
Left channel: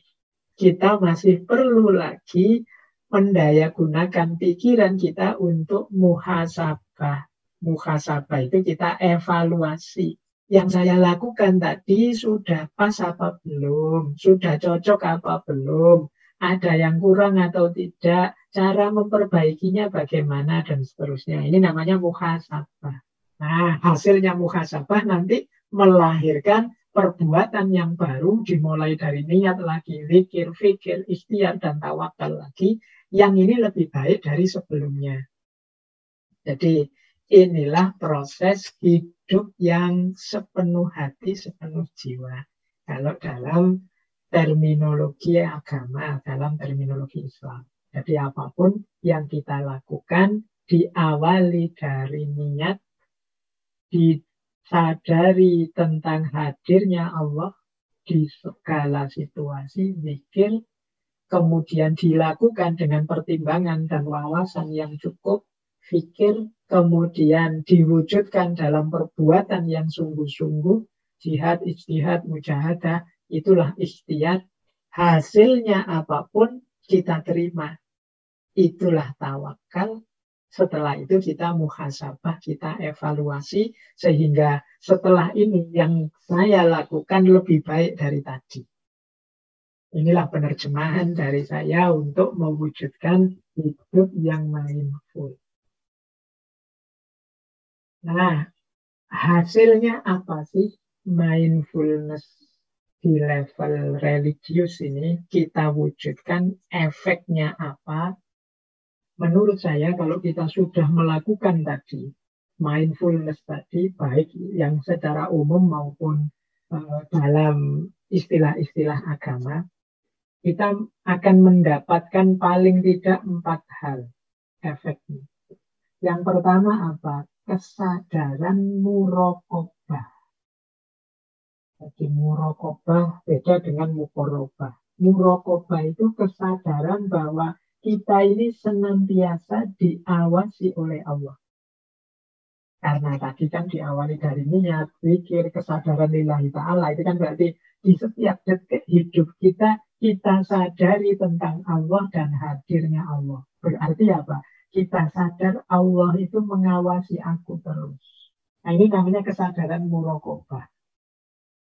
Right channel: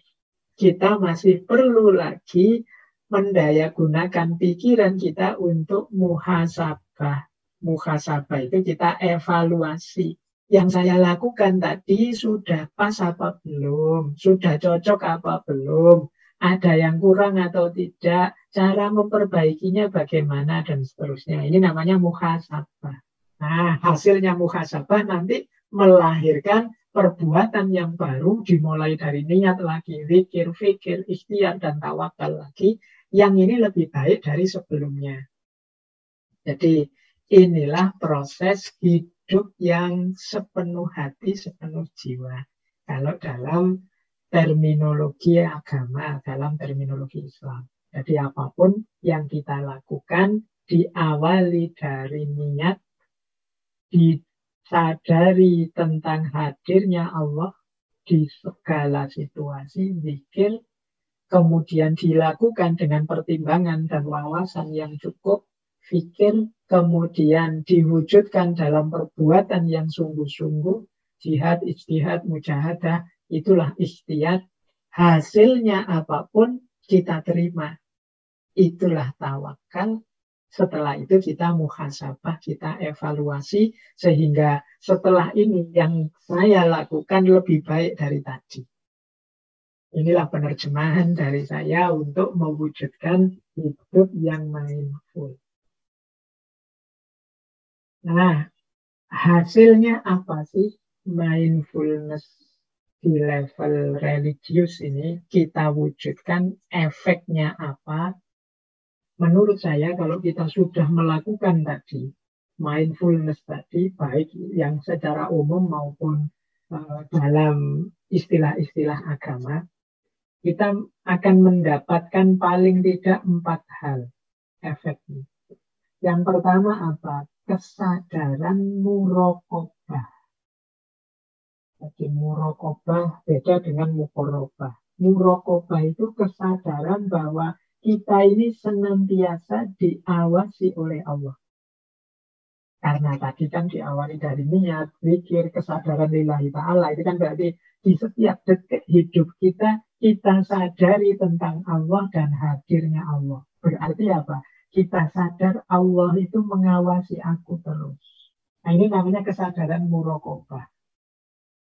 Kita masih perlu lagi mendayagunakan pikiran kita untuk muhasabah. Muhasabah itu kita evaluasi. Yang saya lakukan tadi sudah pas apa belum? Sudah cocok apa belum? Ada yang kurang atau tidak? Cara memperbaikinya bagaimana dan seterusnya. Ini namanya muhasabah. Nah, hasilnya muhasabah nanti melahirkan perbuatan yang baru dimulai dari niat lagi, zikir, fikir, ikhtiar, dan tawakal lagi. Yang ini lebih baik dari sebelumnya. Jadi inilah proses hidup yang sepenuh hati, sepenuh jiwa. Kalau dalam terminologi agama, dalam terminologi Islam. Jadi apapun yang kita lakukan diawali dari niat, disadari tentang hadirnya Allah di segala situasi, zikir, kemudian dilakukan dengan pertimbangan dan wawasan yang cukup, fikir, kemudian diwujudkan dalam perbuatan yang sungguh-sungguh, jihad, ijtihad, mujahadah, itulah ikhtiar. Hasilnya apapun kita terima. Itulah tawakal. Setelah itu kita muhasabah, kita evaluasi, sehingga setelah ini yang saya lakukan lebih baik dari tadi. Inilah penerjemahan dari saya untuk mewujudkan hidup yang mindful. Nah, hasilnya apa sih mindfulness di level religius ini? Kita wujudkan efeknya apa? Menurut saya kalau kita sudah melakukan tadi, mindfulness tadi, baik yang secara umum maupun dalam istilah-istilah agama, kita akan mendapatkan paling tidak 4 hal efeknya. Yang pertama apa? Kesadaran muraqabah. Jadi muraqabah beda dengan muqarabah. Muraqabah itu kesadaran bahwa kita ini senantiasa diawasi oleh Allah. Karena tadi kan diawali dari niat, zikir, kesadaran lillahi ta'ala. Itu kan berarti di setiap detik hidup kita, kita sadari tentang Allah dan hadirnya Allah. Berarti apa? Kita sadar Allah itu mengawasi aku terus. Nah ini namanya kesadaran muraqabah.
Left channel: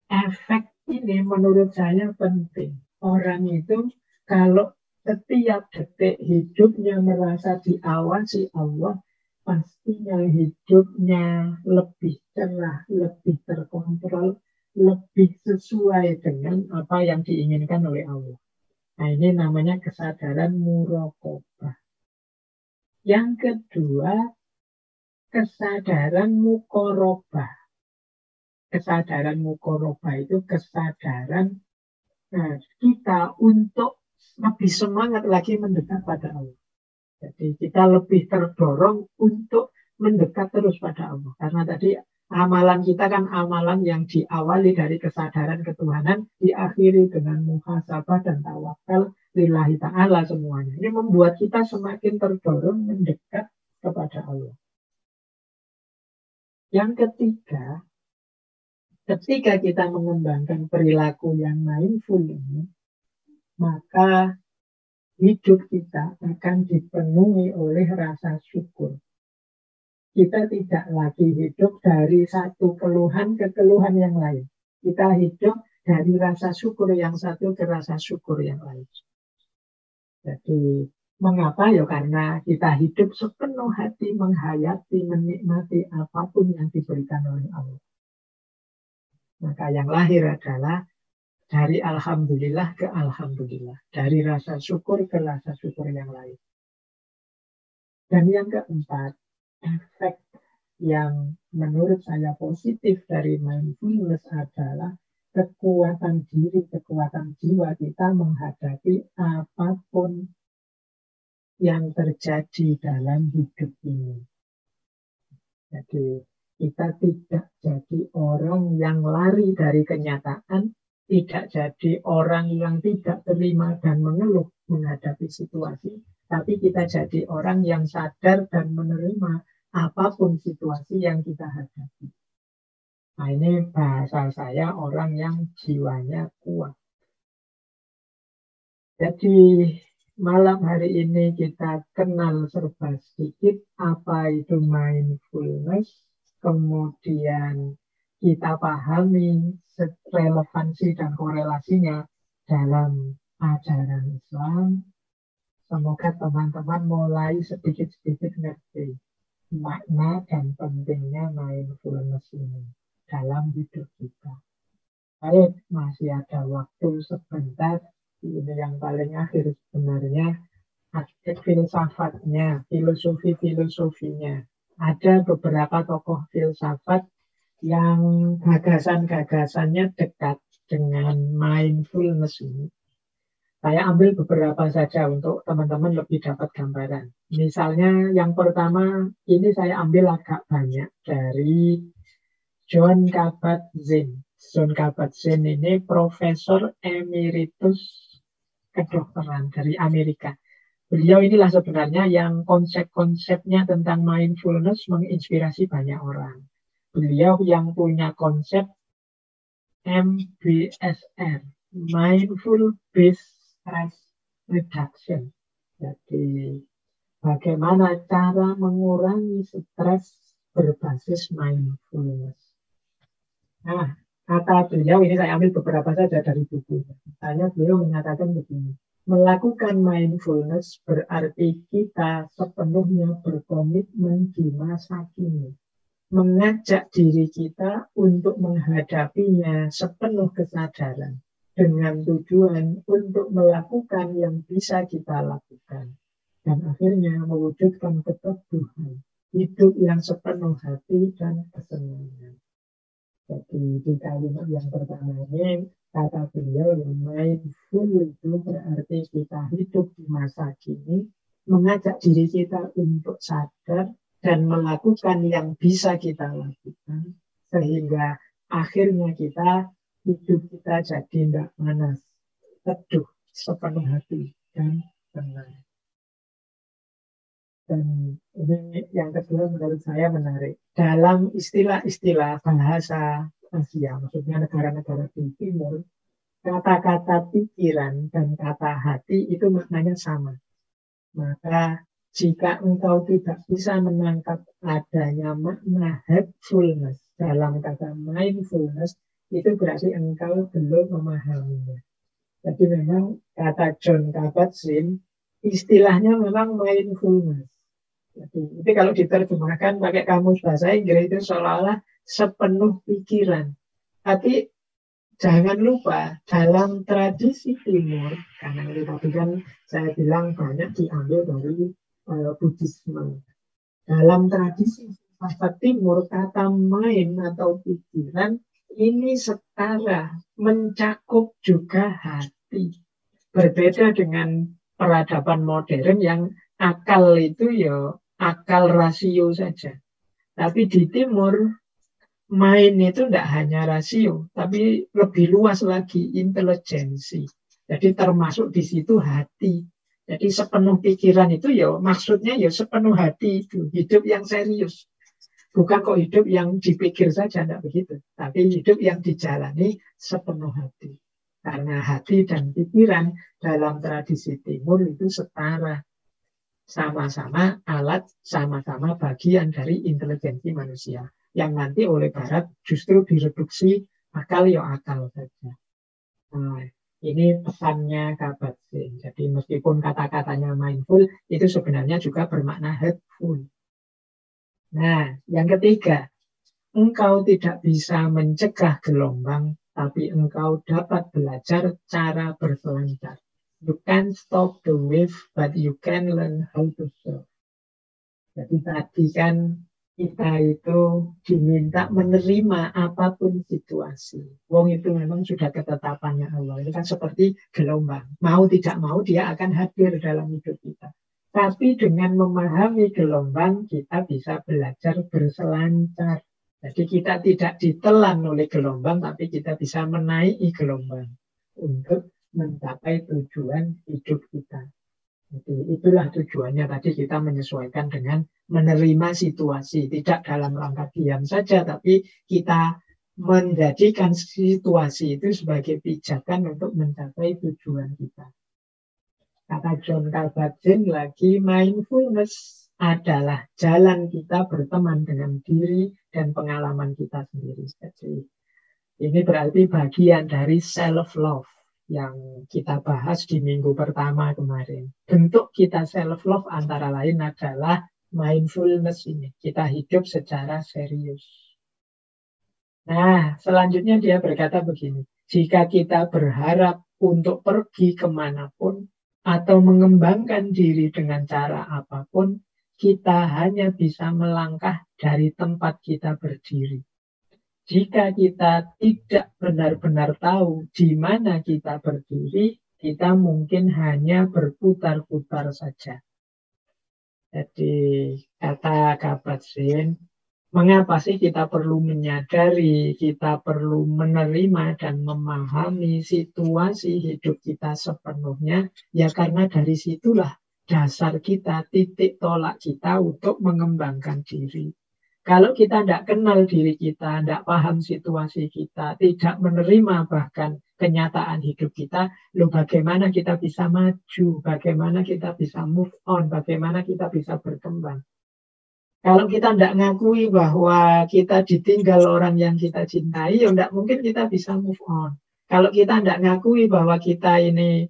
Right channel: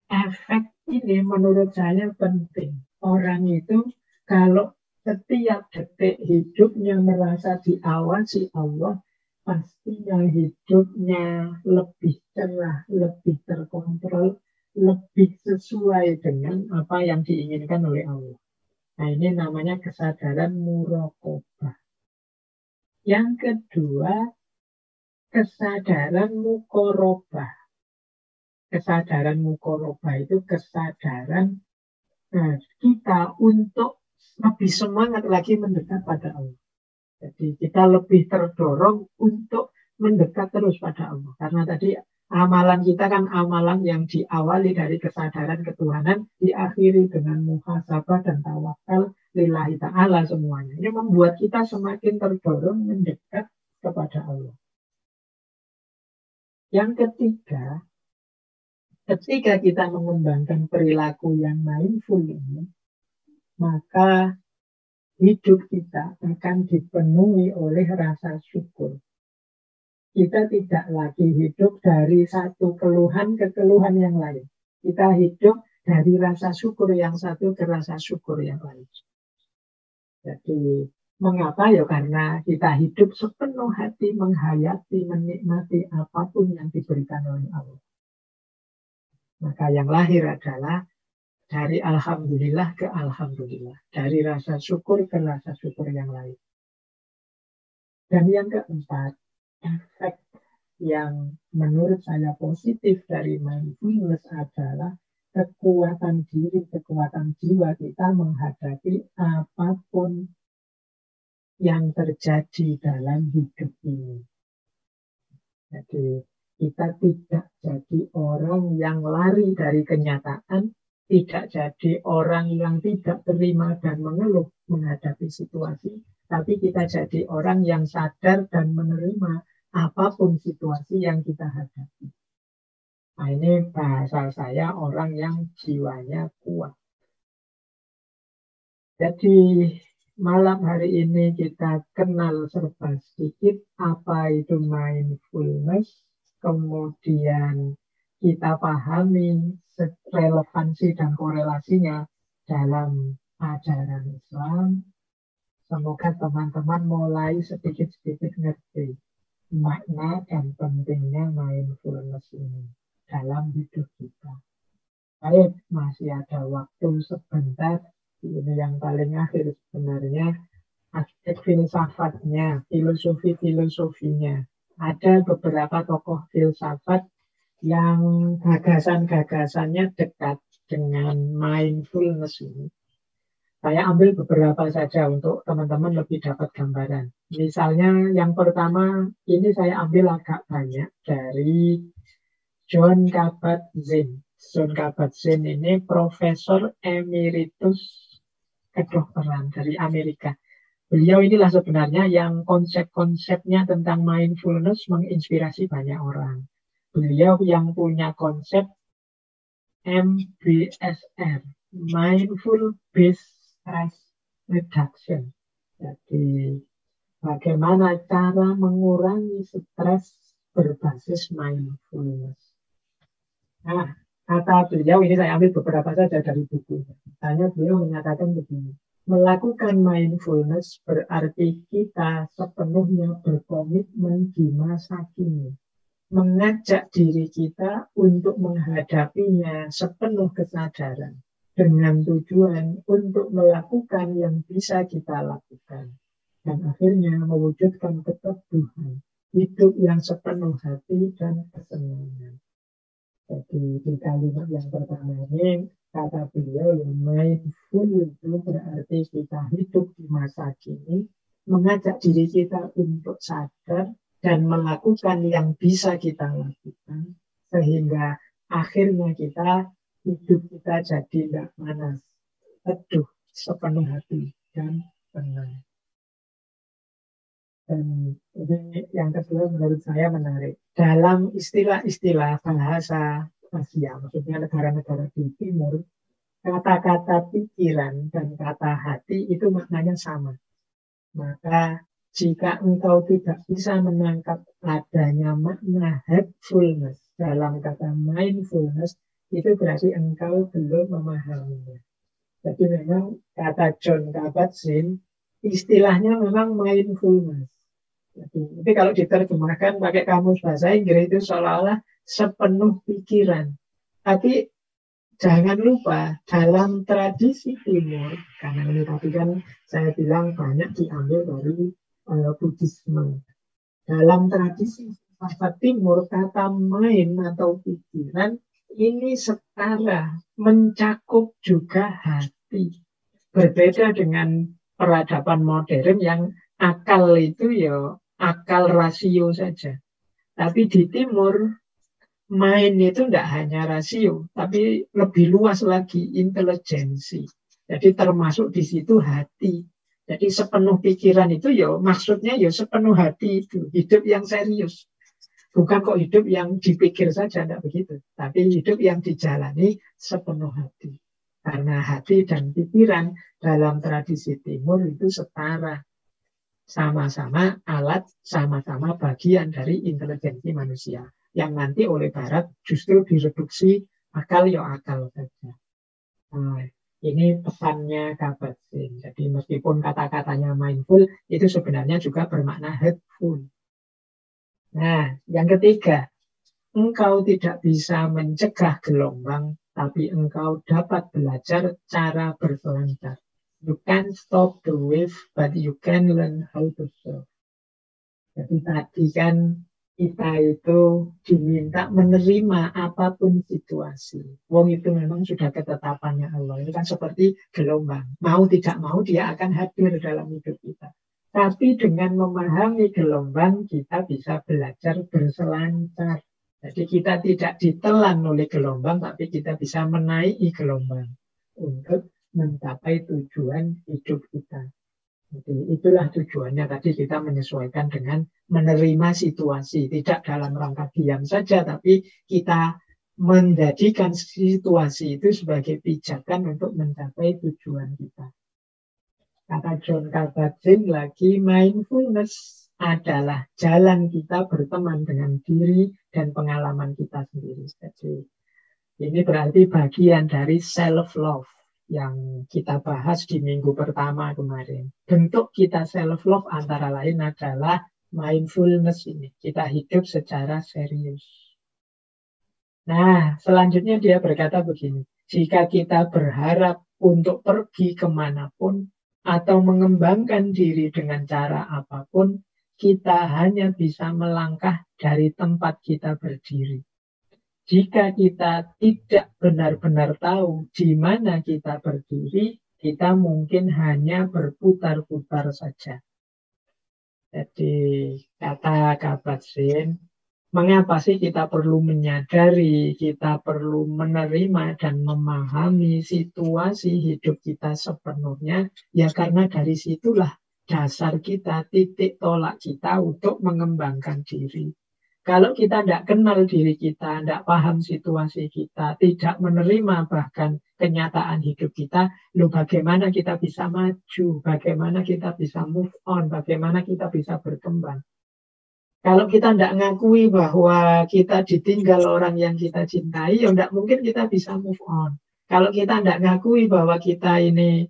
Efek ini menurut saya penting. Orang itu kalau setiap detik hidupnya merasa diawasi Allah, pastinya hidupnya lebih cerah, lebih terkontrol, lebih sesuai dengan apa yang diinginkan oleh Allah. Nah, ini namanya kesadaran muraqabah. Yang kedua, kesadaran muqarabah. Kesadaran muqarabah itu kesadaran kita untuk lebih semangat lagi mendekat pada Allah. Jadi kita lebih terdorong untuk mendekat terus pada Allah. Karena tadi amalan kita kan amalan yang diawali dari kesadaran ketuhanan, diakhiri dengan muhasabah dan tawakal lillahi ta'ala semuanya. Ini membuat kita semakin terdorong mendekat kepada Allah. Yang ketiga, ketika kita mengembangkan perilaku yang mindful ini, maka hidup kita akan dipenuhi oleh rasa syukur. Kita tidak lagi hidup dari satu keluhan ke keluhan yang lain. Kita hidup dari rasa syukur yang satu ke rasa syukur yang lain. Jadi, mengapa? Ya karena kita hidup sepenuh hati menghayati, menikmati apapun yang diberikan oleh Allah. Maka yang lahir adalah dari alhamdulillah ke alhamdulillah. Dari rasa syukur ke rasa syukur yang lain. Dan yang keempat, efek yang menurut saya positif dari mindfulness adalah kekuatan diri, kekuatan jiwa kita menghadapi apapun yang terjadi dalam hidup ini. Jadi kita tidak jadi orang yang lari dari kenyataan, tidak jadi orang yang tidak terima dan mengeluh menghadapi situasi, tapi kita jadi orang yang sadar dan menerima apapun situasi yang kita hadapi. Nah, ini bahasa saya orang yang jiwanya kuat. Jadi malam hari ini kita kenal serba sedikit apa itu mindfulness, kemudian kita pahami relevansi dan korelasinya dalam ajaran Islam. Semoga teman-teman mulai sedikit-sedikit ngerti makna dan pentingnya mindfulness ini dalam hidup kita. Baik, masih ada waktu sebentar. Ini yang paling akhir sebenarnya aspek filsafatnya, filosofinya. Ada beberapa tokoh filsafat yang gagasan-gagasannya dekat dengan mindfulness ini. Saya ambil beberapa saja untuk teman-teman lebih dapat gambaran. Misalnya yang pertama, ini saya ambil agak banyak dari Jon Kabat-Zinn. Jon Kabat-Zinn ini Profesor Emeritus kedokteran dari Amerika. Beliau inilah sebenarnya yang konsep-konsepnya tentang mindfulness menginspirasi banyak orang. Beliau yang punya konsep MBSR, Mindful Based Stress Reduction. Jadi, bagaimana cara mengurangi stres berbasis mindfulness. Nah, kata beliau, ini saya ambil beberapa saja dari bukunya. Beliau menyatakan begini, melakukan mindfulness berarti kita sepenuhnya berkomitmen di masa kini. Mengajak diri kita untuk menghadapinya sepenuh kesadaran. Dengan tujuan untuk melakukan yang bisa kita lakukan. Dan akhirnya mewujudkan keteguhan. Hidup yang sepenuh hati dan kesenangan. Jadi di kalimat yang pertama ini kata beliau yang mindful itu berarti kita hidup di masa kini, mengajak diri kita untuk sadar dan melakukan yang bisa kita lakukan sehingga akhirnya hidup kita jadi tidak panas, teduh, sepenuh hati dan tenang. Dan ini yang kedua menurut saya menarik. Dalam istilah-istilah bahasa Asia, maksudnya negara-negara di timur, kata-kata pikiran dan kata hati itu maknanya sama. Maka jika engkau tidak bisa menangkap adanya makna headfulness dalam kata mindfulness, itu berarti engkau belum memahaminya. Jadi memang kata Jon Kabat-Zinn, istilahnya memang mindfulness. Jadi kalau diterjemahkan pakai kamus bahasa Inggris itu seolah-olah sepenuh pikiran. Tapi jangan lupa dalam tradisi Timur, karena ini tadi kan saya bilang banyak diambil dari Buddhisme. Dalam tradisi filsafat Timur, kata main atau pikiran ini setara, mencakup juga hati. Berbeda dengan peradaban modern yang akal itu ya akal rasio saja. Tapi di Timur, main itu tidak hanya rasio, tapi lebih luas lagi intelijensi. Jadi termasuk di situ hati. Jadi sepenuh pikiran itu ya maksudnya ya sepenuh hati itu. Hidup yang serius. Bukan kok hidup yang dipikir saja, tidak begitu. Tapi hidup yang dijalani sepenuh hati. Karena hati dan pikiran dalam tradisi Timur itu setara. Sama-sama alat, sama-sama bagian dari intelijensi manusia. Yang nanti oleh Barat justru direduksi akal ya akal saja. Nah, ini pesannya Kabat-Zinn. Jadi meskipun kata-katanya mindful, itu sebenarnya juga bermakna headful. Nah, yang ketiga, engkau tidak bisa mencegah gelombang, tapi engkau dapat belajar cara berselancar. You can't stop the wave, but you can learn how to surf. Jadi tadi kan kita itu diminta menerima apapun situasi. Wong itu memang sudah ketetapannya Allah. Ini kan seperti gelombang. Mau tidak mau dia akan hadir dalam hidup kita. Tapi dengan memahami gelombang, kita bisa belajar berselancar. Jadi kita tidak ditelan oleh gelombang, tapi kita bisa menaiki gelombang untuk mencapai tujuan hidup kita. Jadi itulah tujuannya tadi kita menyesuaikan dengan menerima situasi. Tidak dalam rangka diam saja, tapi kita menjadikan situasi itu sebagai pijakan untuk mencapai tujuan kita. Kata John Kabat-Zinn lagi, mindfulness adalah jalan kita berteman dengan diri dan pengalaman kita sendiri. Jadi ini berarti bagian dari self-love yang kita bahas di minggu pertama kemarin. Bentuk kita self-love antara lain adalah mindfulness ini. Kita hidup secara serius. Nah, selanjutnya dia berkata begini. Jika kita berharap untuk pergi kemanapun atau mengembangkan diri dengan cara apapun, kita hanya bisa melangkah dari tempat kita berdiri. Jika kita tidak benar-benar tahu di mana kita berdiri, kita mungkin hanya berputar-putar saja. Jadi kata Kabat-Zinn, mengapa sih kita perlu menyadari, kita perlu menerima dan memahami situasi hidup kita sepenuhnya? Ya karena dari situlah dasar kita, titik tolak kita untuk mengembangkan diri. Kalau kita tidak kenal diri kita, tidak paham situasi kita, tidak menerima bahkan kenyataan hidup kita, loh bagaimana kita bisa maju, bagaimana kita bisa move on, bagaimana kita bisa berkembang. Kalau kita tidak ngakui bahwa kita ditinggal orang yang kita cintai, ya tidak mungkin kita bisa move on. Kalau kita tidak ngakui bahwa kita ini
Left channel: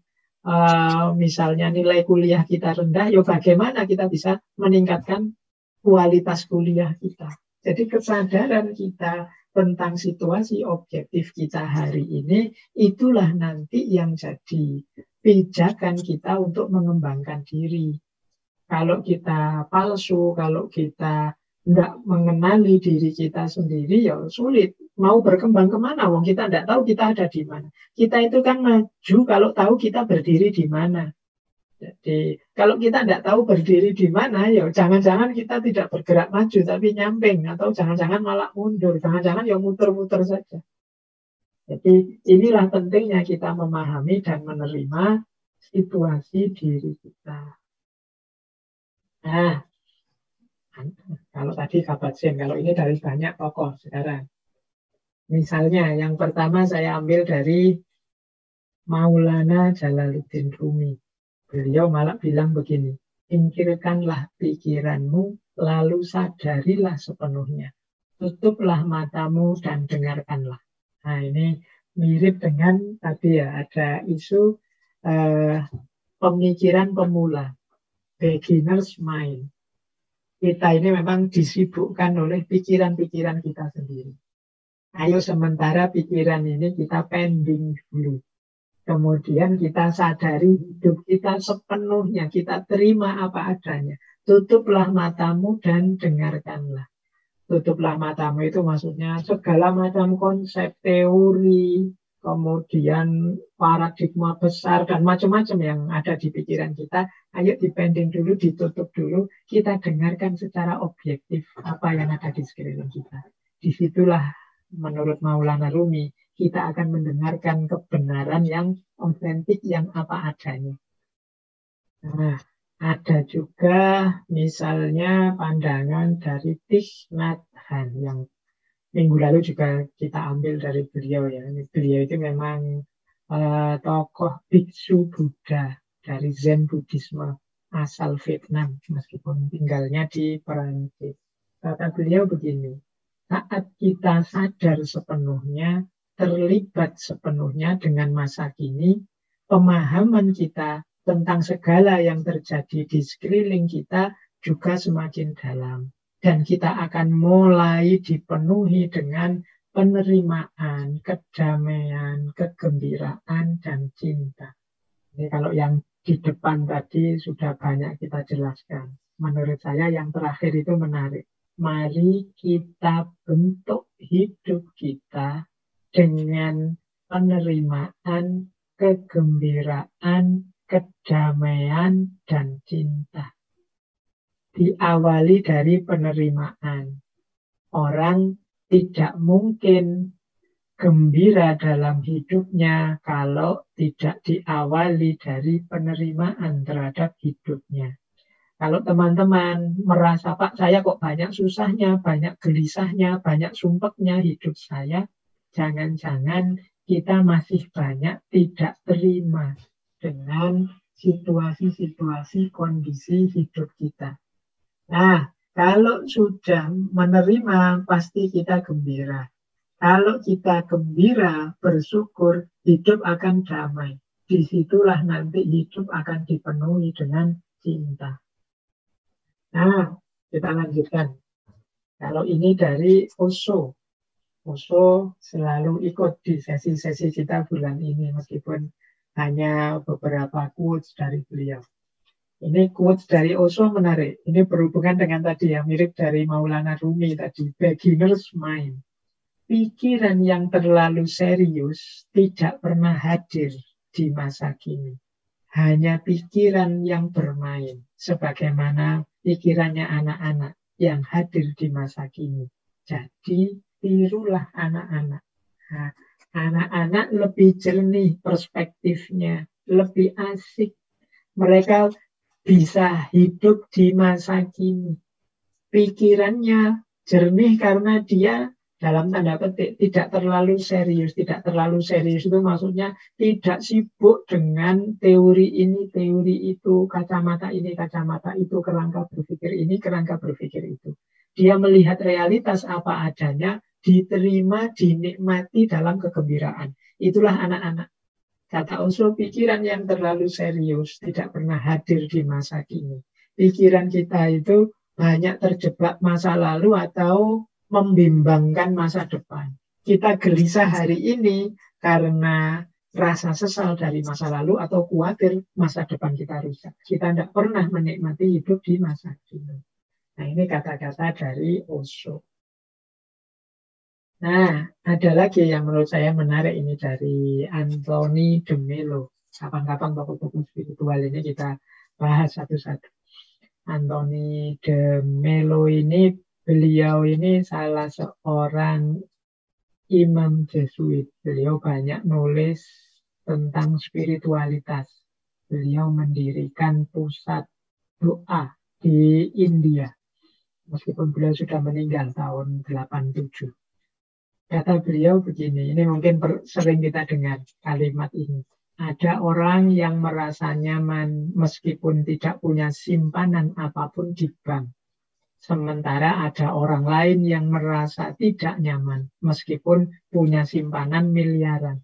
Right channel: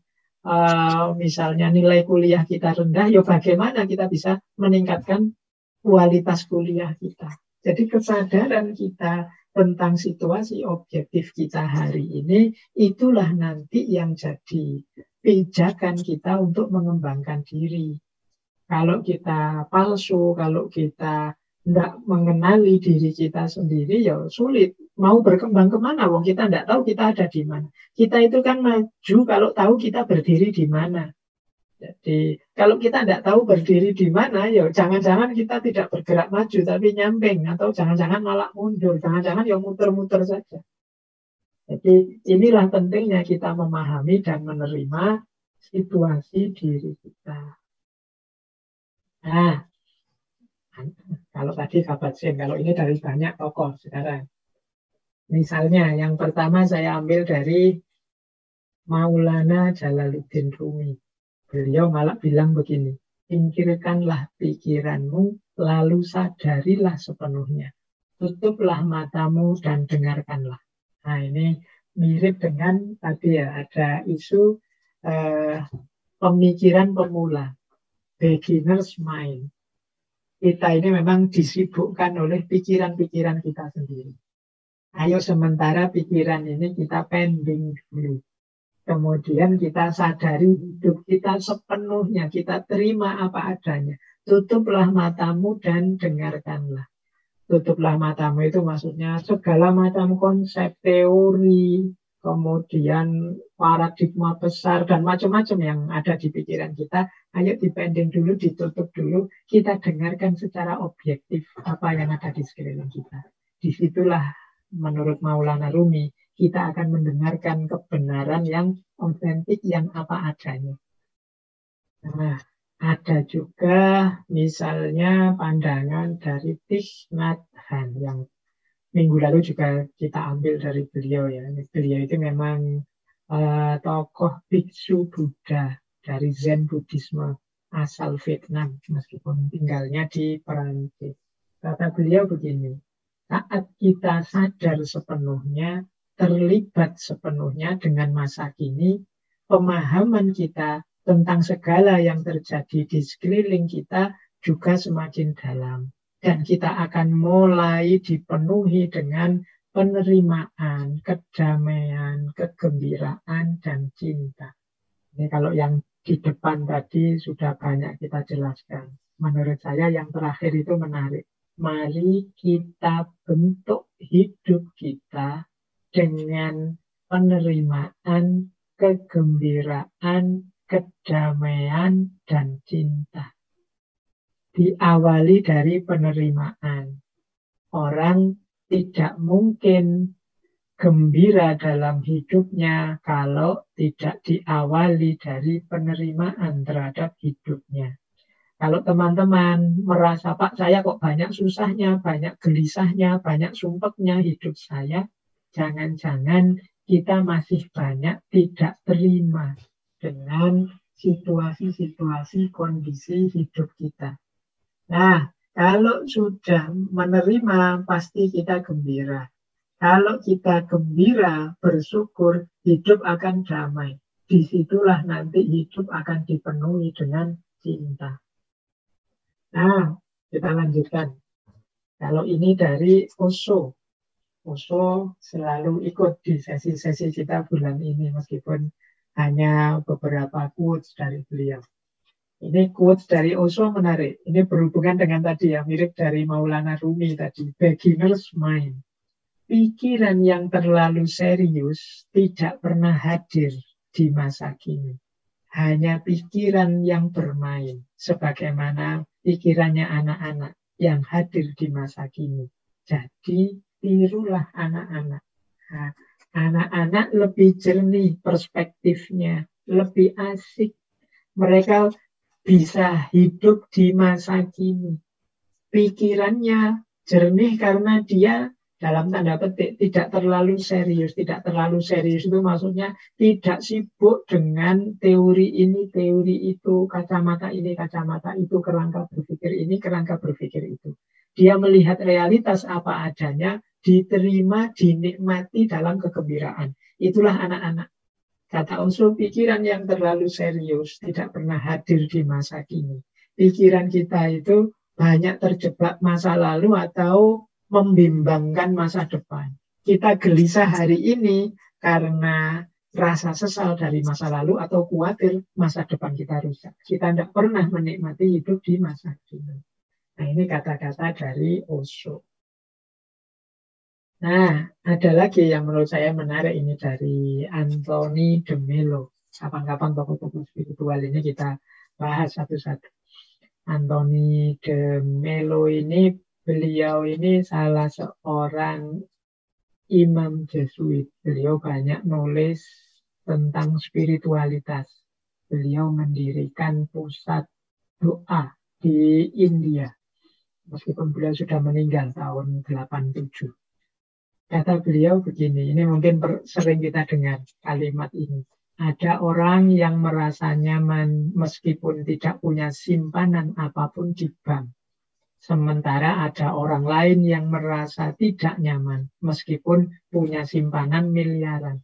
misalnya nilai kuliah kita rendah, ya bagaimana kita bisa meningkatkan kualitas kuliah kita. Jadi kesadaran kita tentang situasi objektif kita hari ini, itulah nanti yang jadi pijakan kita untuk mengembangkan diri. Kalau kita palsu, kalau kita tidak mengenali diri kita sendiri, ya sulit. Mau berkembang kemana? Wong kita tidak tahu kita ada di mana. Kita itu kan maju kalau tahu kita berdiri di mana. Jadi kalau kita tidak tahu berdiri di mana, ya jangan-jangan kita tidak bergerak maju, tapi nyamping, atau jangan-jangan malah mundur, jangan-jangan ya muter-muter saja. Jadi inilah pentingnya kita memahami dan menerima situasi diri kita. Nah, kalau tadi Kabat-Zinn, kalau ini dari banyak tokoh sekarang. Misalnya yang pertama saya ambil dari Maulana Jalaluddin Rumi. Beliau malah bilang begini, singkirkanlah pikiranmu, lalu sadarilah sepenuhnya. Tutuplah matamu dan dengarkanlah. Nah ini mirip dengan tadi ya, ada isu pemikiran pemula, beginner's mind. Kita ini memang disibukkan oleh pikiran-pikiran kita sendiri. Ayo sementara pikiran ini kita pending dulu. Kemudian kita sadari hidup kita sepenuhnya, kita terima apa adanya. Tutuplah matamu dan dengarkanlah. Tutuplah matamu itu maksudnya segala macam konsep, teori, kemudian paradigma besar dan macam-macam yang ada di pikiran kita. Ayo dipending dulu, ditutup dulu, kita dengarkan secara objektif apa yang ada di sekeliling kita. Disitulah menurut Maulana Rumi kita akan mendengarkan kebenaran yang otentik, yang apa adanya. Nah, ada juga misalnya pandangan dari Thich Nhat Hanh yang minggu lalu juga kita ambil dari beliau ya. Beliau itu memang tokoh biksu Buddha dari Zen Buddhisme asal Vietnam meskipun tinggalnya di Perancis. Kata beliau begini, saat kita sadar sepenuhnya, terlibat sepenuhnya dengan masa kini, pemahaman kita tentang segala yang terjadi di sekeliling kita juga semakin dalam. Dan kita akan mulai dipenuhi dengan penerimaan, kedamaian, kegembiraan, dan cinta. Ini kalau yang di depan tadi sudah banyak kita jelaskan. Menurut saya yang terakhir itu menarik. Mari kita bentuk hidup kita dengan penerimaan, kegembiraan, kedamaian, dan cinta. Diawali dari penerimaan. Orang tidak mungkin gembira dalam hidupnya kalau tidak diawali dari penerimaan terhadap hidupnya. Kalau teman-teman merasa, Pak, saya kok banyak susahnya, banyak gelisahnya, banyak sumpeknya hidup saya, jangan-jangan kita masih banyak tidak terima dengan situasi-situasi kondisi hidup kita. Nah, kalau sudah menerima, pasti kita gembira. Kalau kita gembira, bersyukur, hidup akan damai. Disitulah nanti hidup akan dipenuhi dengan cinta. Nah, kita lanjutkan. Kalau ini dari Osho. Osho selalu ikut di sesi-sesi kita bulan ini, meskipun hanya beberapa quotes dari beliau. Ini quotes dari Osho menarik. Ini berhubungan dengan tadi ya, mirip dari Maulana Rumi tadi, beginner's mind. Pikiran yang terlalu serius tidak pernah hadir di masa kini. Hanya pikiran yang bermain, sebagaimana pikirannya anak-anak yang hadir di masa kini. Jadi, tirulah anak-anak. Nah, anak-anak lebih jernih perspektifnya, lebih asik. Mereka bisa hidup di masa kini. Pikirannya jernih karena dia dalam tanda petik tidak terlalu serius. Tidak terlalu serius itu maksudnya tidak sibuk dengan teori ini, teori itu, kacamata ini, kacamata itu, kerangka berpikir ini, kerangka berpikir itu. Dia melihat realitas apa adanya, diterima, dinikmati dalam kegembiraan. Itulah anak-anak. Kata Osho, pikiran yang terlalu serius tidak pernah hadir di masa kini. Pikiran kita itu banyak terjebak masa lalu atau membimbangkan masa depan. Kita gelisah hari ini karena rasa sesal dari masa lalu atau khawatir masa depan kita rusak. Kita tidak pernah menikmati hidup di masa kini. Nah, ini kata-kata dari Osho. Nah, ada lagi yang menurut saya menarik ini dari Anthony de Mello. Kapan-kapan tokoh-tokoh spiritual ini kita bahas satu-satu. Anthony de Mello ini, beliau ini salah seorang imam Jesuit. Beliau banyak nulis tentang spiritualitas. Beliau mendirikan pusat doa di India. Meskipun beliau sudah meninggal tahun 87. Kata beliau begini, ini mungkin sering kita dengar kalimat ini. Ada orang yang merasa nyaman meskipun tidak punya simpanan apapun di bank. Sementara ada orang lain yang merasa tidak nyaman meskipun punya simpanan miliaran.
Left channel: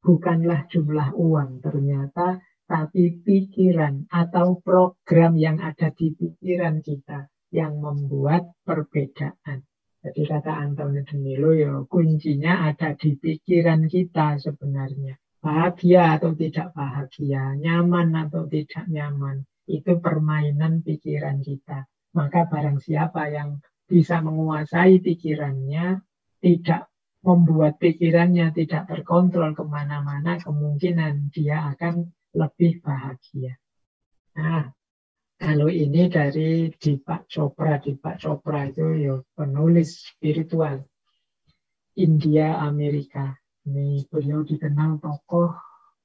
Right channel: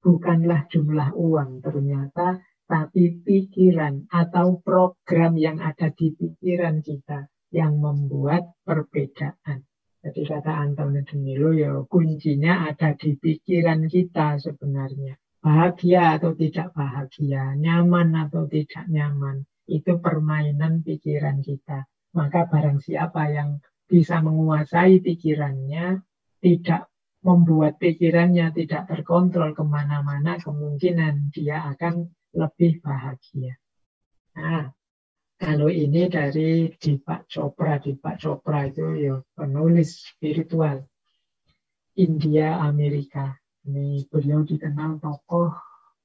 Bukanlah jumlah uang ternyata, tapi pikiran atau program yang ada di pikiran kita yang membuat perbedaan. Jadi kata Antonio de Melo, ya kuncinya ada di pikiran kita sebenarnya. Bahagia atau tidak bahagia, nyaman atau tidak nyaman, itu permainan pikiran kita. Maka barang siapa yang bisa menguasai pikirannya, tidak membuat pikirannya tidak terkontrol kemana-mana, kemungkinan dia akan lebih bahagia. Nah, kalau ini dari Deepak Chopra. Deepak Chopra itu ya penulis spiritual India Amerika. Ini beliau dikenal tokoh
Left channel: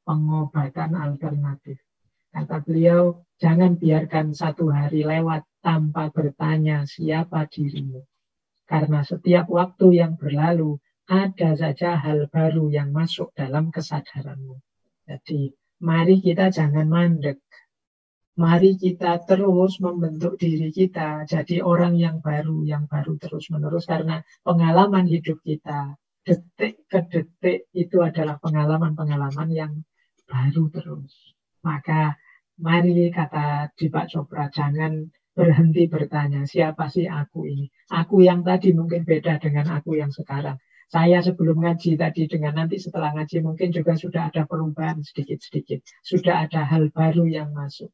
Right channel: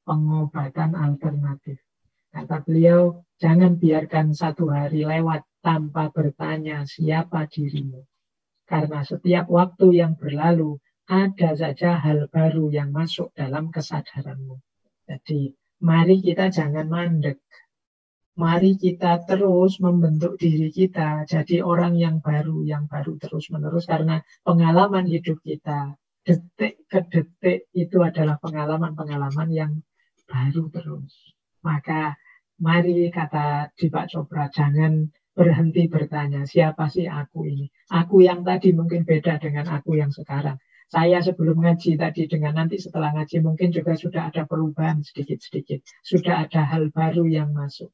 pengobatan alternatif. Kata beliau, jangan biarkan satu hari lewat tanpa bertanya siapa dirimu. Karena setiap waktu yang berlalu, ada saja hal baru yang masuk dalam kesadaranmu. Jadi, mari kita jangan mandek. Mari kita terus membentuk diri kita jadi orang yang baru terus-menerus. Karena pengalaman hidup kita, detik ke detik itu adalah pengalaman-pengalaman yang baru terus. Maka mari kata Deepak Chopra, jangan berhenti bertanya, siapa sih aku ini? Aku yang tadi mungkin beda dengan aku yang sekarang. Saya sebelum ngaji tadi dengan nanti setelah ngaji mungkin juga sudah ada perubahan sedikit-sedikit. Sudah ada hal baru yang masuk.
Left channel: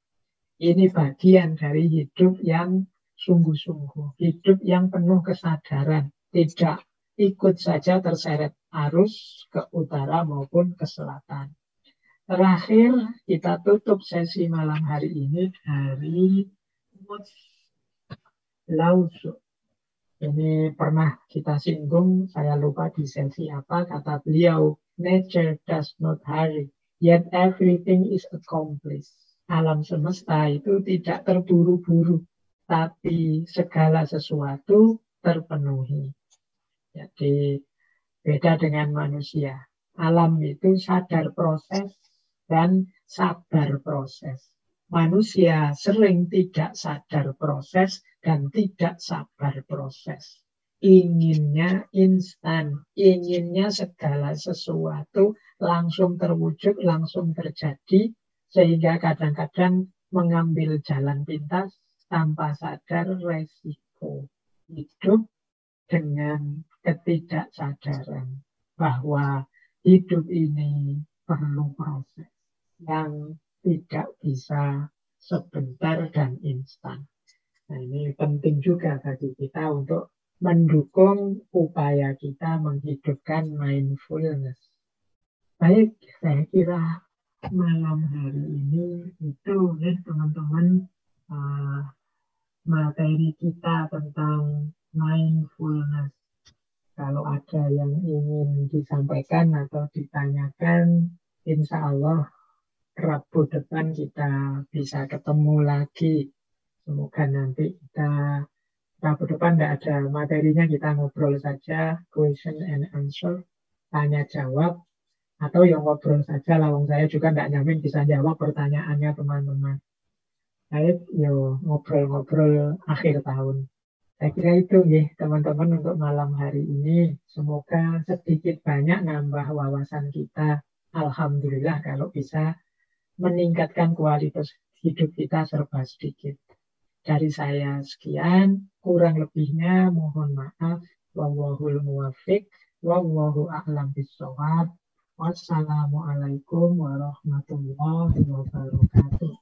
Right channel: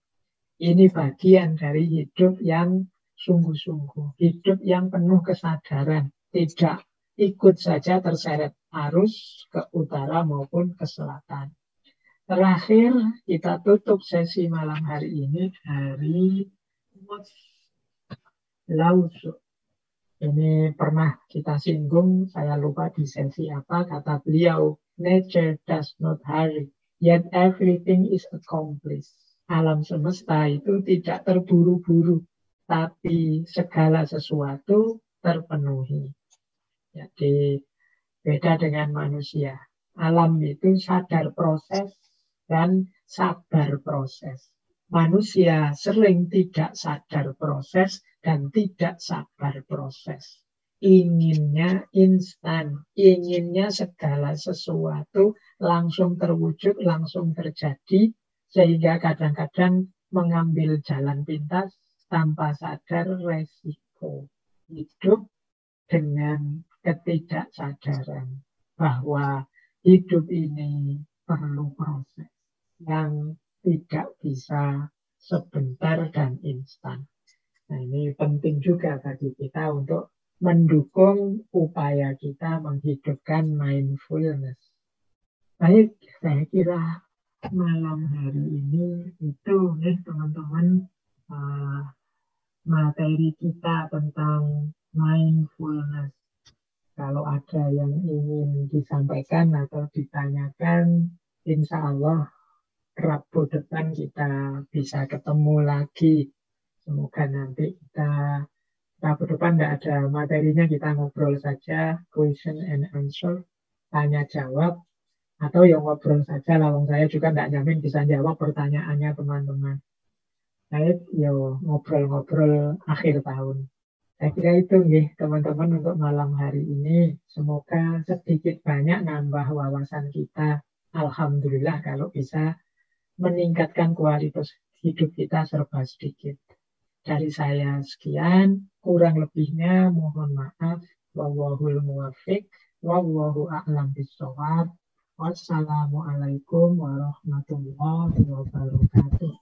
Ini bagian dari hidup yang sungguh-sungguh. Hidup yang penuh kesadaran. Tidak ikut saja terseret arus ke utara maupun ke selatan. Terakhir, kita tutup sesi malam hari ini dari Lao Tzu. Ini pernah kita singgung, saya lupa di sesi apa, kata beliau, nature does not hurry, yet everything is accomplished. Alam semesta itu tidak terburu-buru, tapi segala sesuatu terpenuhi. Jadi beda dengan manusia. Alam itu sadar proses dan sabar proses. Manusia sering tidak sadar proses dan tidak sabar proses. Inginnya instan, inginnya segala sesuatu langsung terwujud, langsung terjadi, sehingga kadang-kadang mengambil jalan pintas tanpa sadar resiko. Hidup dengan ketidaksadaran bahwa hidup ini perlu proses yang tidak bisa sebentar dan instan. Nah, ini penting juga bagi kita untuk mendukung upaya kita menghidupkan mindfulness. Baik, saya kira malam hari ini itu nih teman-teman materi kita tentang mindfulness. Kalau ada yang ingin disampaikan atau ditanyakan, insya Allah Rabu depan kita bisa ketemu lagi. Semoga nanti kita Rabu depan tidak ada materinya, kita ngobrol saja, question and answer, tanya jawab, atau yang ngobrol saja. Lawang saya juga tidak nyamin bisa jawab pertanyaannya teman-teman. Saya ngobrol-ngobrol akhir tahun. Saya kira itu ya teman-teman untuk malam hari ini. Semoga sedikit banyak nambah wawasan kita. Alhamdulillah kalau bisa meningkatkan kualitas hidup kita serba sedikit. Dari saya sekian, kurang lebihnya mohon maaf. Wallahul muwaffiq, wallahu a'lam bishawab. Wassalamualaikum warahmatullahi wabarakatuh.